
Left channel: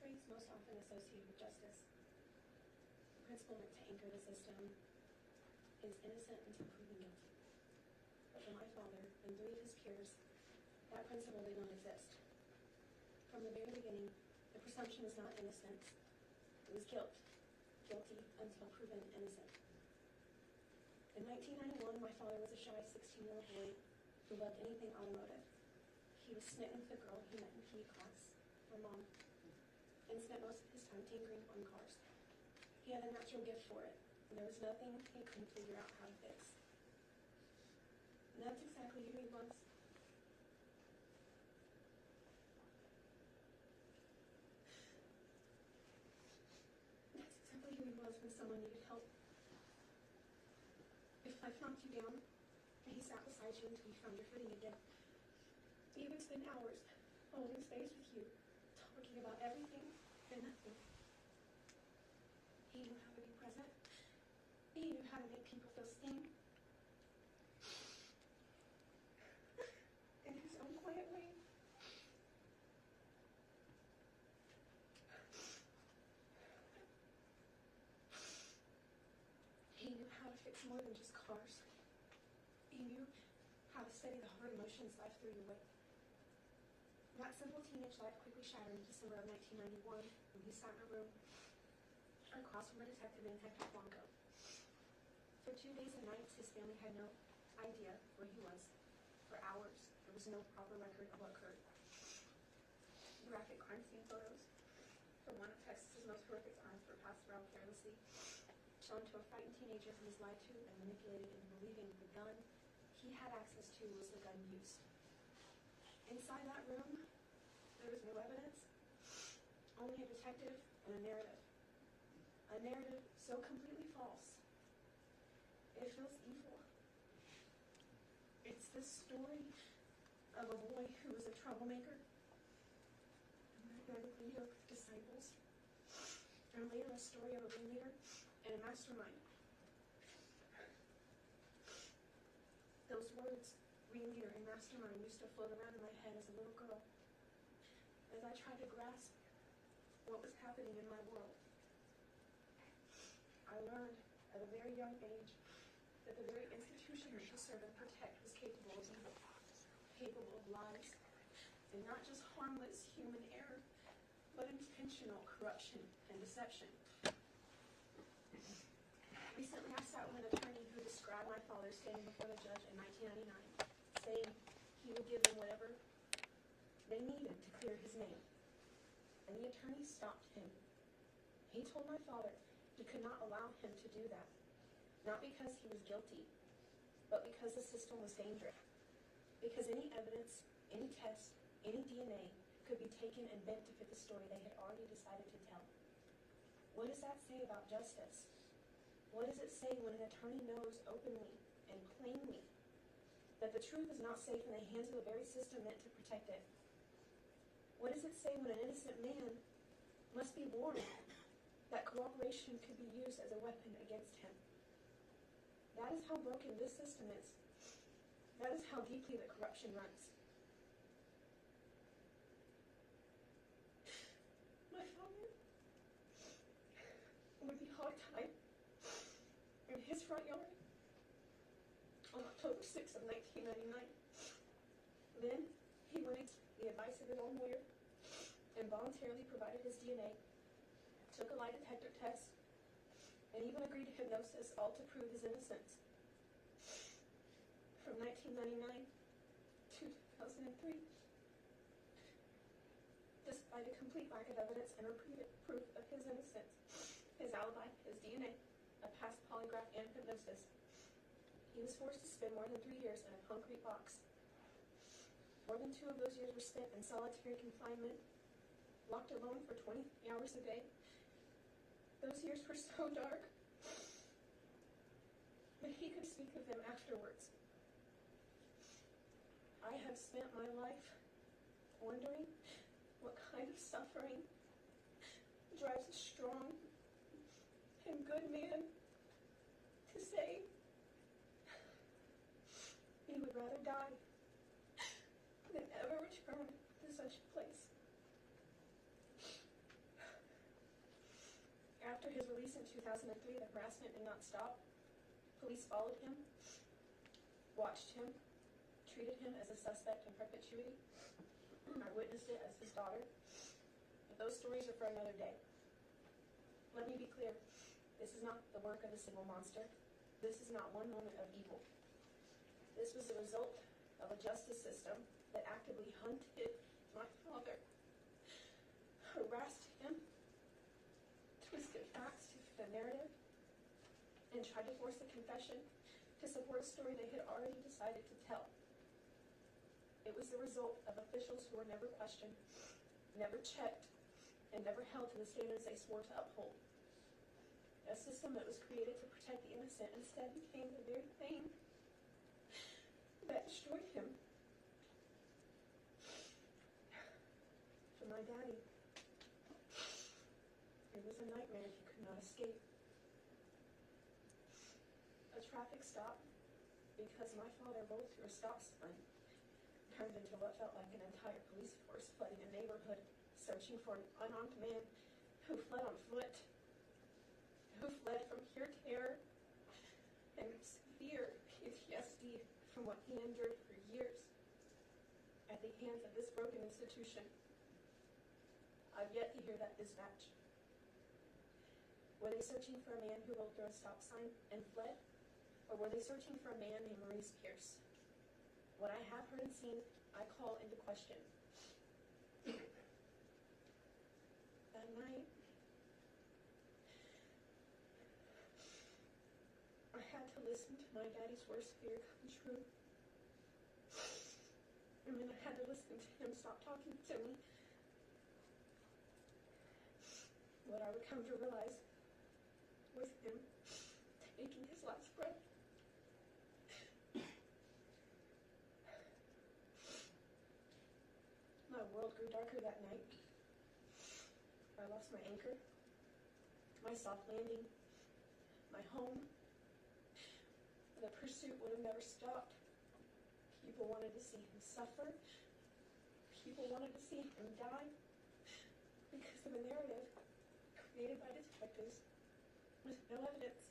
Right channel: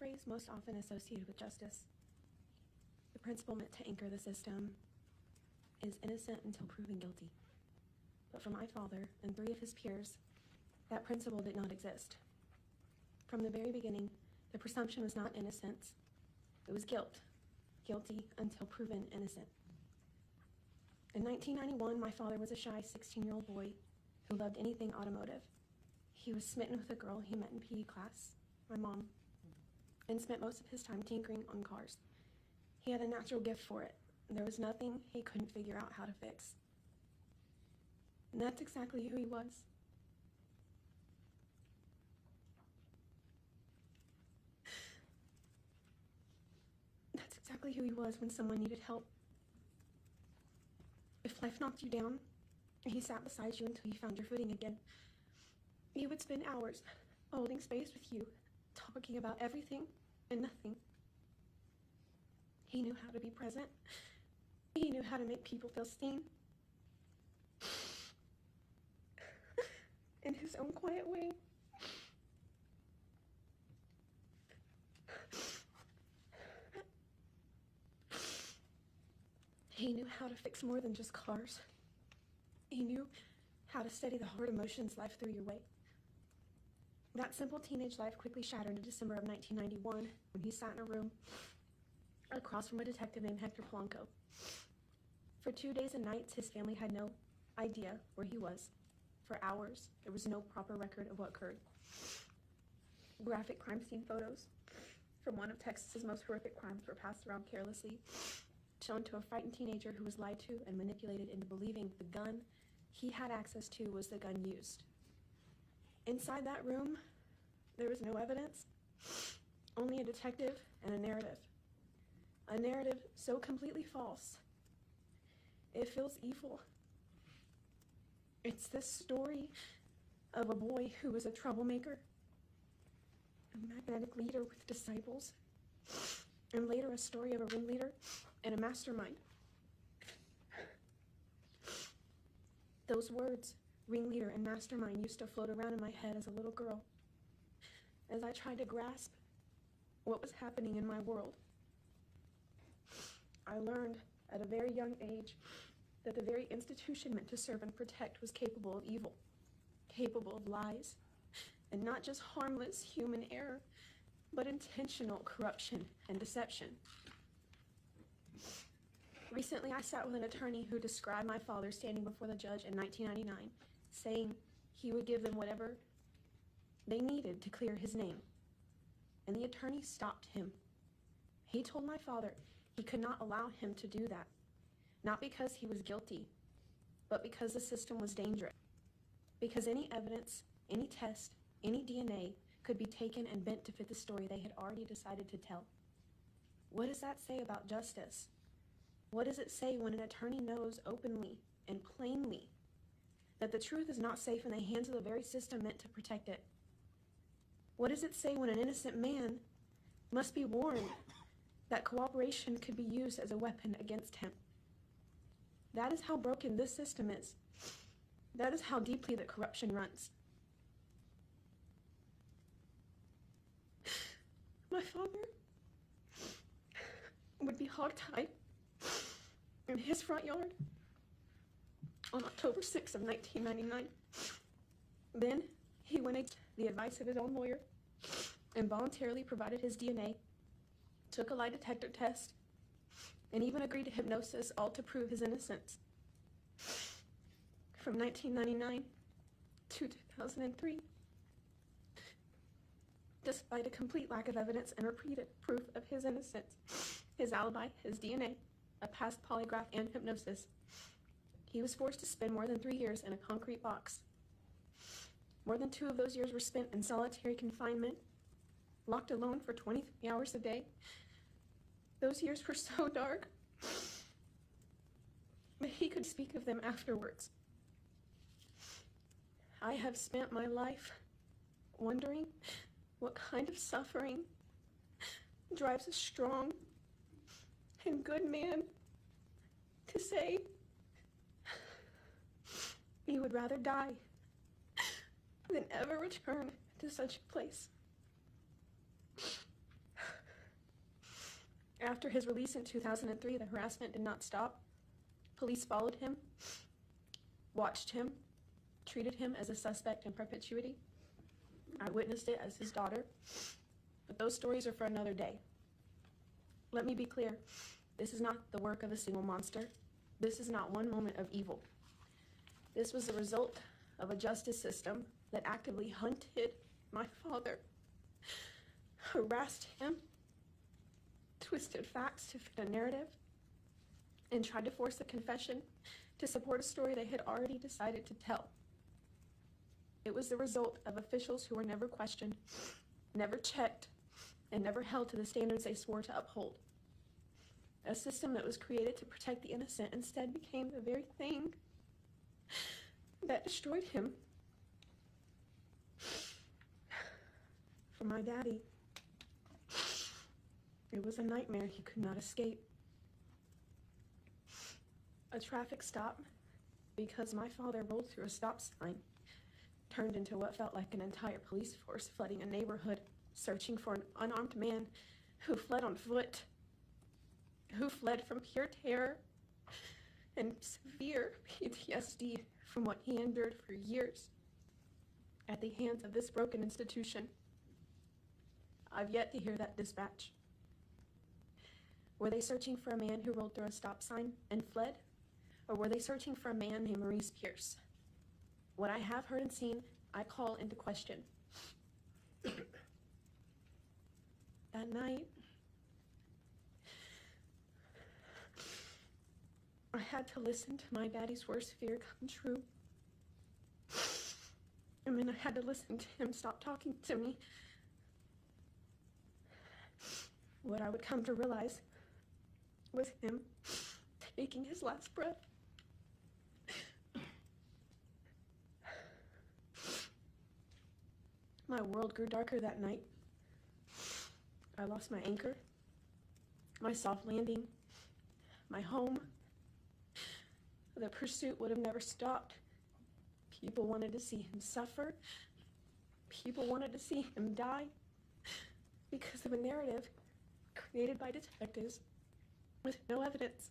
phrase most often associated with justice. The principle meant to anchor the system is innocent until proven guilty. But for my father and 3 of his peers, that principle did not exist. From the very beginning, the presumption was not innocence, it was guilt. Guilty until proven innocent. In 1991, my father was a shy 16-year-old boy who loved anything automotive. He was smitten with a girl he met in PE class, my mom, and spent most of his time tinkering on cars. He had a natural gift for it, and there was nothing he couldn't figure out how to fix. And that's exactly who he was. That's exactly who he was when someone needed help. If life knocked you down, he sat beside you until you found your footing again. He would spend hours holding space with you, talking about everything and nothing. He knew how to be present. He knew how to make people feel seen. In his own quiet way. He knew how to fix more than just cars. He knew how to steady the hard emotions life threw your way. That simple teenage life quickly shattered in December of 1991 when he sat in a room across from a detective named Hector Blanco. For 2 days and nights, his family had no idea where he was. For hours, there was no proper record of what occurred. Graphic crime scene photos from one of Texas's most horrific crimes were passed around carelessly, shown to a frightened teenager who was lied to and manipulated into believing the gun he had access to was the gun used. Inside that room, there was no evidence, only a detective and a narrative. A narrative so completely false, it feels evil. It's this story of a boy who was a troublemaker, a magnetic leader with disciples, and later a story of a ringleader and a mastermind. Those words, ringleader and mastermind, used to float around in my head as a little girl, as I tried to grasp what was happening in my world. I learned at a very young age that the very institution meant to serve and protect was capable of evil, capable of lies, and not just harmless human error, but intentional corruption and deception. Recently, I sat with an attorney who described my father standing before the judge in 1999, saying he would give them whatever they needed to clear his name. And the attorney stopped him. He told my father he could not allow him to do that, not because he was guilty, but because the system was dangerous. Because any evidence, any test, any DNA could be taken and bent to fit the story they had already decided to tell. What does that say about justice? What does it say when an attorney knows openly and plainly that the truth is not safe in the hands of the very system meant to protect it? What does it say when an innocent man must be warned that cooperation could be used as a weapon against him? That is how broken this system is. That is how deeply the corruption runs. My father would be hogtied in his front yard on October 6th of 1999. Then he went against the advice of his own lawyer and voluntarily provided his DNA, took a lie detector test, and even agreed to hypnosis, all to prove his innocence. From 1999 to 2003, despite a complete lack of evidence and repeated proof of his innocence, his alibi, his DNA, a past polygraph, and hypnosis, he was forced to spend more than 3 years in a concrete box. More than 2 of those years were spent in solitary confinement, locked alone for 23 hours a day. Those years were so dark, but he could speak of them afterwards. I have spent my life wondering what kind of suffering drives a strong and good man to say he would rather die than ever return to such a place. After his release in 2003, the harassment did not stop. Police followed him, watched him, treated him as a suspect in perpetuity. I witnessed it as his daughter, but those stories are for another day. Let me be clear, this is not the work of a single monster. This is not one moment of evil. This was the result of a justice system that actively hunted my father, harassed him, twisted facts to fit a narrative, and tried to force a confession to support a story they had already decided to tell. It was the result of officials who were never questioned, never checked, and never held to the standards they swore to uphold. A system that was created to protect the innocent instead became the very thing that destroyed him. For my daddy, it was a nightmare he could not escape. A traffic stop because my father rolled through a stop sign turned into what felt like an entire police force flooding a neighborhood, searching for an unarmed man who fled on foot, who fled from pure terror and severe PTSD from what he endured for years at the hands of this broken institution. I've yet to hear that dispatch. Were they searching for a man who rolled through a stop sign and fled? Or were they searching for a man named Maurice Pierce? What I have heard and seen, I call into question. That night, I had to listen to my daddy's worst fear come true. And then I had to listen to him stop talking to me. What I would come to realize was him taking his last breath. My world grew darker that night. I lost my anchor, my soft landing, my home. The pursuit would have never stopped. People wanted to see him suffer. People wanted to see him die because of a narrative created by detectives with no evidence.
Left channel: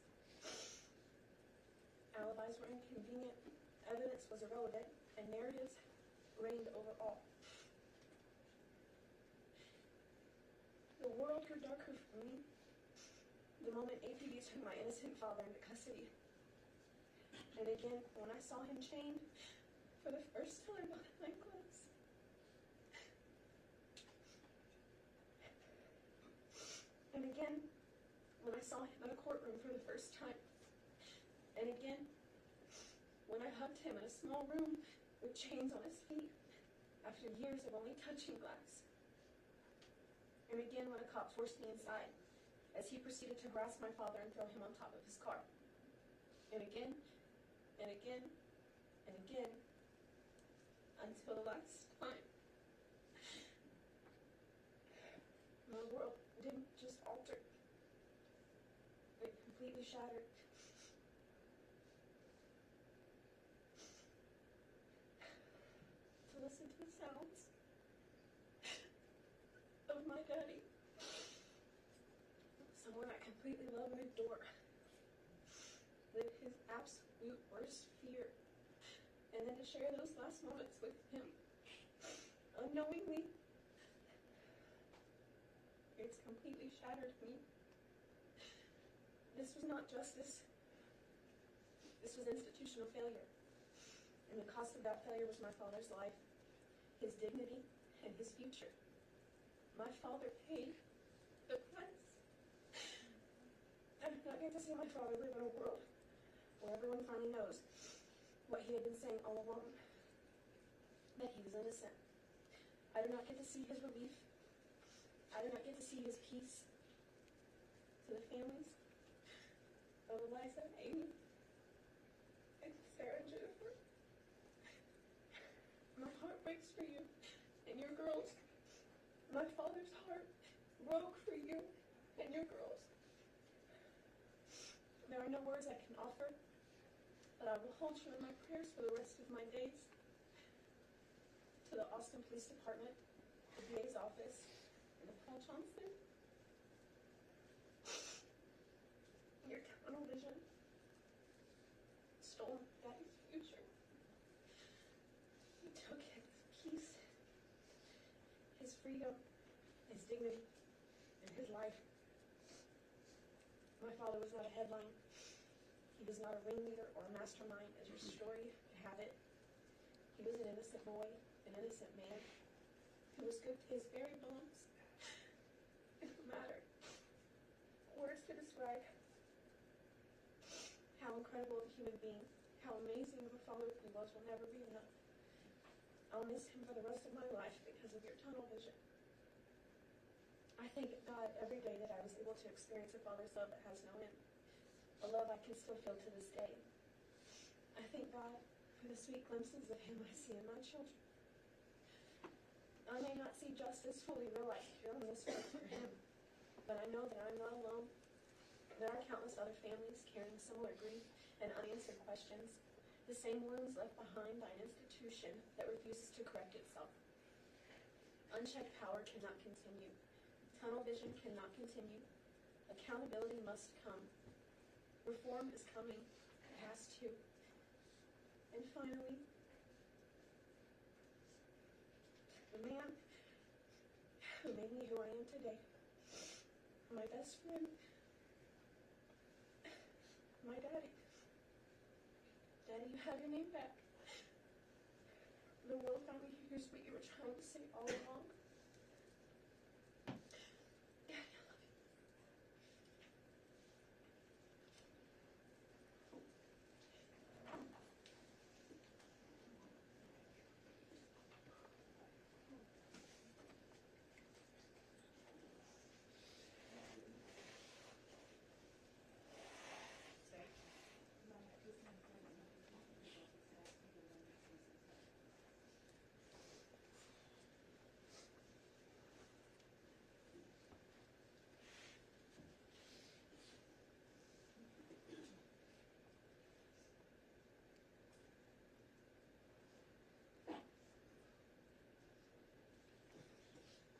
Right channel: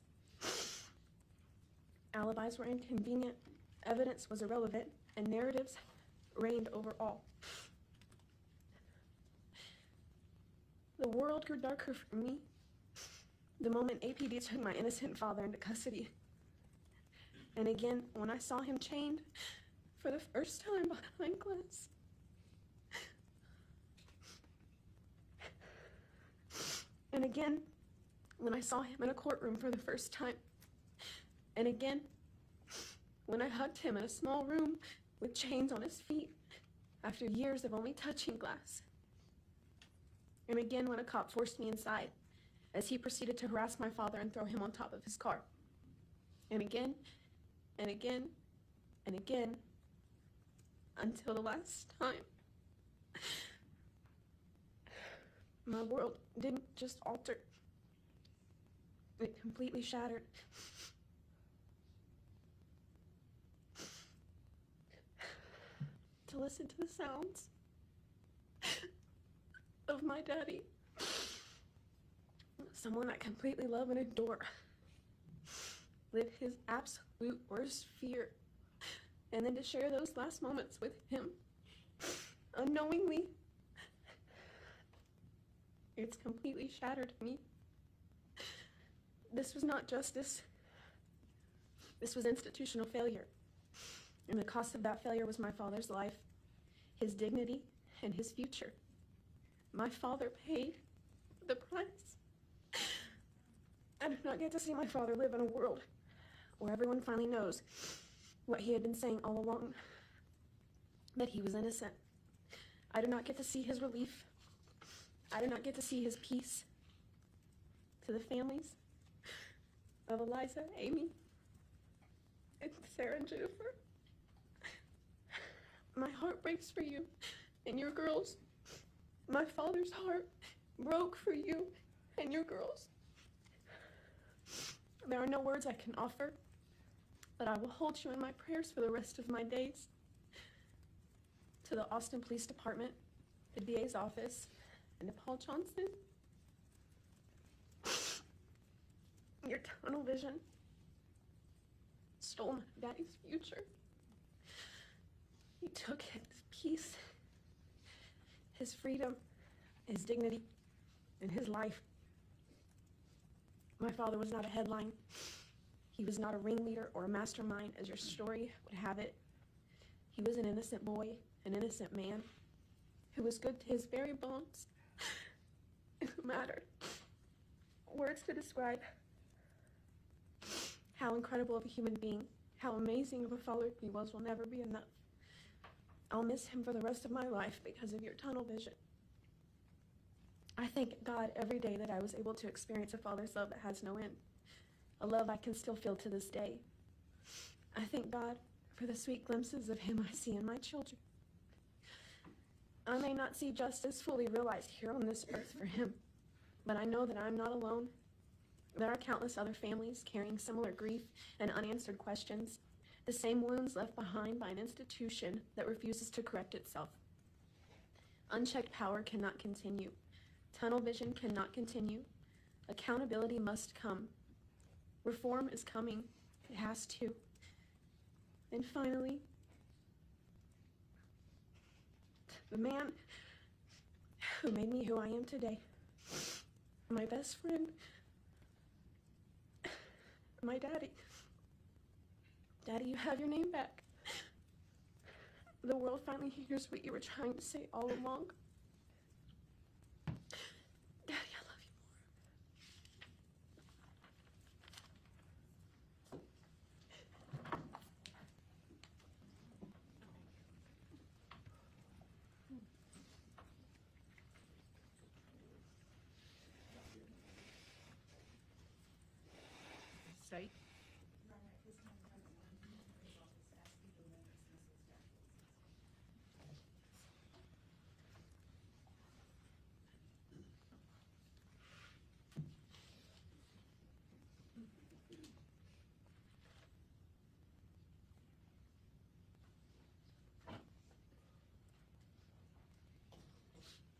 Alibis were inconvenient, evidence was irrelevant, and narratives reigned over all. The world grew darker for me the moment APD took my innocent father into custody. And again, when I saw him chained for the first time behind glass. And again, when I saw him in a courtroom for the first time. And again, when I hugged him in a small room with chains on his feet after years of only touching glass. And again, when a cop forced me inside as he proceeded to harass my father and throw him on top of his car. And again, and again, and again, until the last time. My world didn't just alter, it completely shattered. To listen to the sounds of my daddy, someone I completely love and adore, live his absolute worst fear, and then to share those last moments with him, unknowingly, it's completely shattered me. This was not justice. This was institutional failure. And the cost of that failure was my father's life, his dignity, and his future. My father paid the price. I did not get to see my father live in a world where everyone finally knows what he had been saying all along, that he was innocent. I did not get to see his relief. I did not get to see his peace. To the families of Eliza, Amy, and Sarah and Jennifer, my heart breaks for you and your girls. My father's heart broke for you and your girls. There are no words I can offer, but I will hold you in my prayers for the rest of my days. To the Austin Police Department, the DA's office, and to Paul Johnson, Your tunnel vision stole my daddy's future. You took his peace, his freedom, his dignity, and his life. My father was not a headline. He was not a ringleader or a mastermind, as your story would have it. He was an innocent boy, an innocent man, who was good to his very bones, and who mattered. Words to describe how incredible of a human being, how amazing of a father he was will never be enough. I'll miss him for the rest of my life because of your tunnel vision. I thank God every day that I was able to experience a father's love that has no end, a love I can still feel to this day. I thank God for the sweet glimpses of him I see in my children. I may not see justice fully realized here on this earth for him, but I know that I'm not alone. There are countless other families carrying similar grief and unanswered questions, the same wounds left behind by an institution that refuses to correct itself. Unchecked power cannot continue. Tunnel vision cannot continue. Accountability must come. Reform is coming. It has to. And finally, the man who made me who I am today, my best friend, my daddy. Daddy, you have your name back. The world finally hears what you were trying to say all along. Daddy, I love you. State.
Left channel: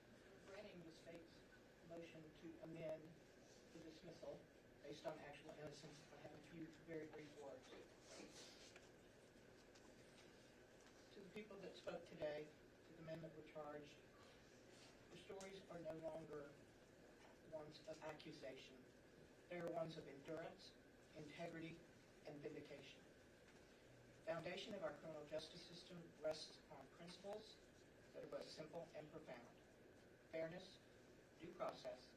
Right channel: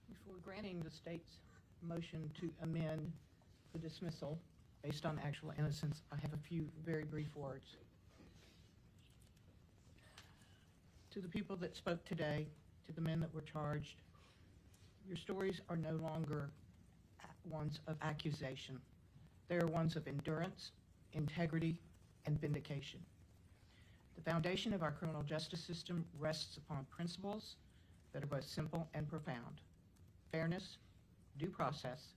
Before granting the state's motion to amend the dismissal based on actual innocence, I have a few very brief words. To the people that spoke today, to the men that were charged, your stories are no longer ones of accusation. They are ones of endurance, integrity, and vindication. The foundation of our criminal justice system rests upon principles that are both simple and profound: fairness, due process,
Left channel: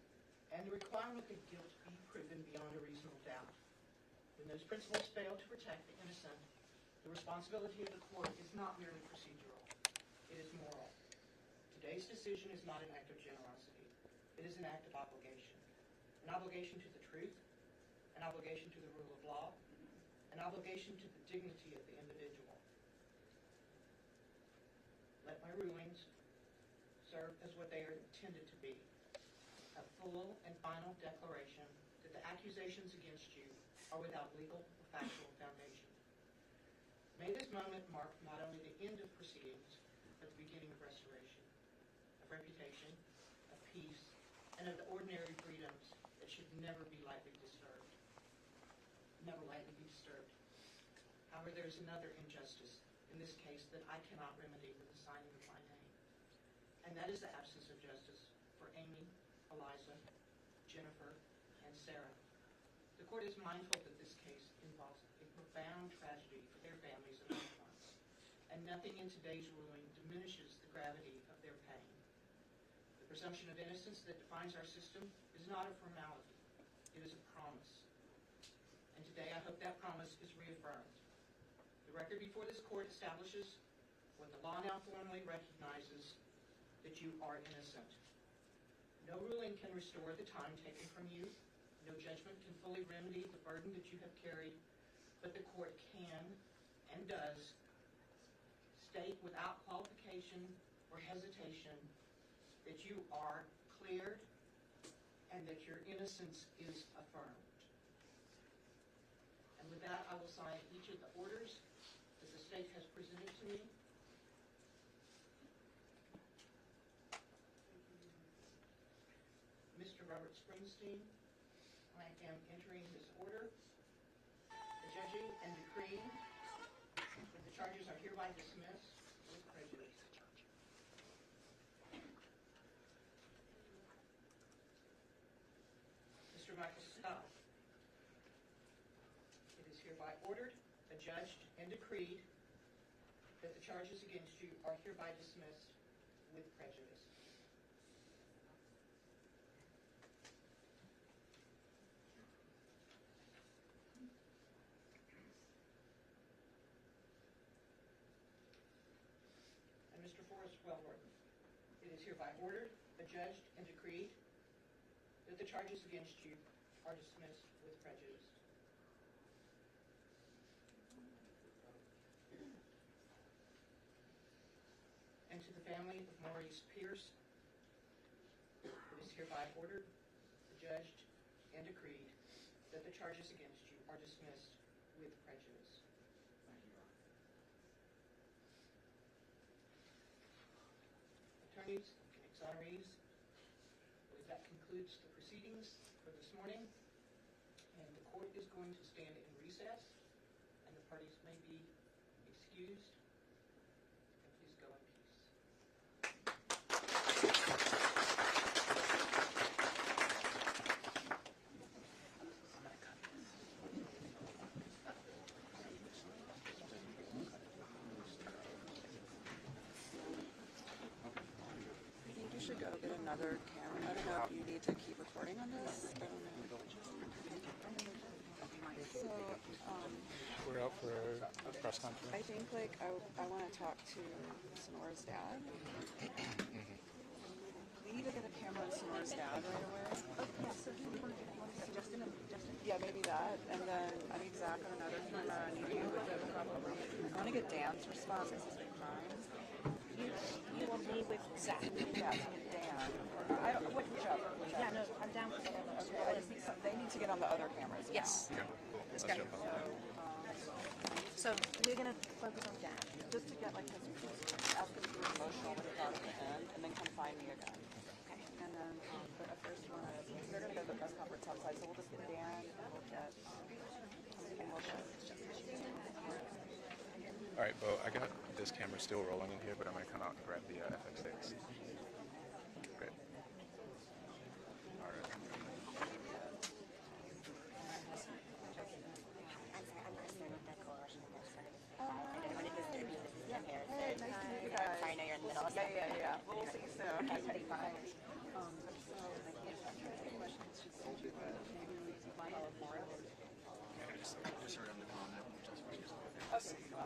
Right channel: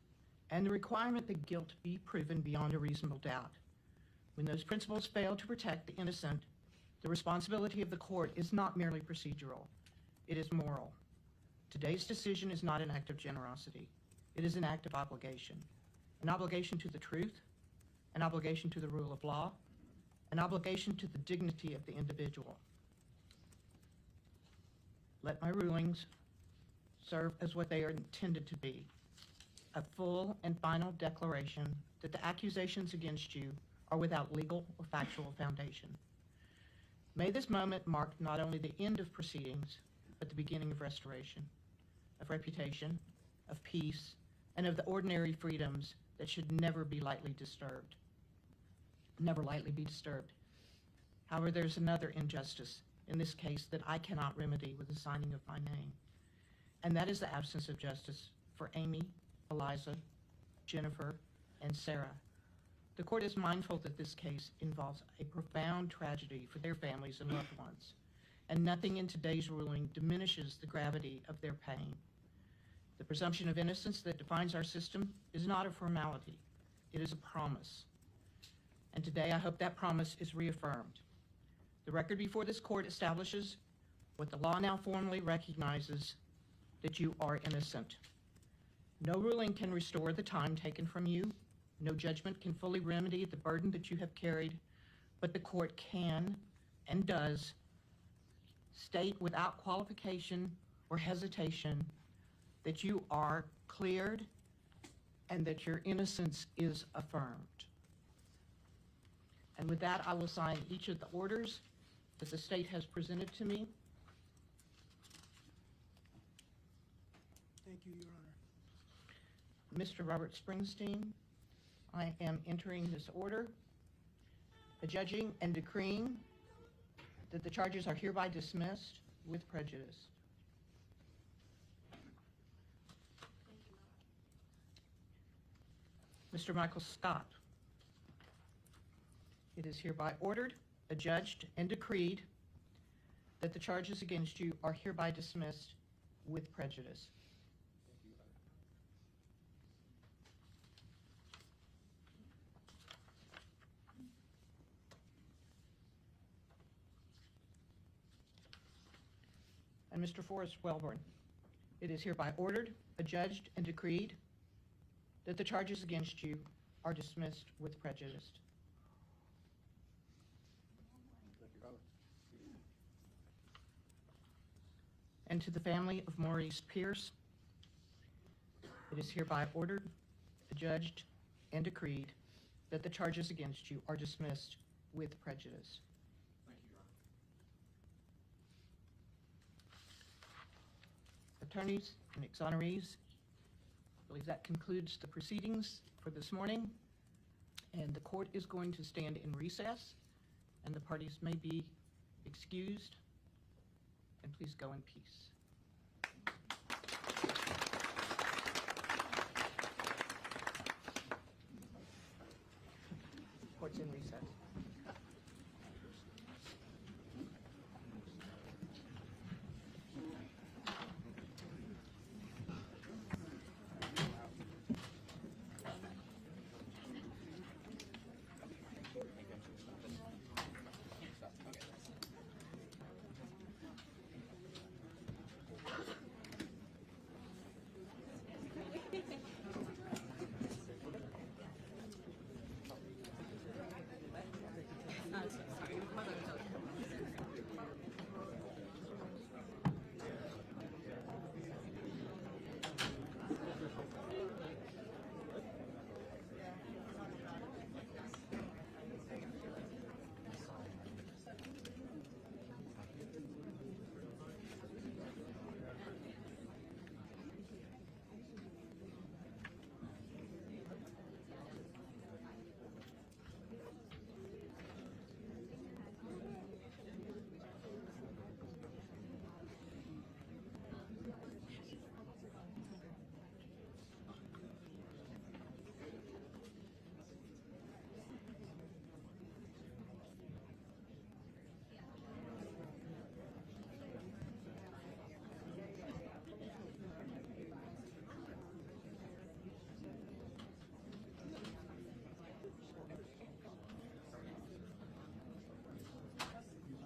and the requirement that guilt be proven beyond a reasonable doubt. When those principles fail to protect the innocent, the responsibility of the court is not merely procedural, it is moral. Today's decision is not an act of generosity. It is an act of obligation. An obligation to the truth, an obligation to the rule of law, an obligation to the dignity of the individual. Let my rulings serve as what they are intended to be: a full and final declaration that the accusations against you are without legal or factual foundation. May this moment mark not only the end of proceedings, but the beginning of restoration, of reputation, of peace, and of the ordinary freedoms that should never be lightly disturbed. Never lightly be disturbed. However, there's another injustice in this case that I cannot remedy with the signing of my name, and that is the absence of justice for Amy, Eliza, Jennifer, and Sarah. The court is mindful that this case involves a profound tragedy for their families and loved ones, and nothing in today's ruling diminishes the gravity of their pain. The presumption of innocence that defines our system is not a formality, it is a promise. And today I hope that promise is reaffirmed. The record before this court establishes what the law now formally recognizes: that you are innocent. No ruling can restore the time taken from you. No judgment can fully remedy the burden that you have carried, but the court can and does state without qualification or hesitation that you are cleared and that your innocence is affirmed. And with that, I will sign each of the orders that the state has presented to me. Thank you, Your Honor. Mr. Robert Springsteen, I am entering this order, adjudging and decreeing that the charges are hereby dismissed with prejudice. Mr. Michael Scott, it is hereby ordered, adjudged, and decreed that the charges against you are hereby dismissed with prejudice. And Mr. Forrest Wellborn, it is hereby ordered, adjudged, and decreed that the charges against you are dismissed with prejudice. And to the family of Maurice Pierce, it is hereby ordered, adjudged, and decreed that the charges against you are dismissed with prejudice. Attorneys and exonerees, I believe that concludes the proceedings for this morning, and the court is going to stand in recess, and the parties may be excused, and please go in peace. Court's in recess. We should go get another camera. I don't know if you need to keep recording on this. So, We're out for a press conference. I think like I want to talk to Snora's dad. We need to get a camera on Snora's dad right away. Yeah, maybe that, and then I think Zach and another camera on you. I want to get Dan's response. You will be with Zach. Yeah, so Dan. I don't know whichever. Yeah, no, I'm down with whatever. They need to get on the other cameras. Yes. Let's go. So we're gonna focus on Dad. Just to get like his ask him to be emotional when he got in the end, and then come find me again. Okay. And then, but at first you want to, they're gonna go to the press conference outside, so we'll just get Dan and we'll get emotion. All right, Bo, I got this camera still rolling in here, but I'm going to come out and grab the FX6. Great. All right. I know you're in the middle of something. Yeah. We'll see you soon.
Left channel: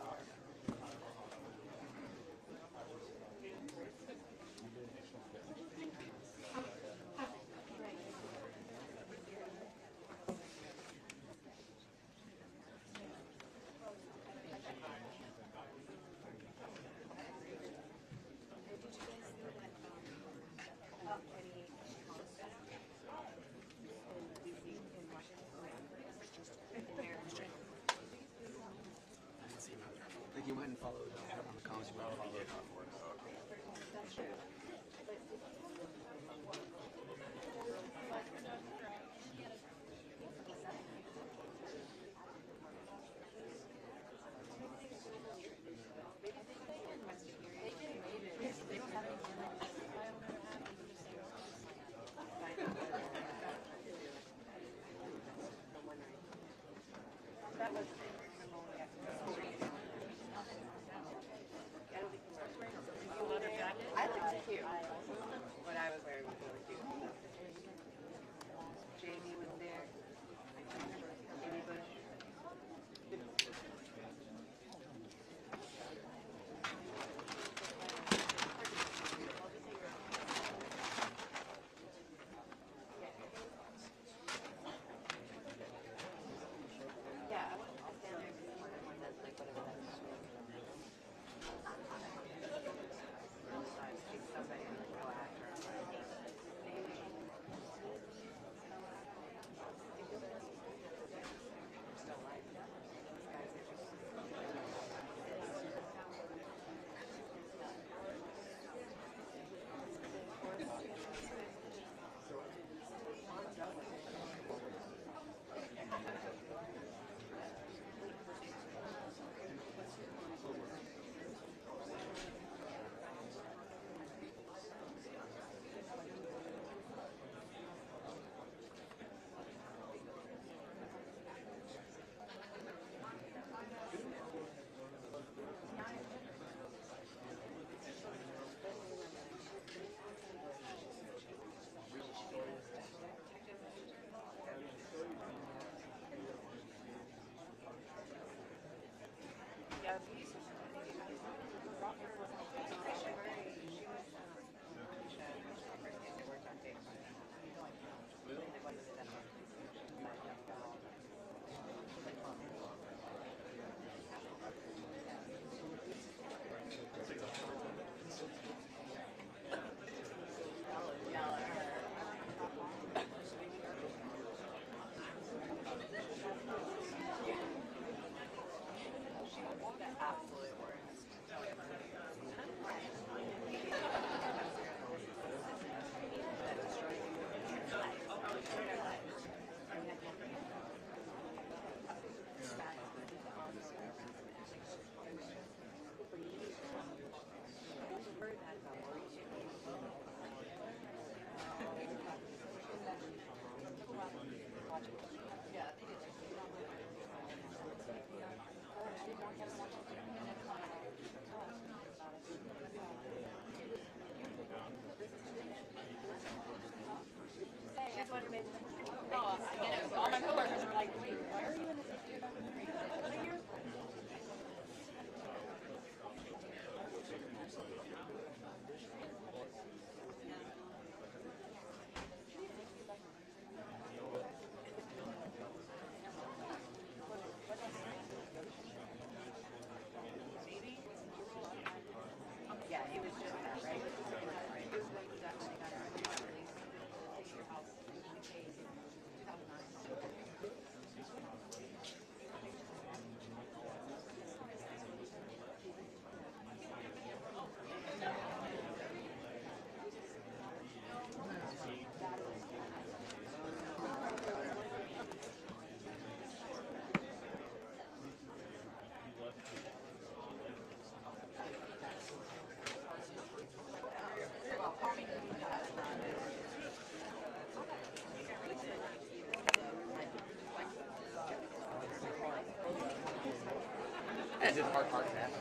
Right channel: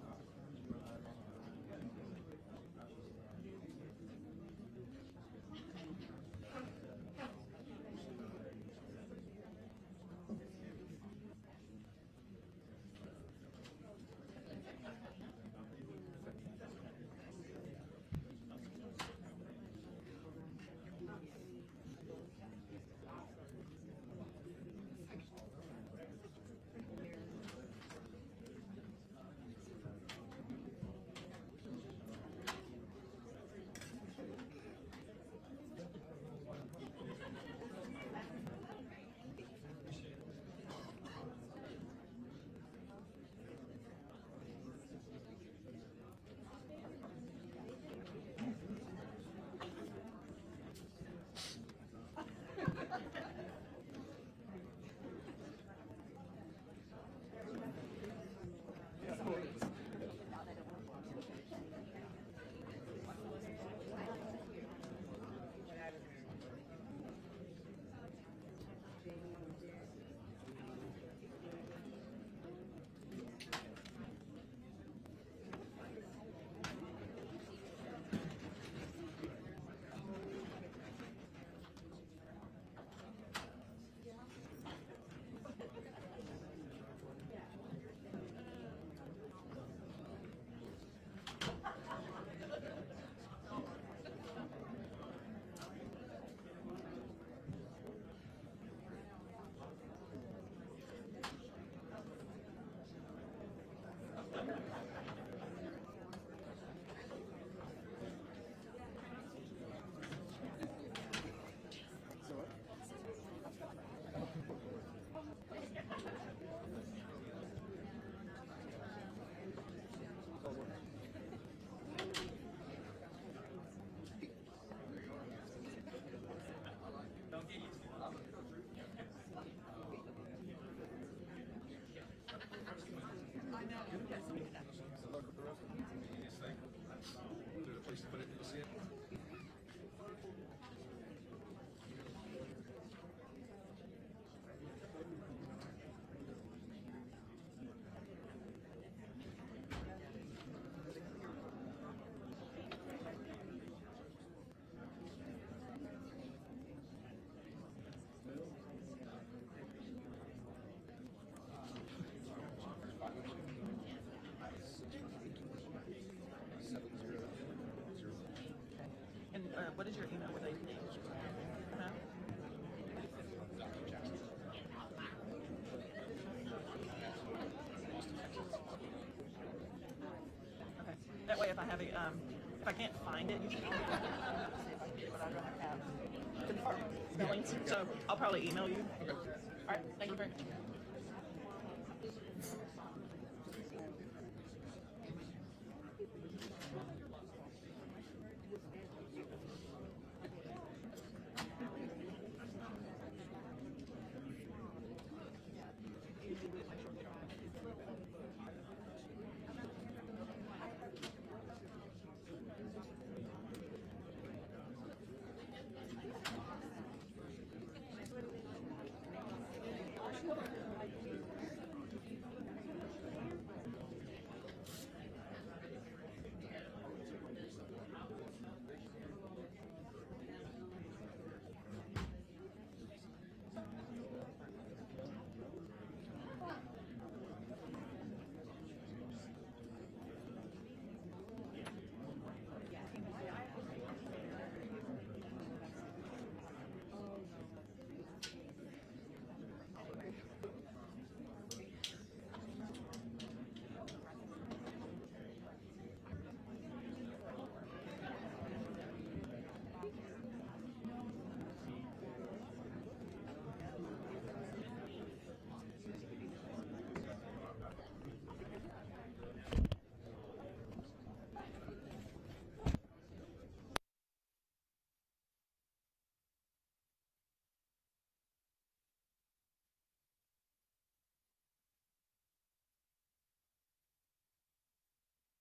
Is it hard to happen?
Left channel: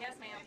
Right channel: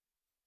Yes, ma'am.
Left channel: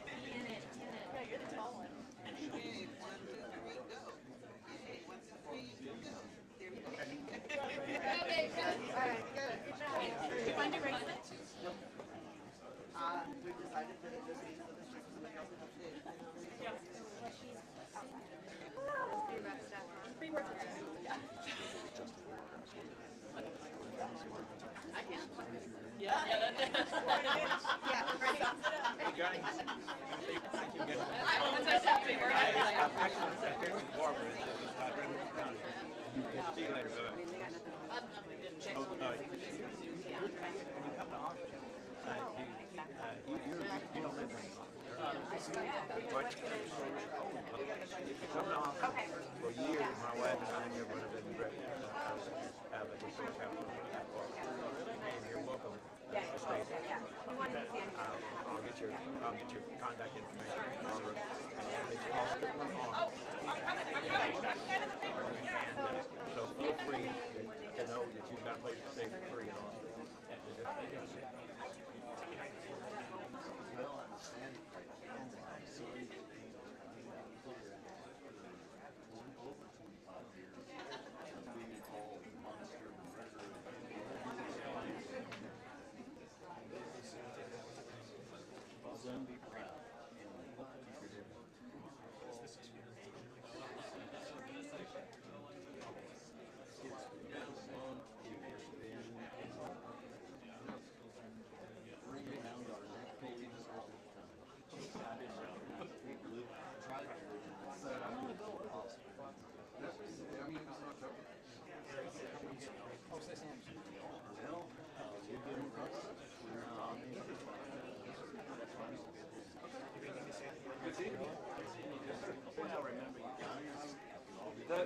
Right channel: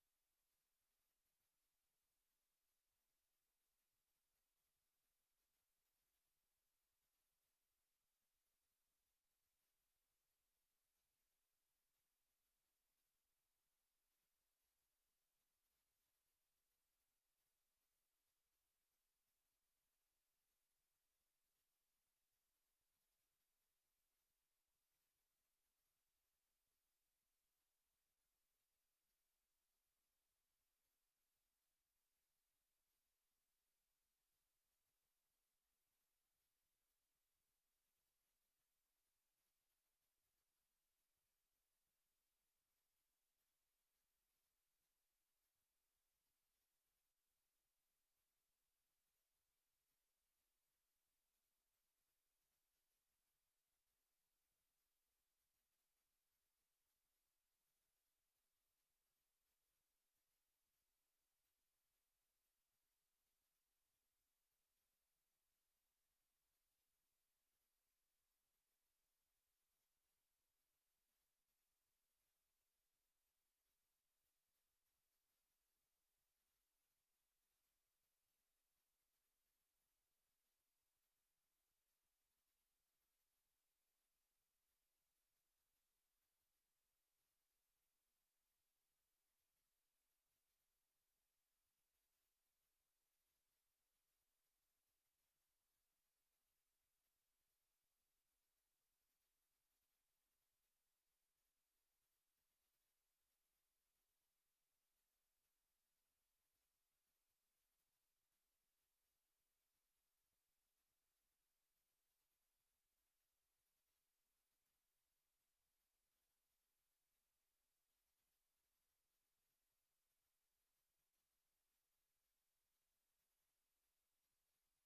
For years, my wife and I have run a bed and breakfast out of the Source House. You're welcome to stay. I'll get your contact information. It's called Stripper Farm. So feel free to know that you've got a place to stay for free and all.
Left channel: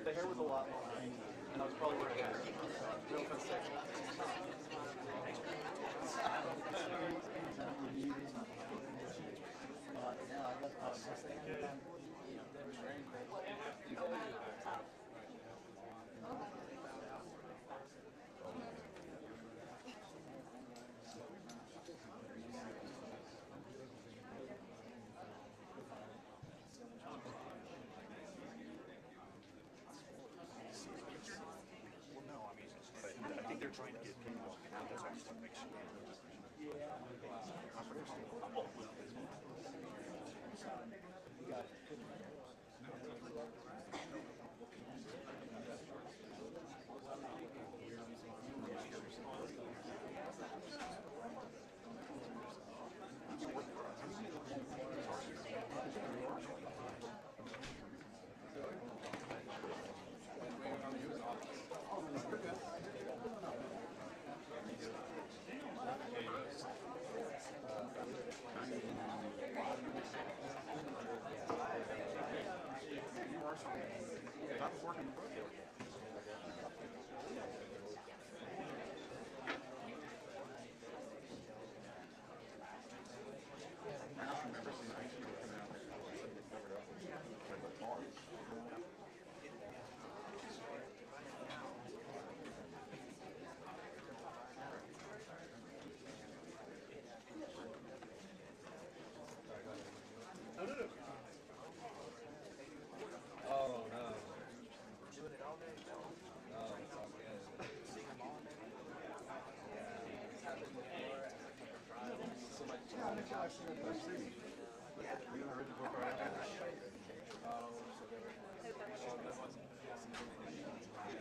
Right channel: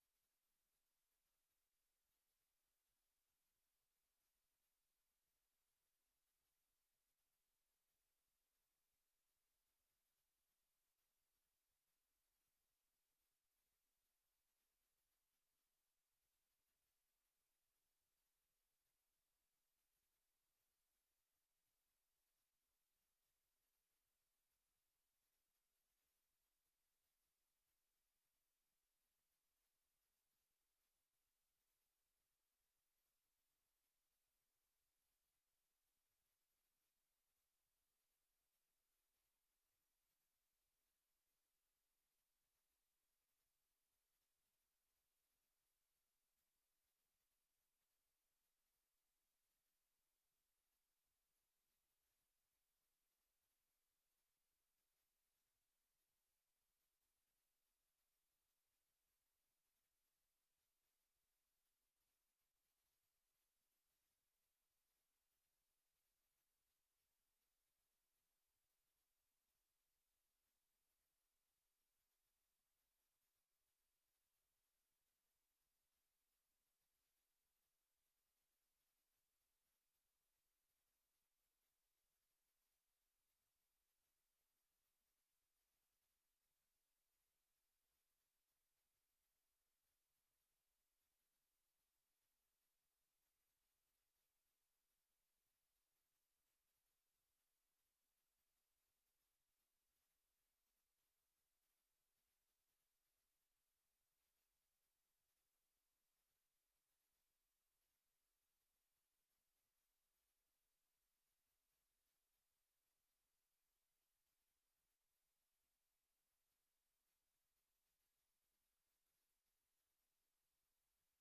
The hair was a lot more, and I was probably wearing a real concession. Trying to get people out. That's actually what makes you.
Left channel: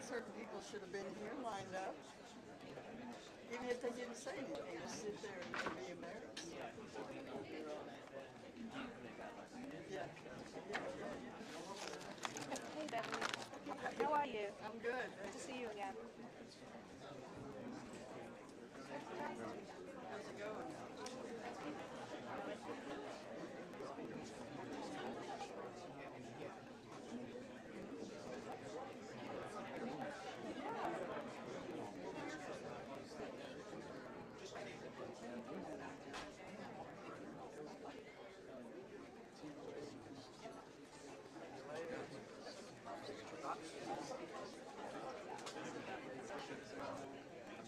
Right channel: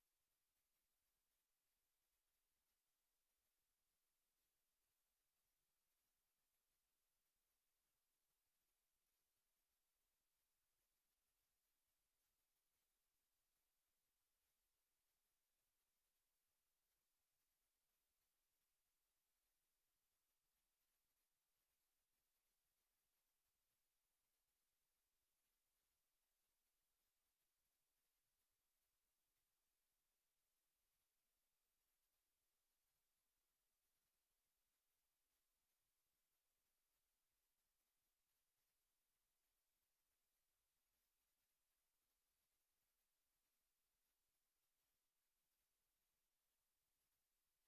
Certain people should have been here lined up, even if they didn't say anything, just sit there and be embarrassed. you? I'm good. Good to see you again. How's it going?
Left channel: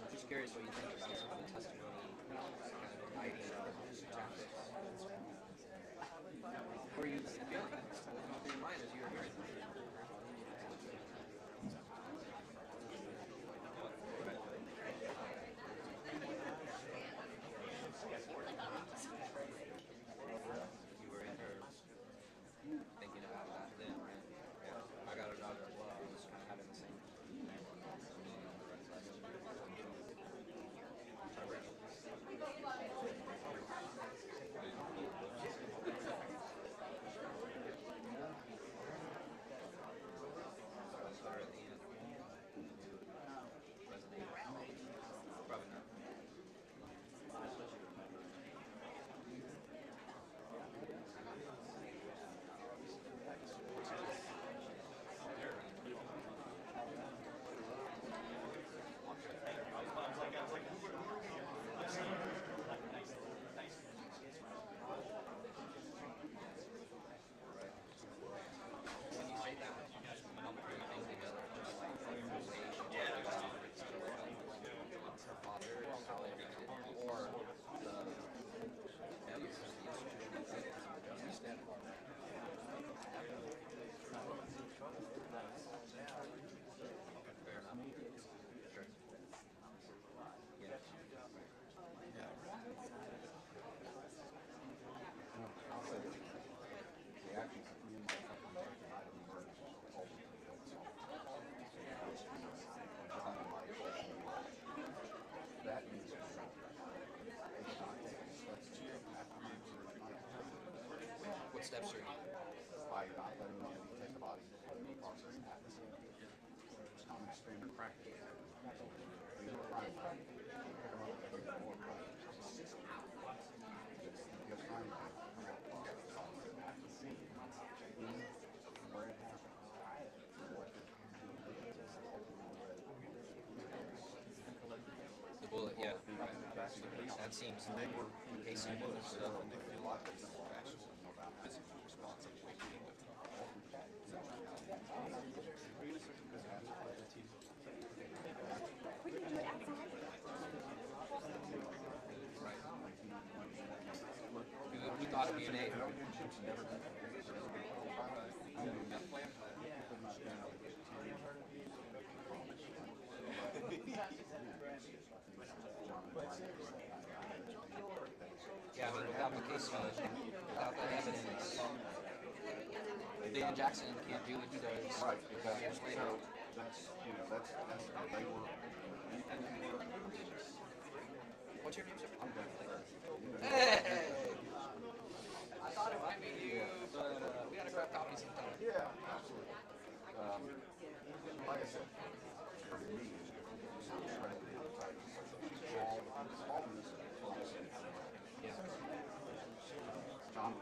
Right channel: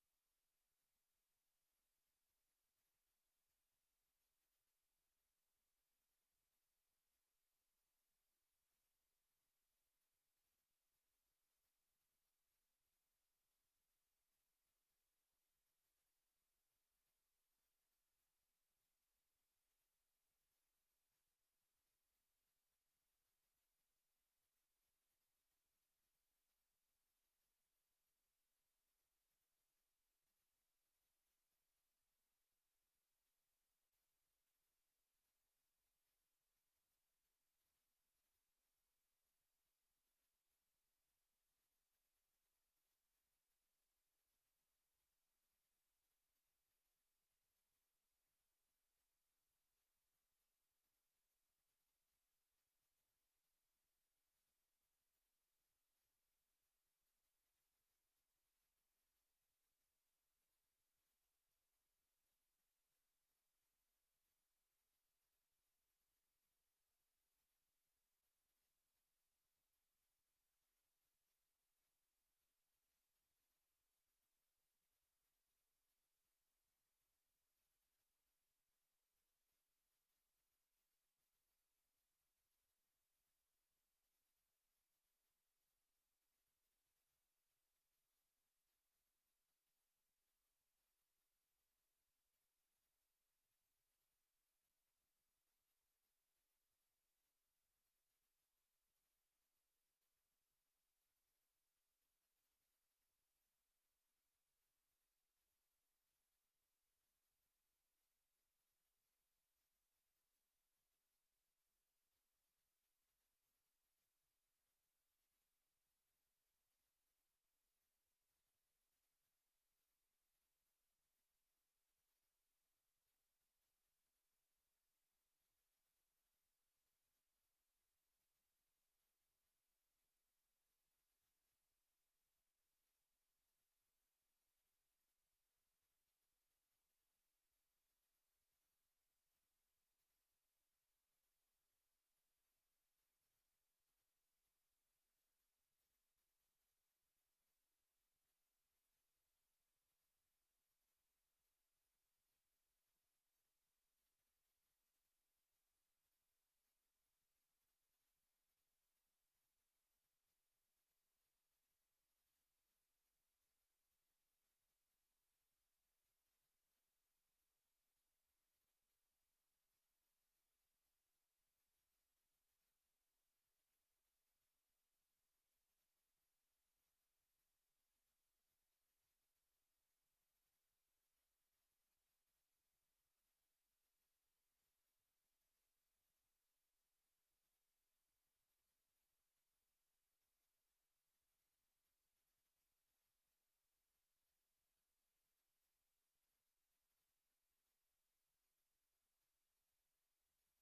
I'm just curious what you think about some of the testimony, kind of hiding tactics. Were you feeling? What was going through your mind as you were hearing them? You were in her thinking about that then, right? Yeah. I got a daughter as well. I was kind of having the same. Probably not. When you say that, how much are you thinking of just like the way she talked about her father, how they reacted, or the failures of the institution of justice? Fair enough. Sure. Yeah. What steps are you? By not letting the entity take the body and the process happens. It's not an standard practice. These are crime practices. More crime. Because crime at the scene, where it happened, The bullet, yeah. That seems Casey was we thought of DNA. Yeah, but without the case, without the evidence, Dan Jackson can't do what he does. Right, Years later. that's, they were. What's your name, sir? I'm done. Hey! I thought it might be you, but we gotta grab coffee sometime. Yeah, absolutely. Like I said, for me, it's incredibly exciting. Smallness, yeah. John,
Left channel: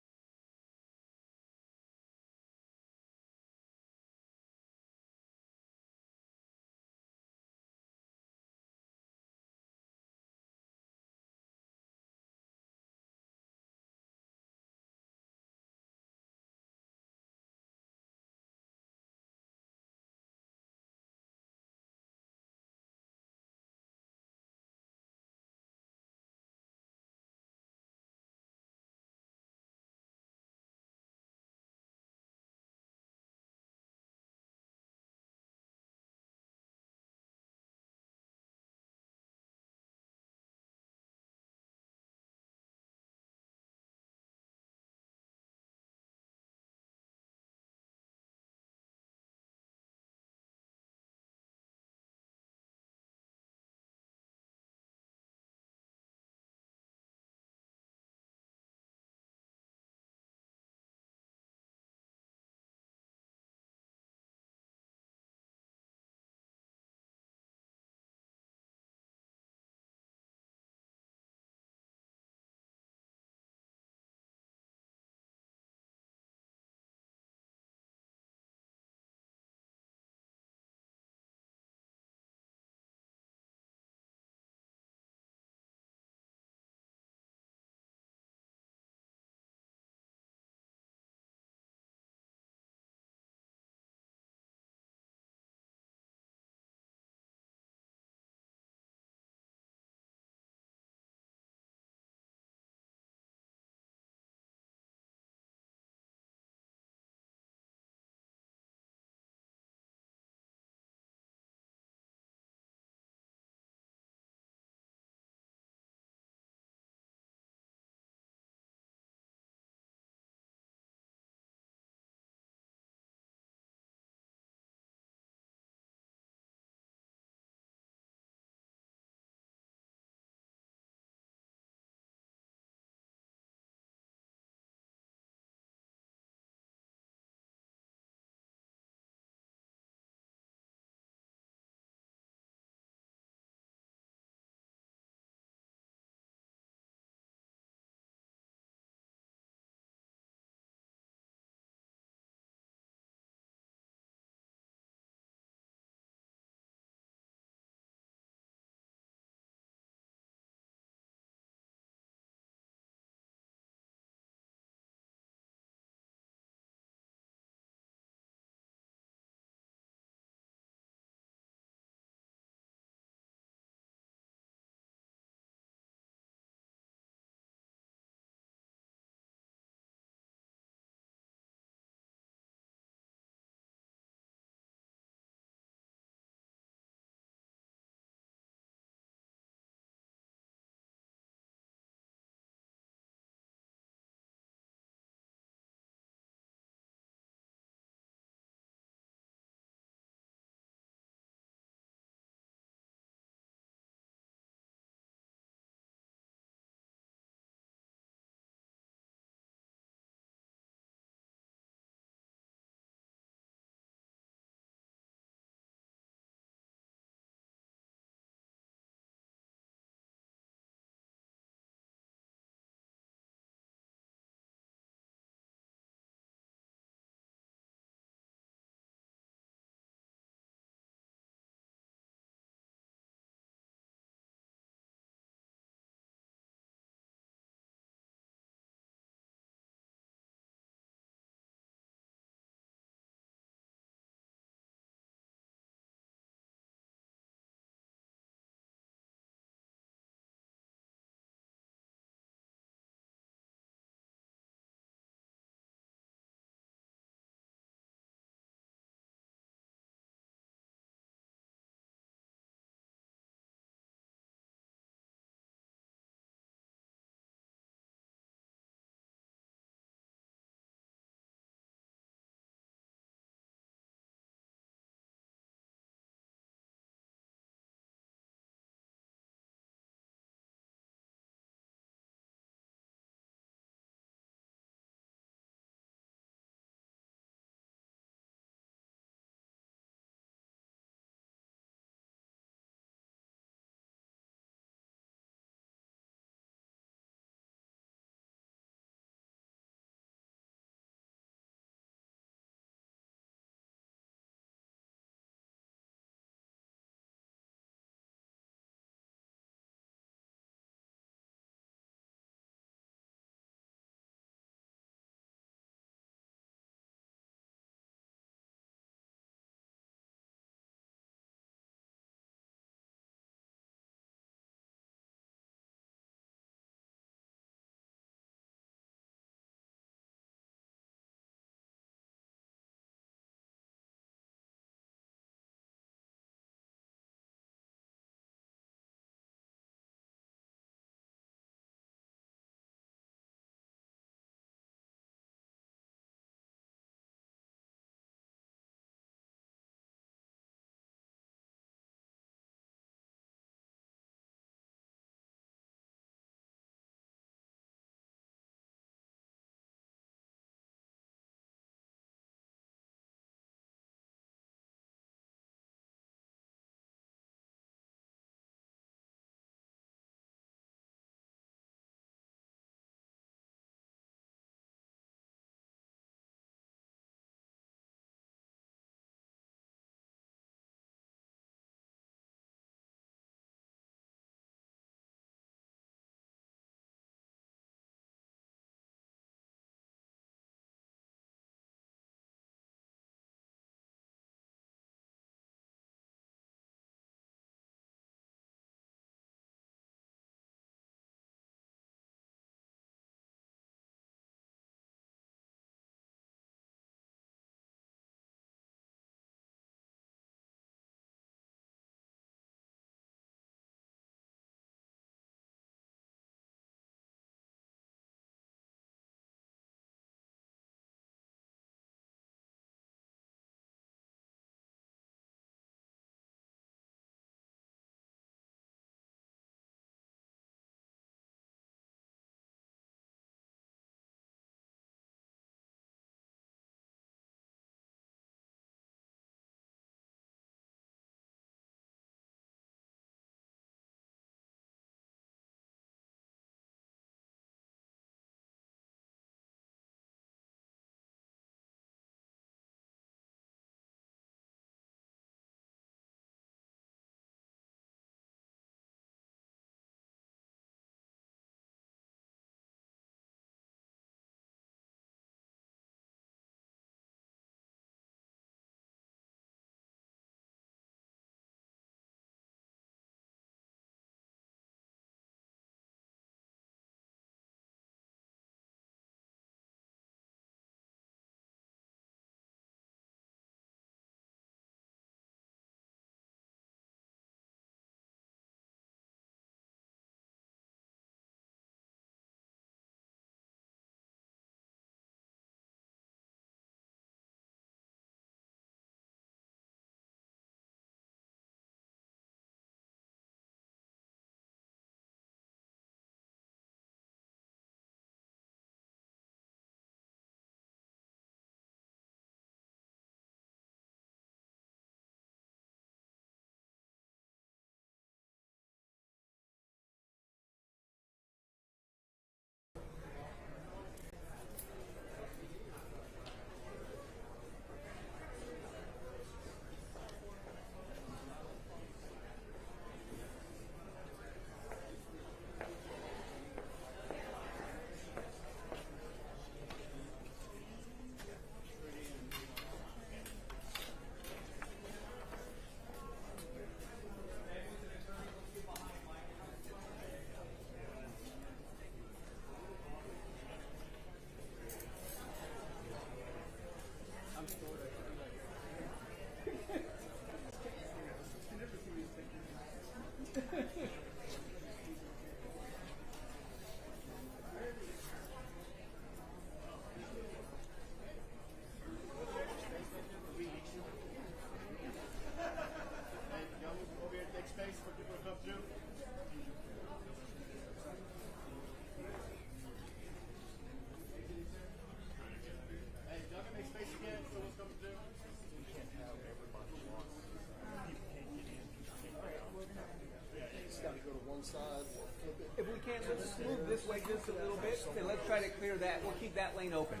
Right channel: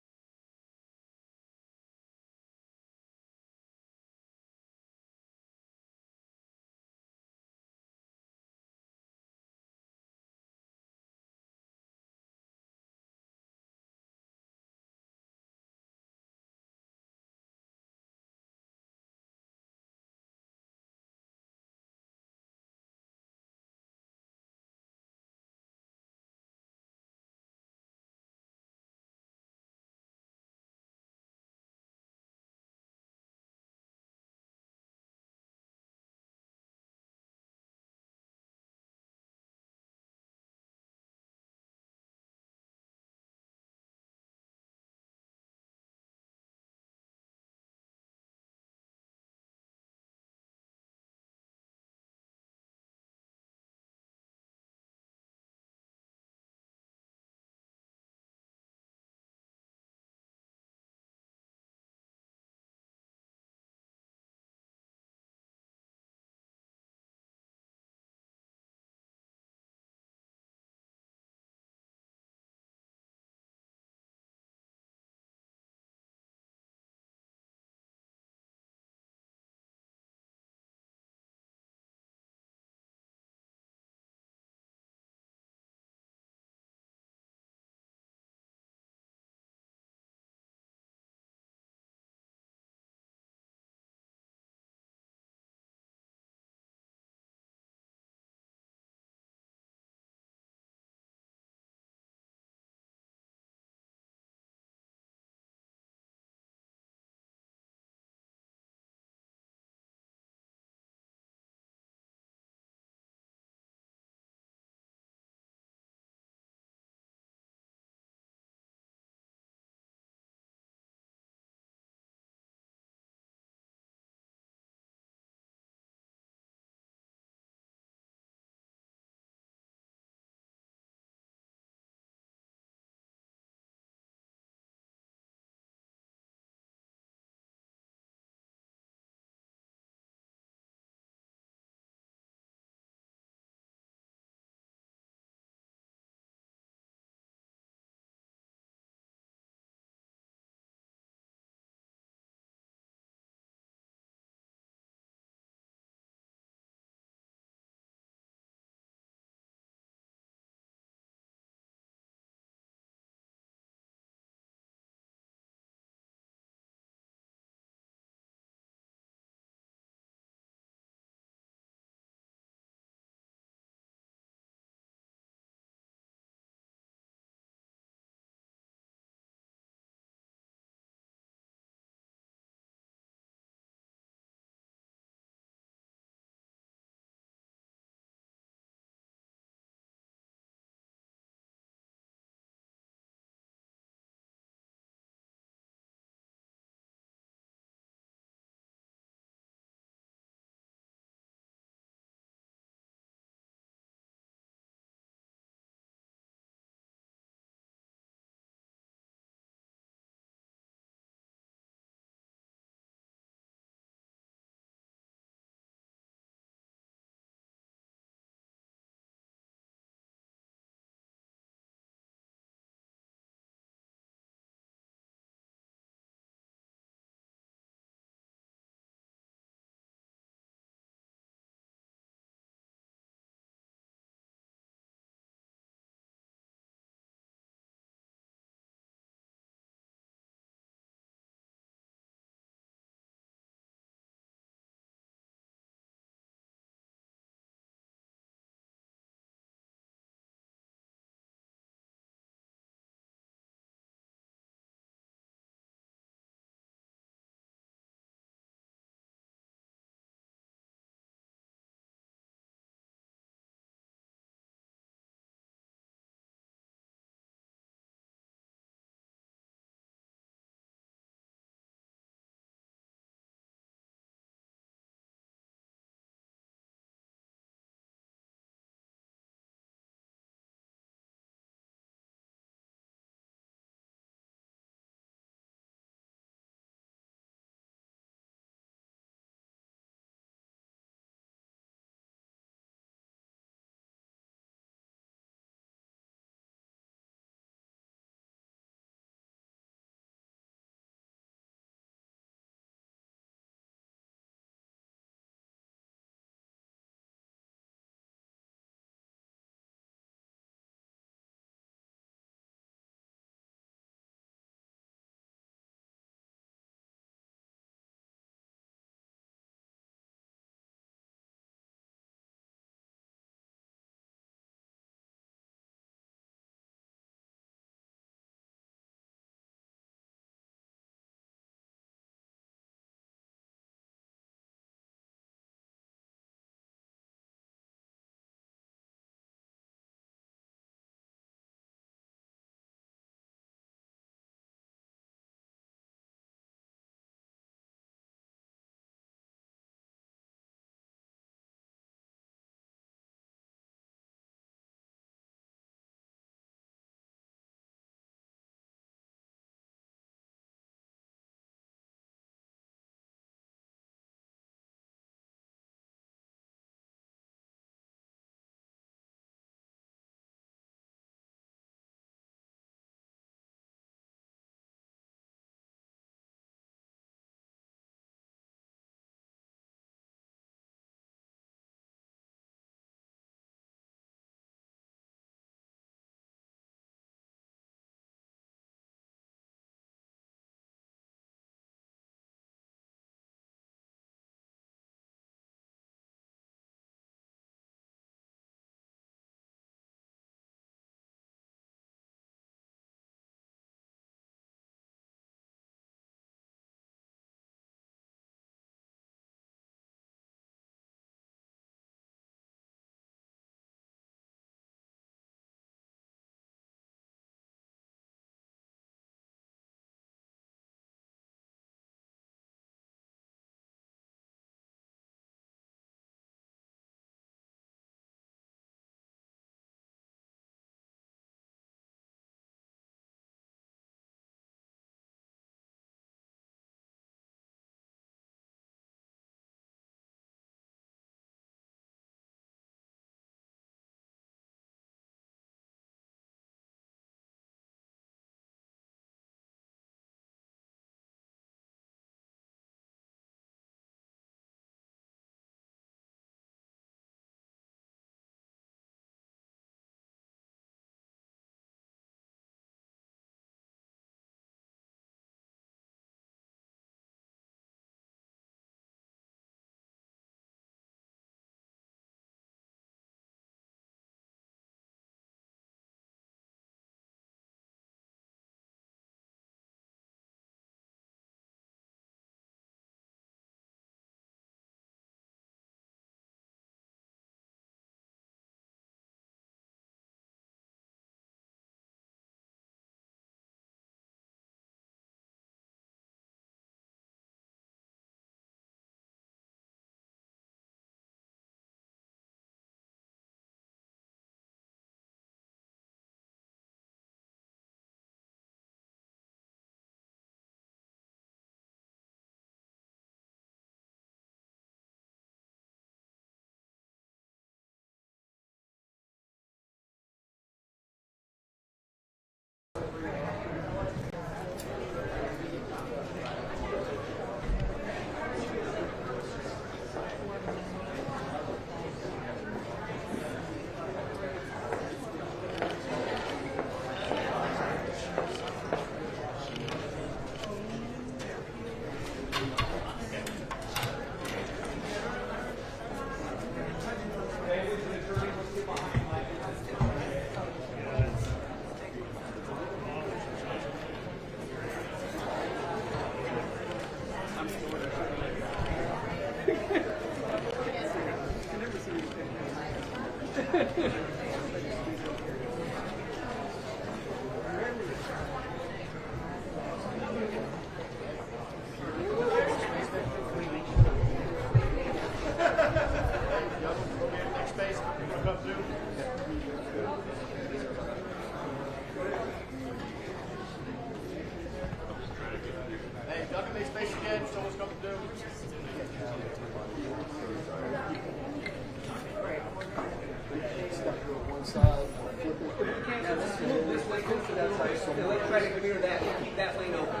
let's try to clear that. We'll keep that lane open.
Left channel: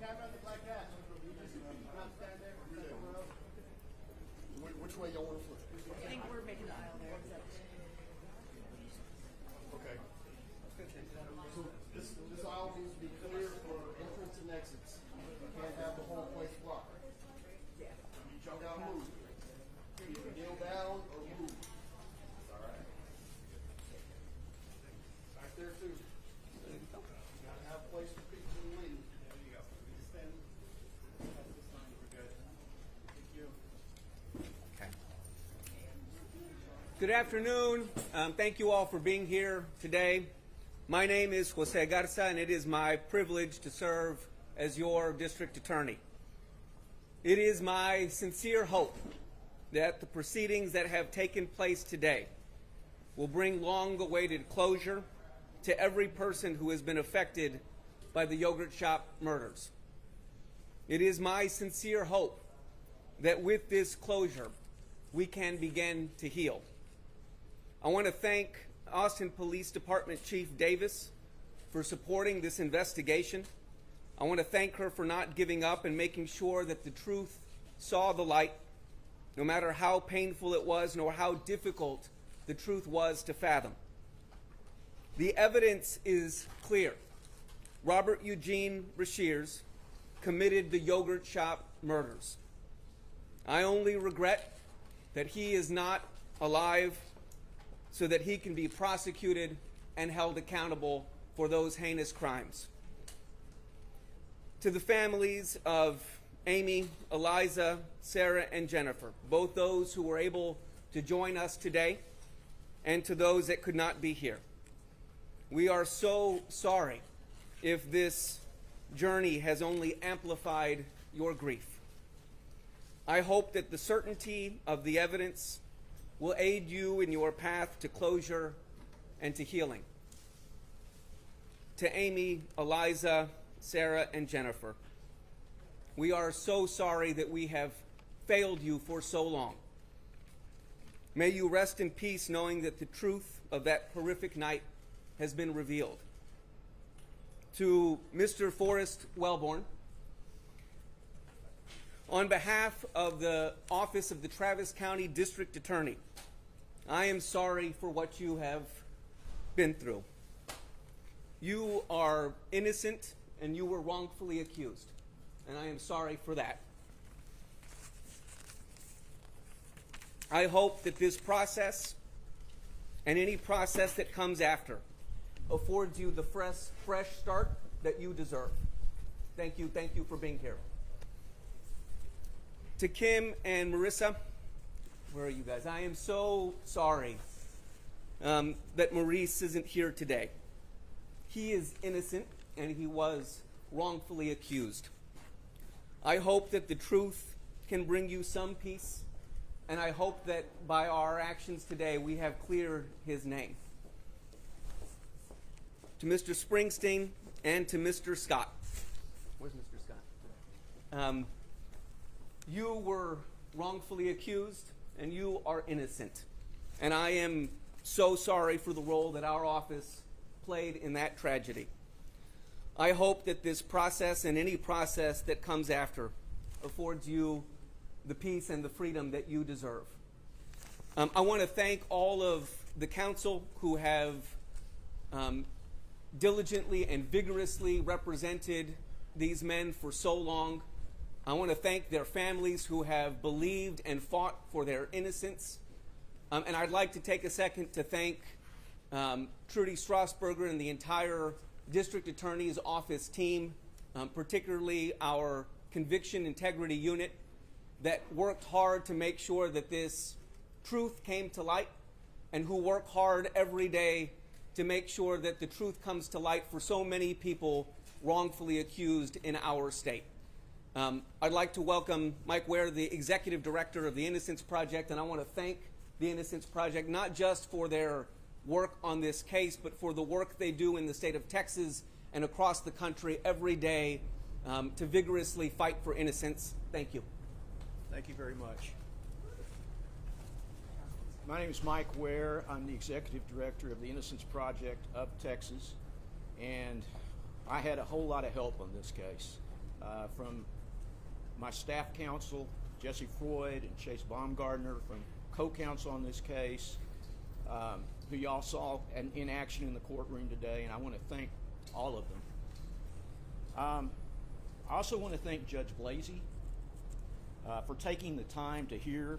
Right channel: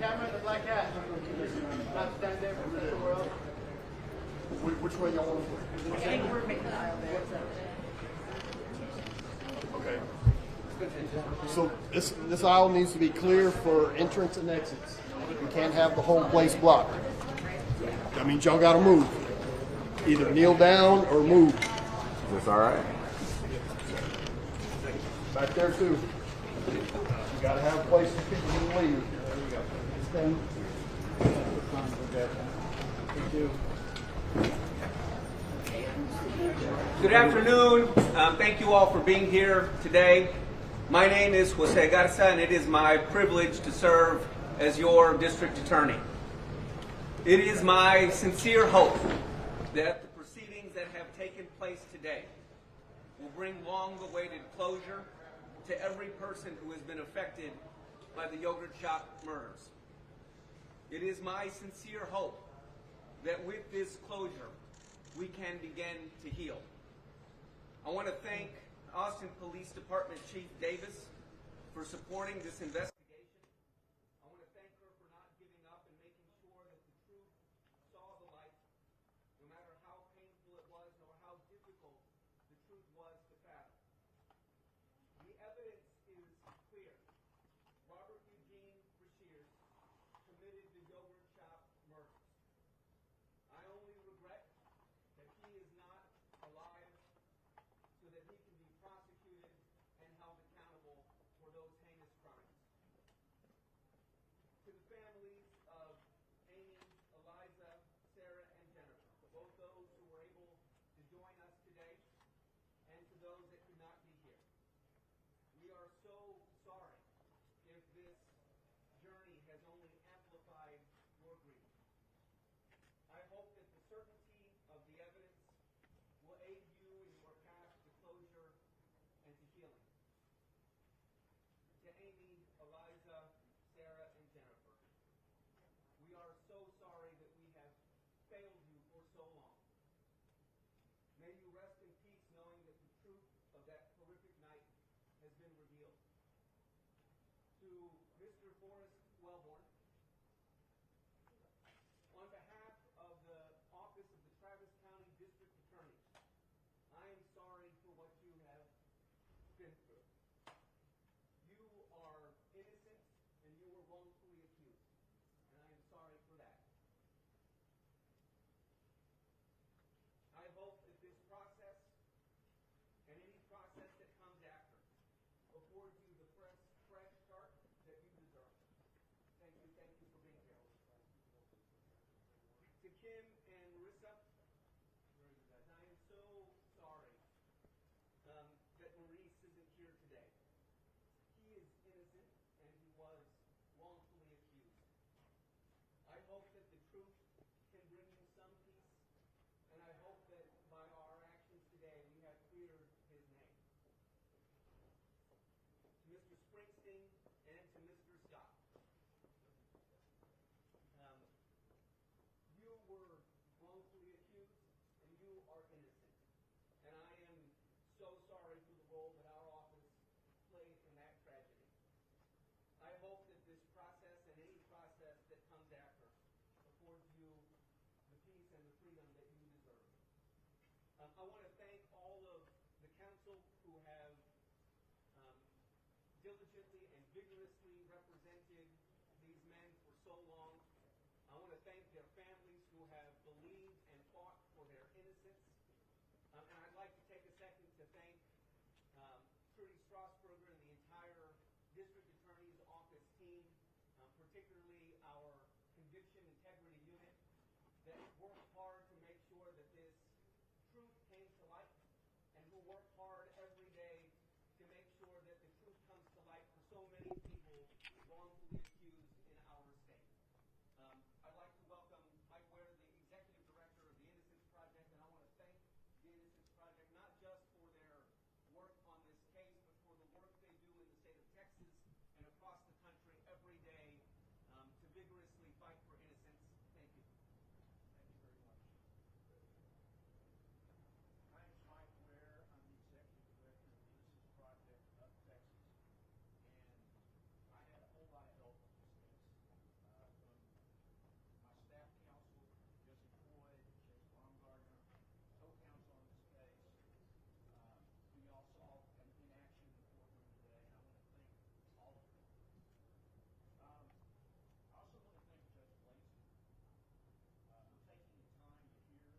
Camera in the black hat. Not stand there for the world. Which way y'all want to go? I think we're making the aisle there. Okay. So this aisle needs to be clear for entrance and exits. We can't have the whole place blocked. That means y'all gotta move. Either kneel down or move. Is this all right? Back there too. You gotta have places people can leave. Stand. Thank you. Good afternoon. Thank you all for being here today. My name is Jose Garza, and it is my privilege to serve as your district attorney. It is my sincere hope that the proceedings that have taken place today will bring long-awaited closure to every person who has been affected by the yogurt shop murders. It is my sincere hope that with this closure, we can begin to heal. I want to thank Austin Police Department Chief Davis for supporting this investigation. I want to thank her for not giving up and making sure that the truth saw the light, no matter how painful it was, nor how difficult the truth was to fathom. The evidence is clear. Robert Eugene Rashears committed the yogurt shop murders. I only regret that he is not alive so that he can be prosecuted and held accountable for those heinous crimes. To the families of Amy, Eliza, Sarah, and Jennifer, both those who were able to join us today, and to those that could not be here, we are so sorry if this journey has only amplified your grief. I hope that the certainty of the evidence will aid you in your path to closure and to healing. To Amy, Eliza, Sarah, and Jennifer, we are so sorry that we have failed you for so long. May you rest in peace knowing that the truth of that horrific night has been revealed. To Mr. Forrest Wellborn, on behalf of the Office of the Travis County District Attorney, I am sorry for what you have been through. You are innocent and you were wrongfully accused, and I am sorry for that. I hope that this process and any process that comes after affords you the fresh start that you deserve. Thank you for being here. To Kim and Marissa, where are you guys? I am so sorry that Maurice isn't here today. He is innocent and he was wrongfully accused. I hope that the truth can bring you some peace, and I hope that by our actions today we have cleared his name. To Mr. Springsteen and to Mr. Scott. Where's Mr. Scott? You were wrongfully accused and you are innocent. And I am so sorry for the role that our office played in that tragedy. I hope that this process and any process that comes after affords you the peace and the freedom that you deserve. I want to thank all of the council who have diligently and vigorously represented these men for so long. I want to thank their families who have believed and fought for their innocence. And I'd like to take a second to thank Trudy Strasburger and the entire District Attorney's Office team, particularly our Conviction Integrity Unit, that worked hard to make sure that this truth came to light, and who work hard every day to make sure that the truth comes to light for so many people wrongfully accused in our state. I'd like to welcome Mike Ware, the Executive Director of the Innocence Project, and I want to thank the Innocence Project not just for their work on this case, but for the work they do in the state of Texas and across the country every day to vigorously fight for innocence. Thank you. Thank you very much. My name is Mike Ware. I'm the executive director of the Innocence Project of Texas, and I had a whole lot of help on this case from my staff counsel, Jesse Freud and Chase Baumgardner, from co-counsel on this case, who y'all saw in action in the courtroom today, and I want to thank all of them. I also want to thank Judge Blasey for taking the time to hear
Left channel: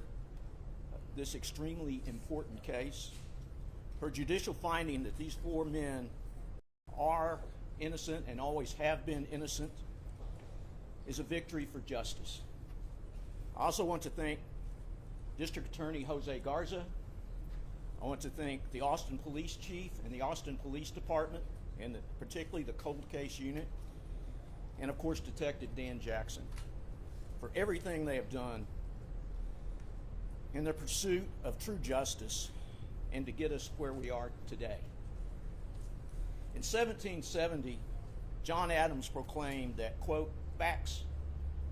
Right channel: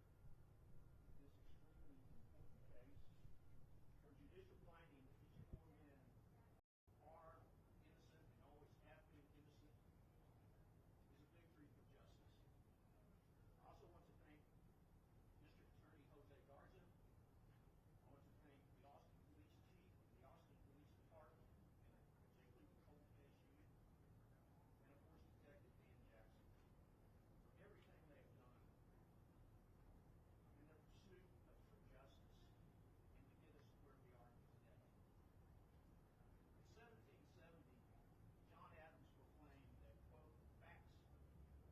this extremely important case. Her judicial finding that these 4 men are innocent and always have been innocent is a victory for justice. I also want to thank District Attorney Jose Garza. I want to thank the Austin Police Chief and the Austin Police Department, and particularly the Cold Case Unit, and of course Detective Dan Jackson, for everything they have done in their pursuit of true justice and to get us where we are today. In 1770, John Adams proclaimed that, quote, "Facts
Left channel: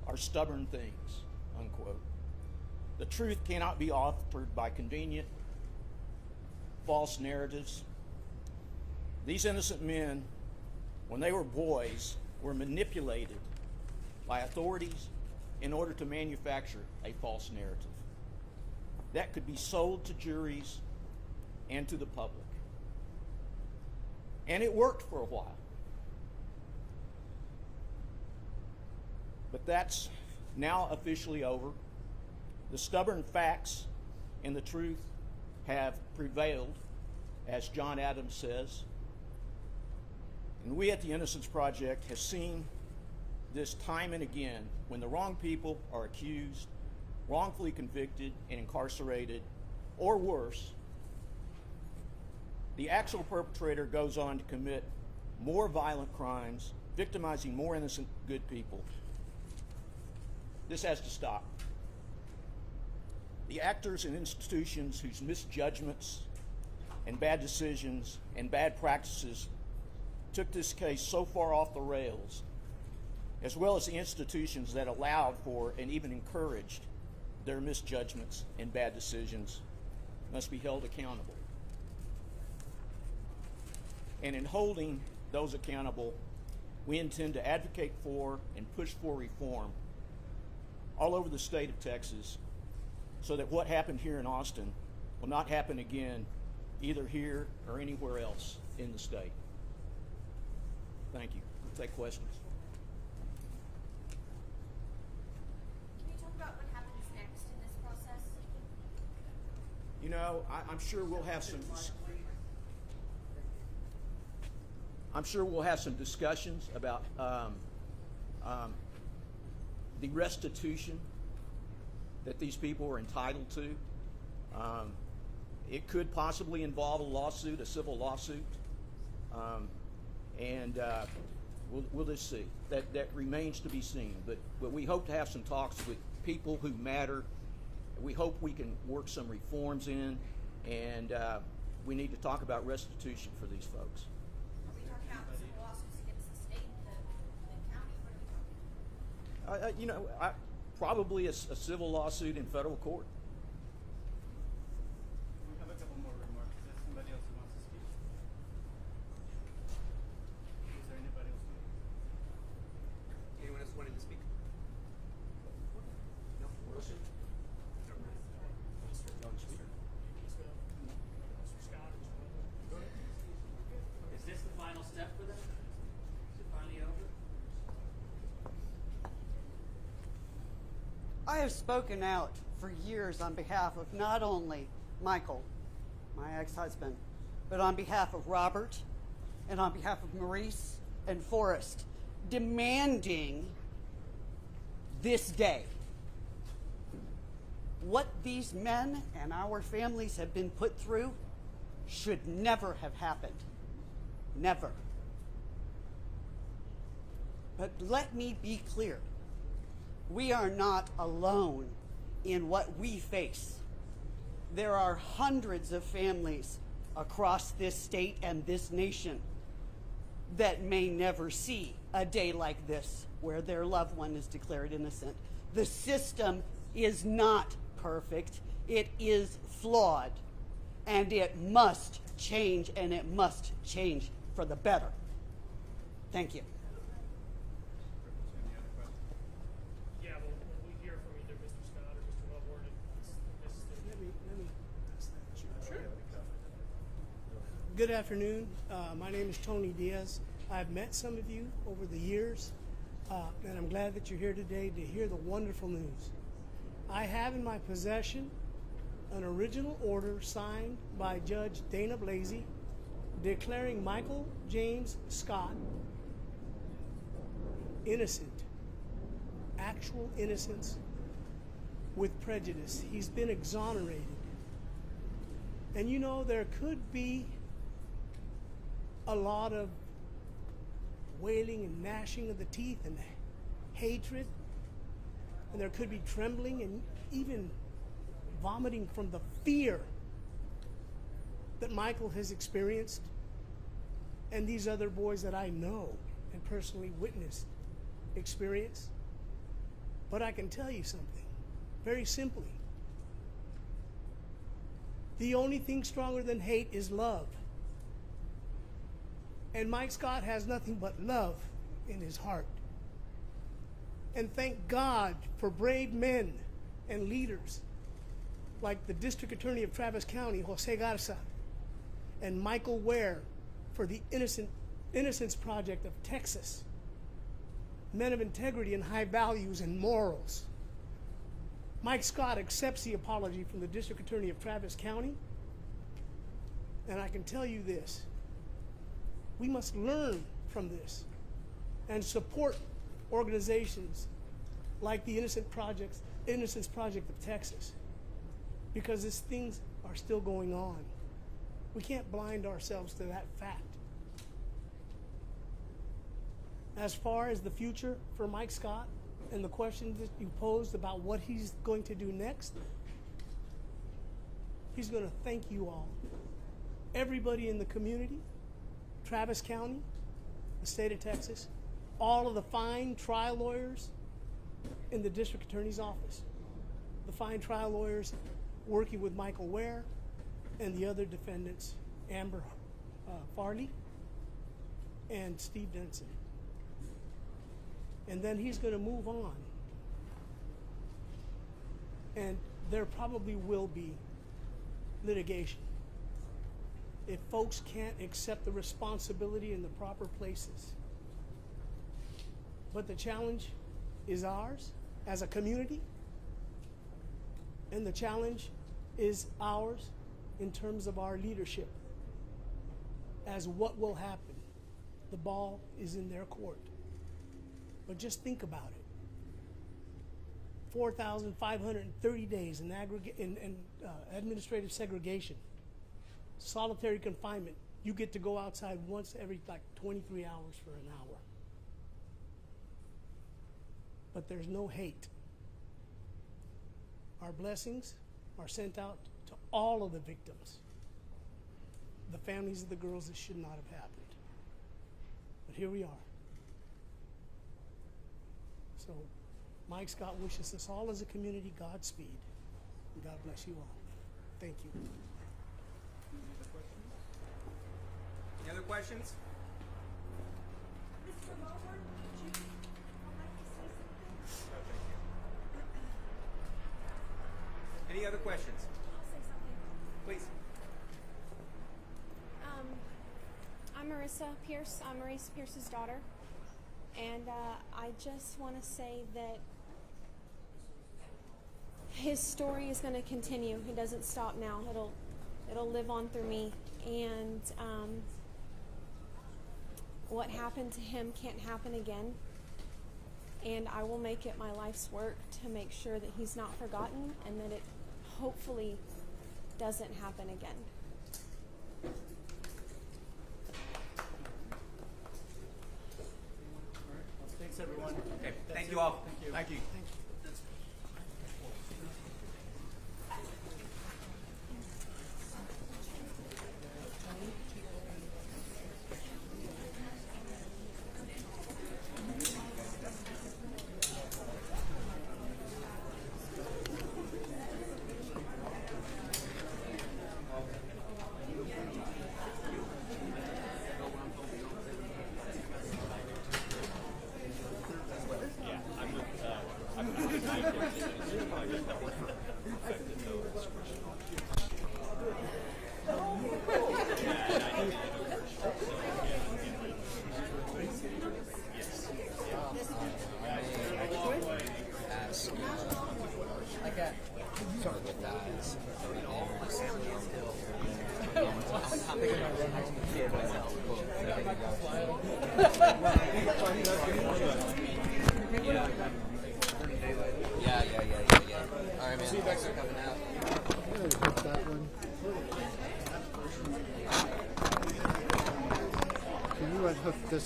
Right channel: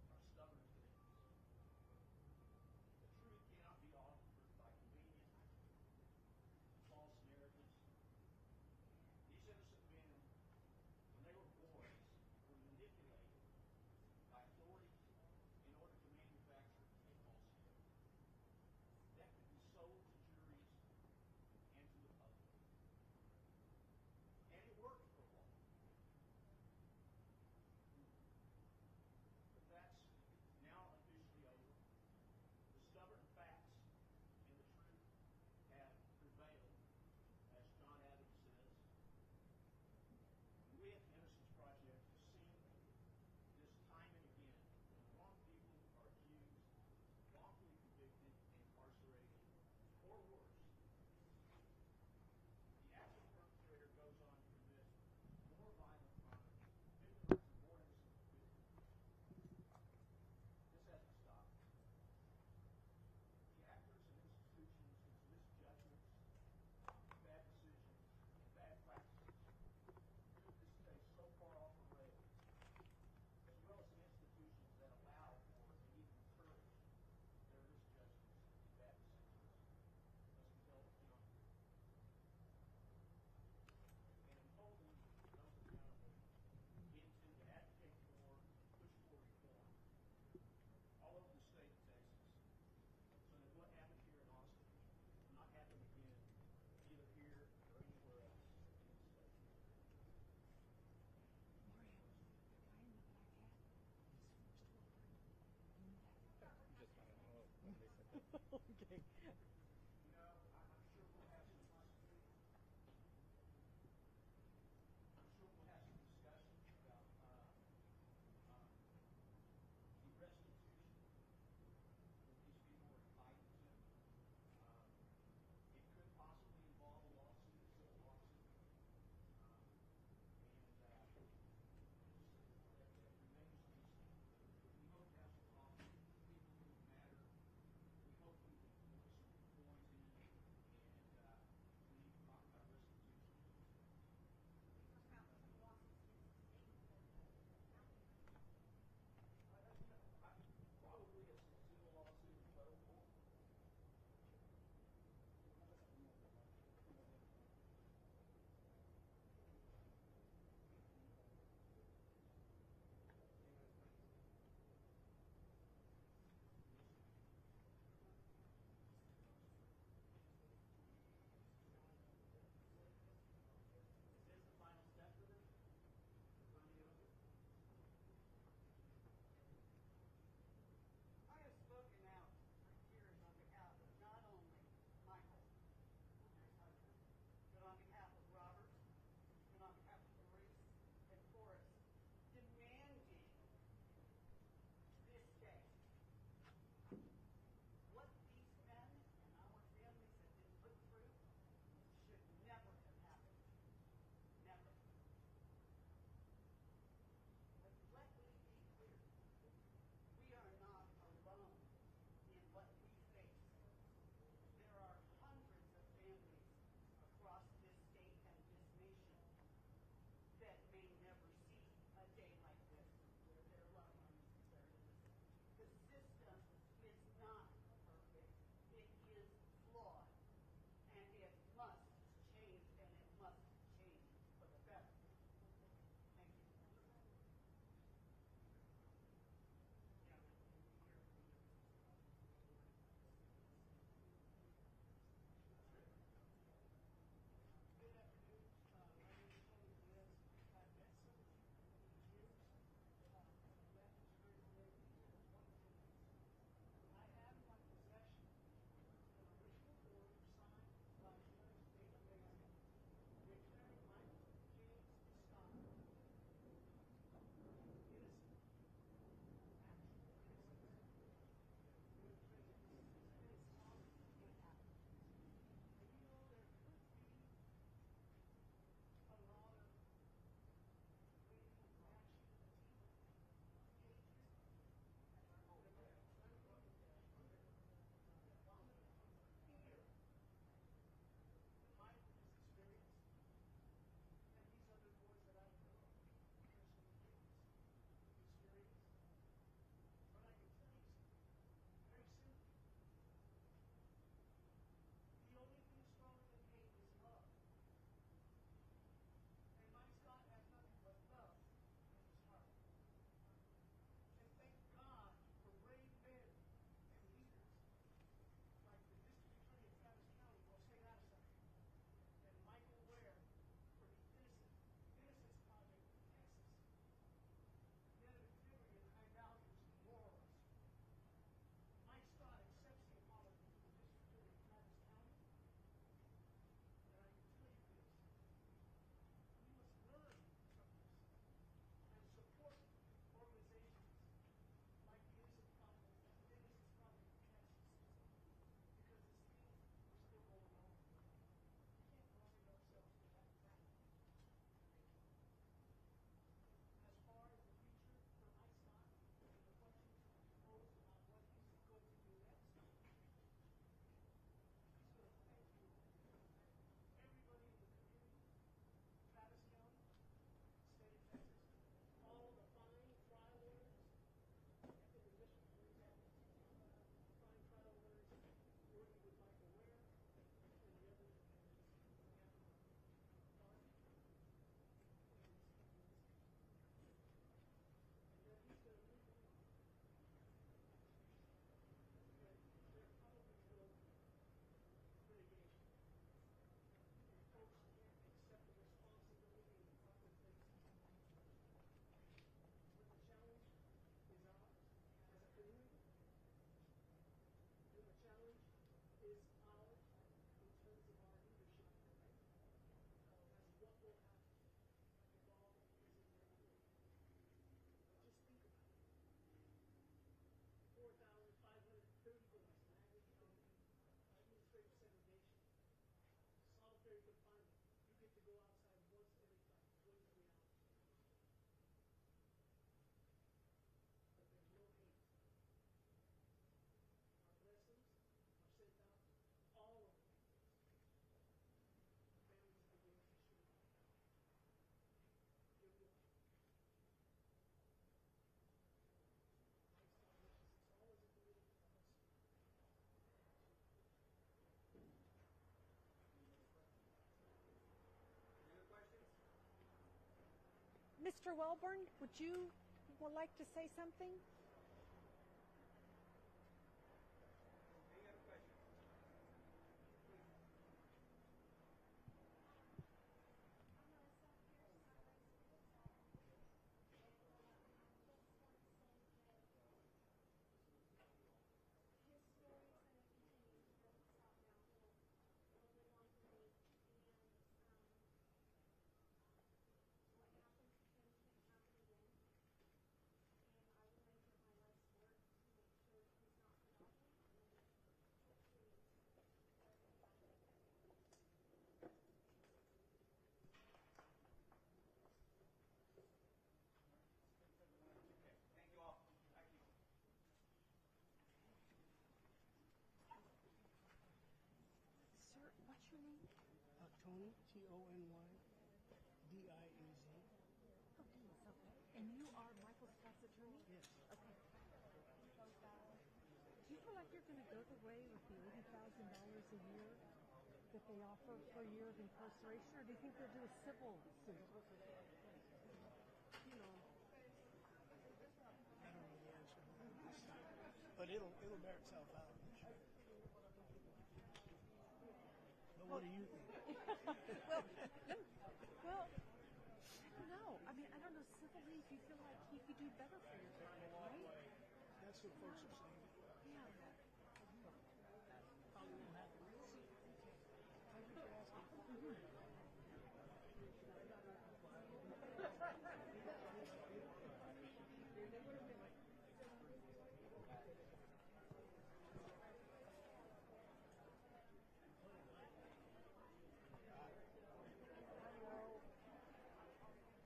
are stubborn things," unquote. The truth cannot be altered by convenient, false narratives. These innocent men, when they were boys, were manipulated by authorities in order to manufacture a false narrative that could be sold to juries and to the public. And it worked for a while. But that's now officially over. The stubborn facts and the truth have prevailed, as John Adams says. And we at the Innocence Project have seen this time and again when the wrong people are accused, wrongfully convicted and incarcerated, or worse, the actual perpetrator goes on to commit more violent crimes, victimizing more innocent good people. This has to stop. The actors and institutions whose misjudgments and bad decisions and bad practices took this case so far off the rails, as well as the institutions that allowed for and even encouraged their misjudgments and bad decisions, must be held accountable. And in holding those accountable, we intend to advocate for and push for reform all over the state of Texas, so that what happened here in Austin will not happen again, either here or anywhere else in the state. Thank you. We'll take questions. Can you talk about what happens next in this process? You know, I'm sure we'll have some. I'm sure we'll have some discussions about the restitution that these people are entitled to. It could possibly involve a lawsuit, a civil lawsuit, and we'll just see. That remains to be seen. But we hope to have some talks with people who matter. We hope we can work some reforms in, and we need to talk about restitution for these folks. Are we talking about civil lawsuits against the state, the county? What are we talking about? You know, probably a civil lawsuit in federal court. We have a couple more remarks. Is there somebody else who wants to speak? Is there anybody else? Anyone else wanting to speak? No? Wilson? Is this the final step for them? Is it finally over? I have spoken out for years on behalf of not only Michael, my ex-husband, but on behalf of Robert and on behalf of Maurice and Forrest, demanding this day. What these men and our families have been put through should never have happened. Never. But let me be clear. We are not alone in what we face. There are hundreds of families across this state and this nation that may never see a day like this where their loved one is declared innocent. The system is not perfect. It is flawed. And it must change, and it must change for the better. Thank you. Yeah, well, we hear from either Mr. Scott or Mr. Wellborn and Let me Sure. Good afternoon. My name is Tony Diaz. I've met some of you over the years, and I'm glad that you're here today to hear the wonderful news. I have in my possession an original order signed by Judge Dana Blasey declaring Michael James Scott innocent, actual innocence with prejudice. He's been exonerated. And you know, there could be a lot of wailing and gnashing of the teeth and hatred, and there could be trembling and even vomiting from the fear that Michael has experienced and these other boys that I know and personally witnessed experience. But I can tell you something, very simply. The only thing stronger than hate is love. And Mike Scott has nothing but love in his heart. And thank God for brave men and leaders like the District Attorney of Travis County, Jose Garza, and Michael Ware for the Innocence Project of Texas. Men of integrity and high values and morals. Mike Scott accepts the apology from the District Attorney of Travis County. And I can tell you this, we must learn from this and support organizations like the Innocence Project of Texas, because these things are still going on. We can't blind ourselves to that fact. As far as the future for Mike Scott and the questions that you posed about what he's going to do next, he's going to thank you all. Everybody in the community, Travis County, the state of Texas, all of the fine trial lawyers in the district attorney's office, the fine trial lawyers working with Michael Ware and the other defendants, Amber Farley and Steve Denson. And then he's going to move on. And there probably will be litigation if folks can't accept the responsibility in the proper places. But the challenge is ours as a community, and the challenge is ours in terms of our leadership as what will happen. The ball is in their court. But just think about it. 4,530 days in administrative segregation, solitary confinement. You get to go outside once every 23 hours for an hour. But there's no hate. Our blessings are sent out to all of the victims, the families of the girls that should not have happened. But here we are. So Mike Scott wishes us all as a community Godspeed. And God bless you all. Thank you. Any other questions? Mr. Wellborn, would you like to say something? Any other questions? I'll say something. Please. I'm Marissa Pierce. I'm Maurice Pierce's daughter. And I just want to say that his story is going to continue. It doesn't stop now. It'll live on through me. And what happened to him can't happen again. And I will make it my life's work to make sure that he's not forgotten and that it hopefully doesn't happen again. Thanks, everyone. Okay, thank you all. Thank you.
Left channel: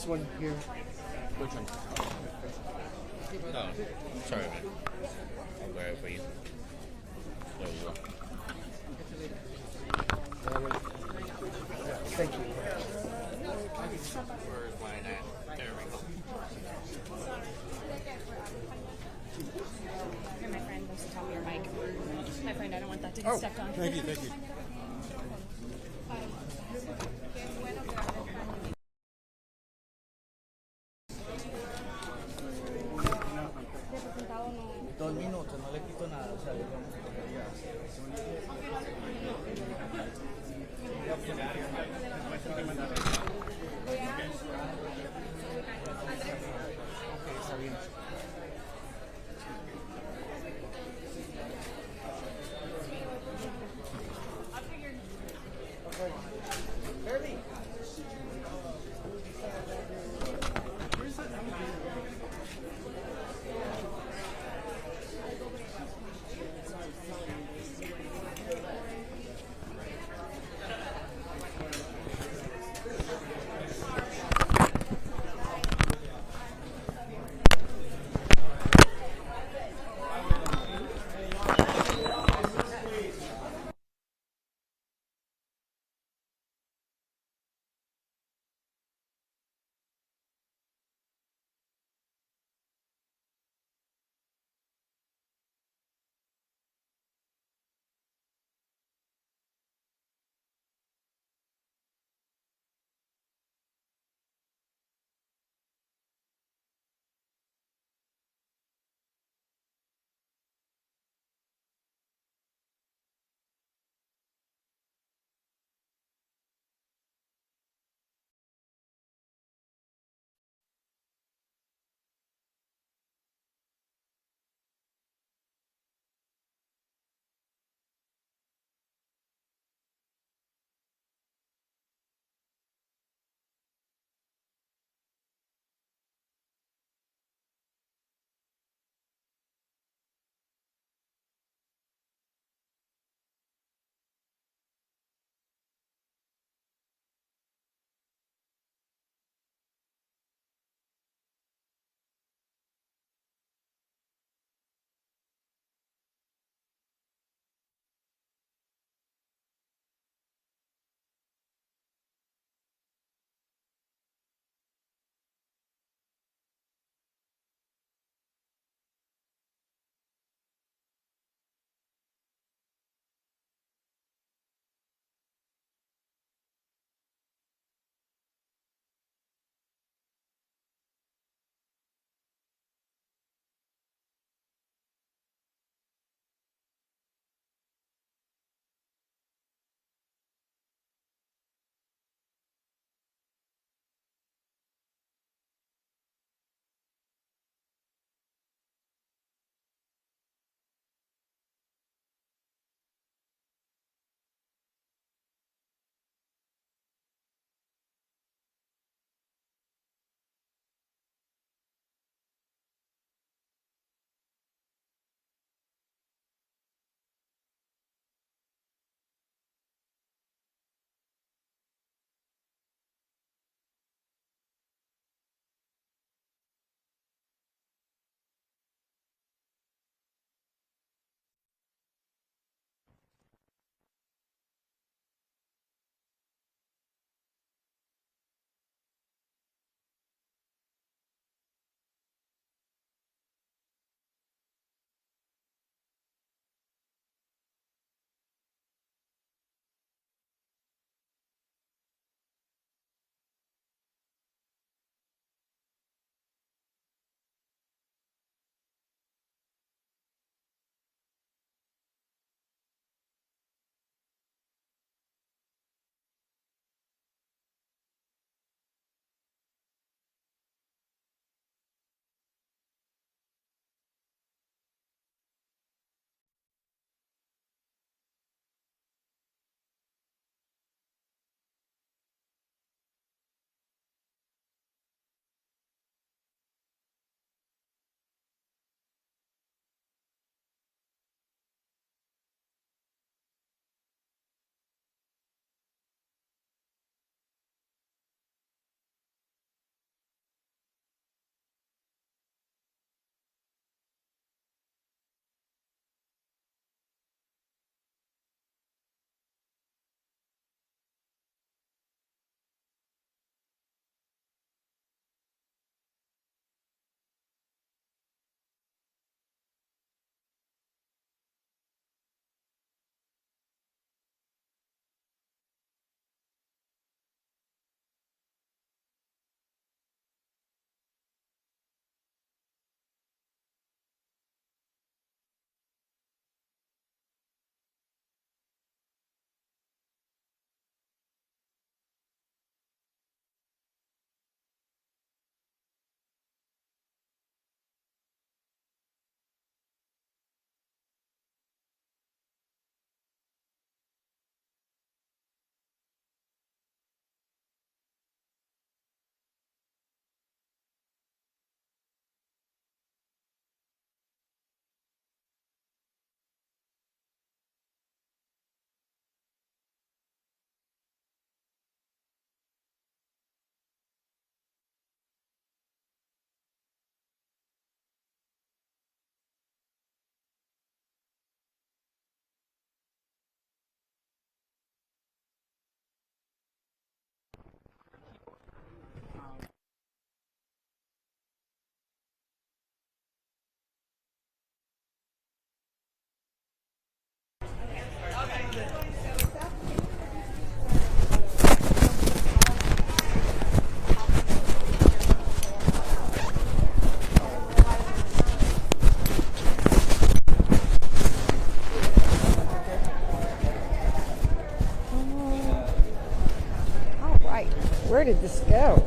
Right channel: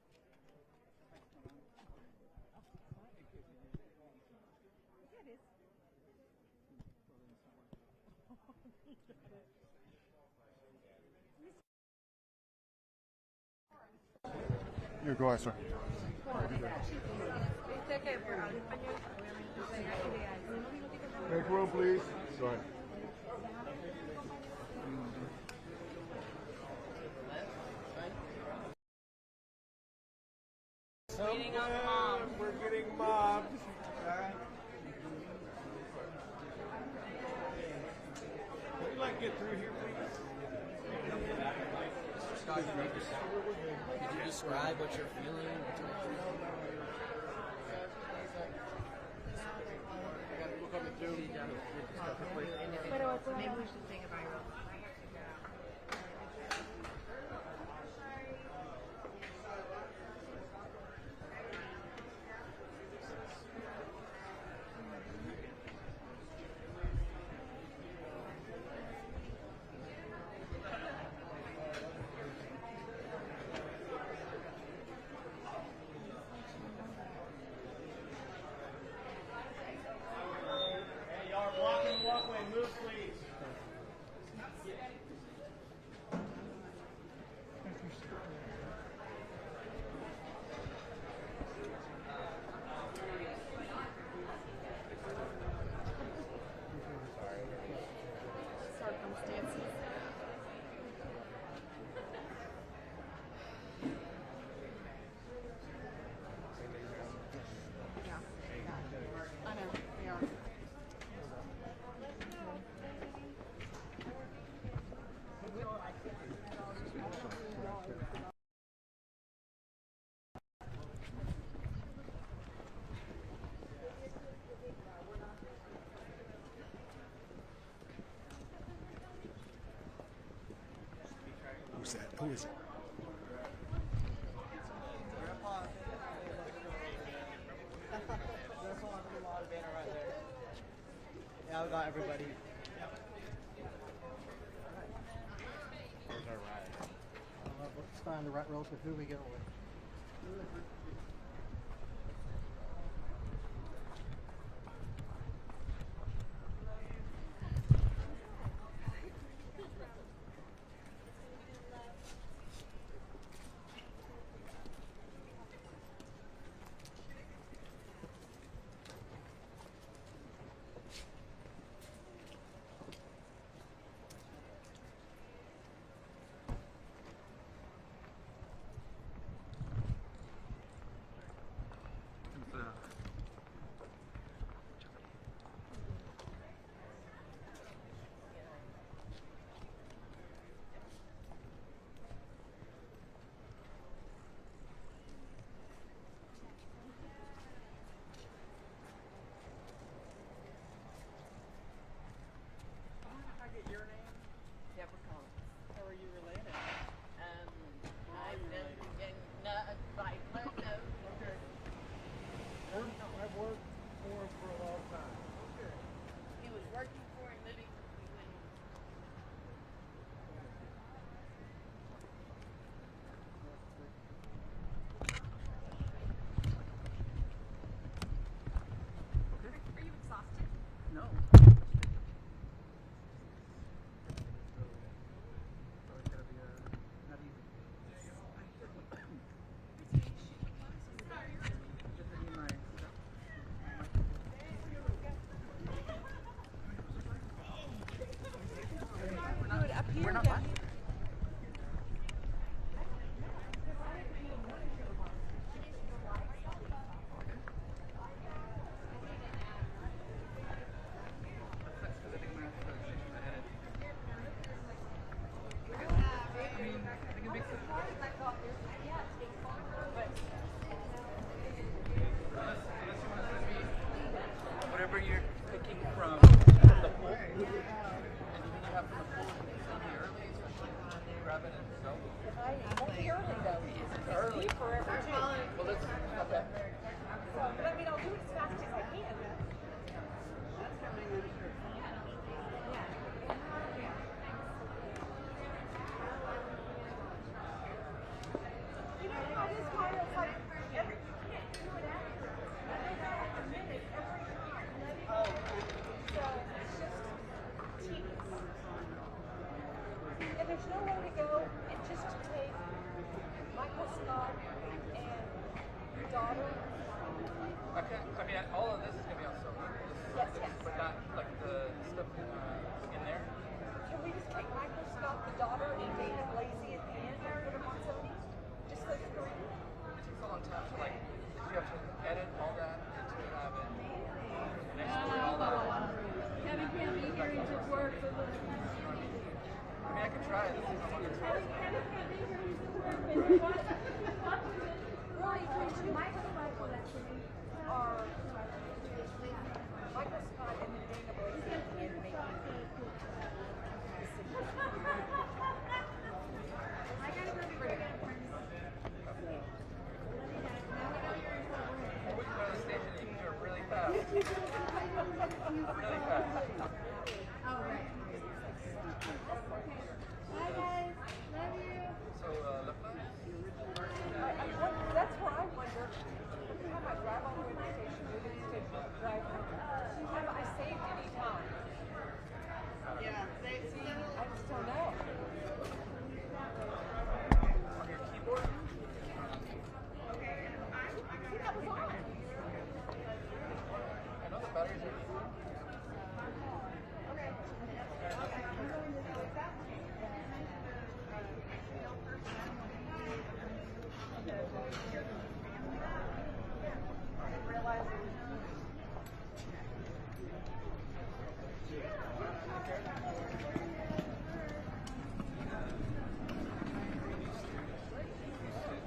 one here. Which one? Oh, sorry, man. I'll grab it for you. There you go. Thank you. You're going, sir. Oh, thank you, thank you. Who's that? Who is it? Yeah, we got everybody. Let's find the right roles with who we go with. did this go?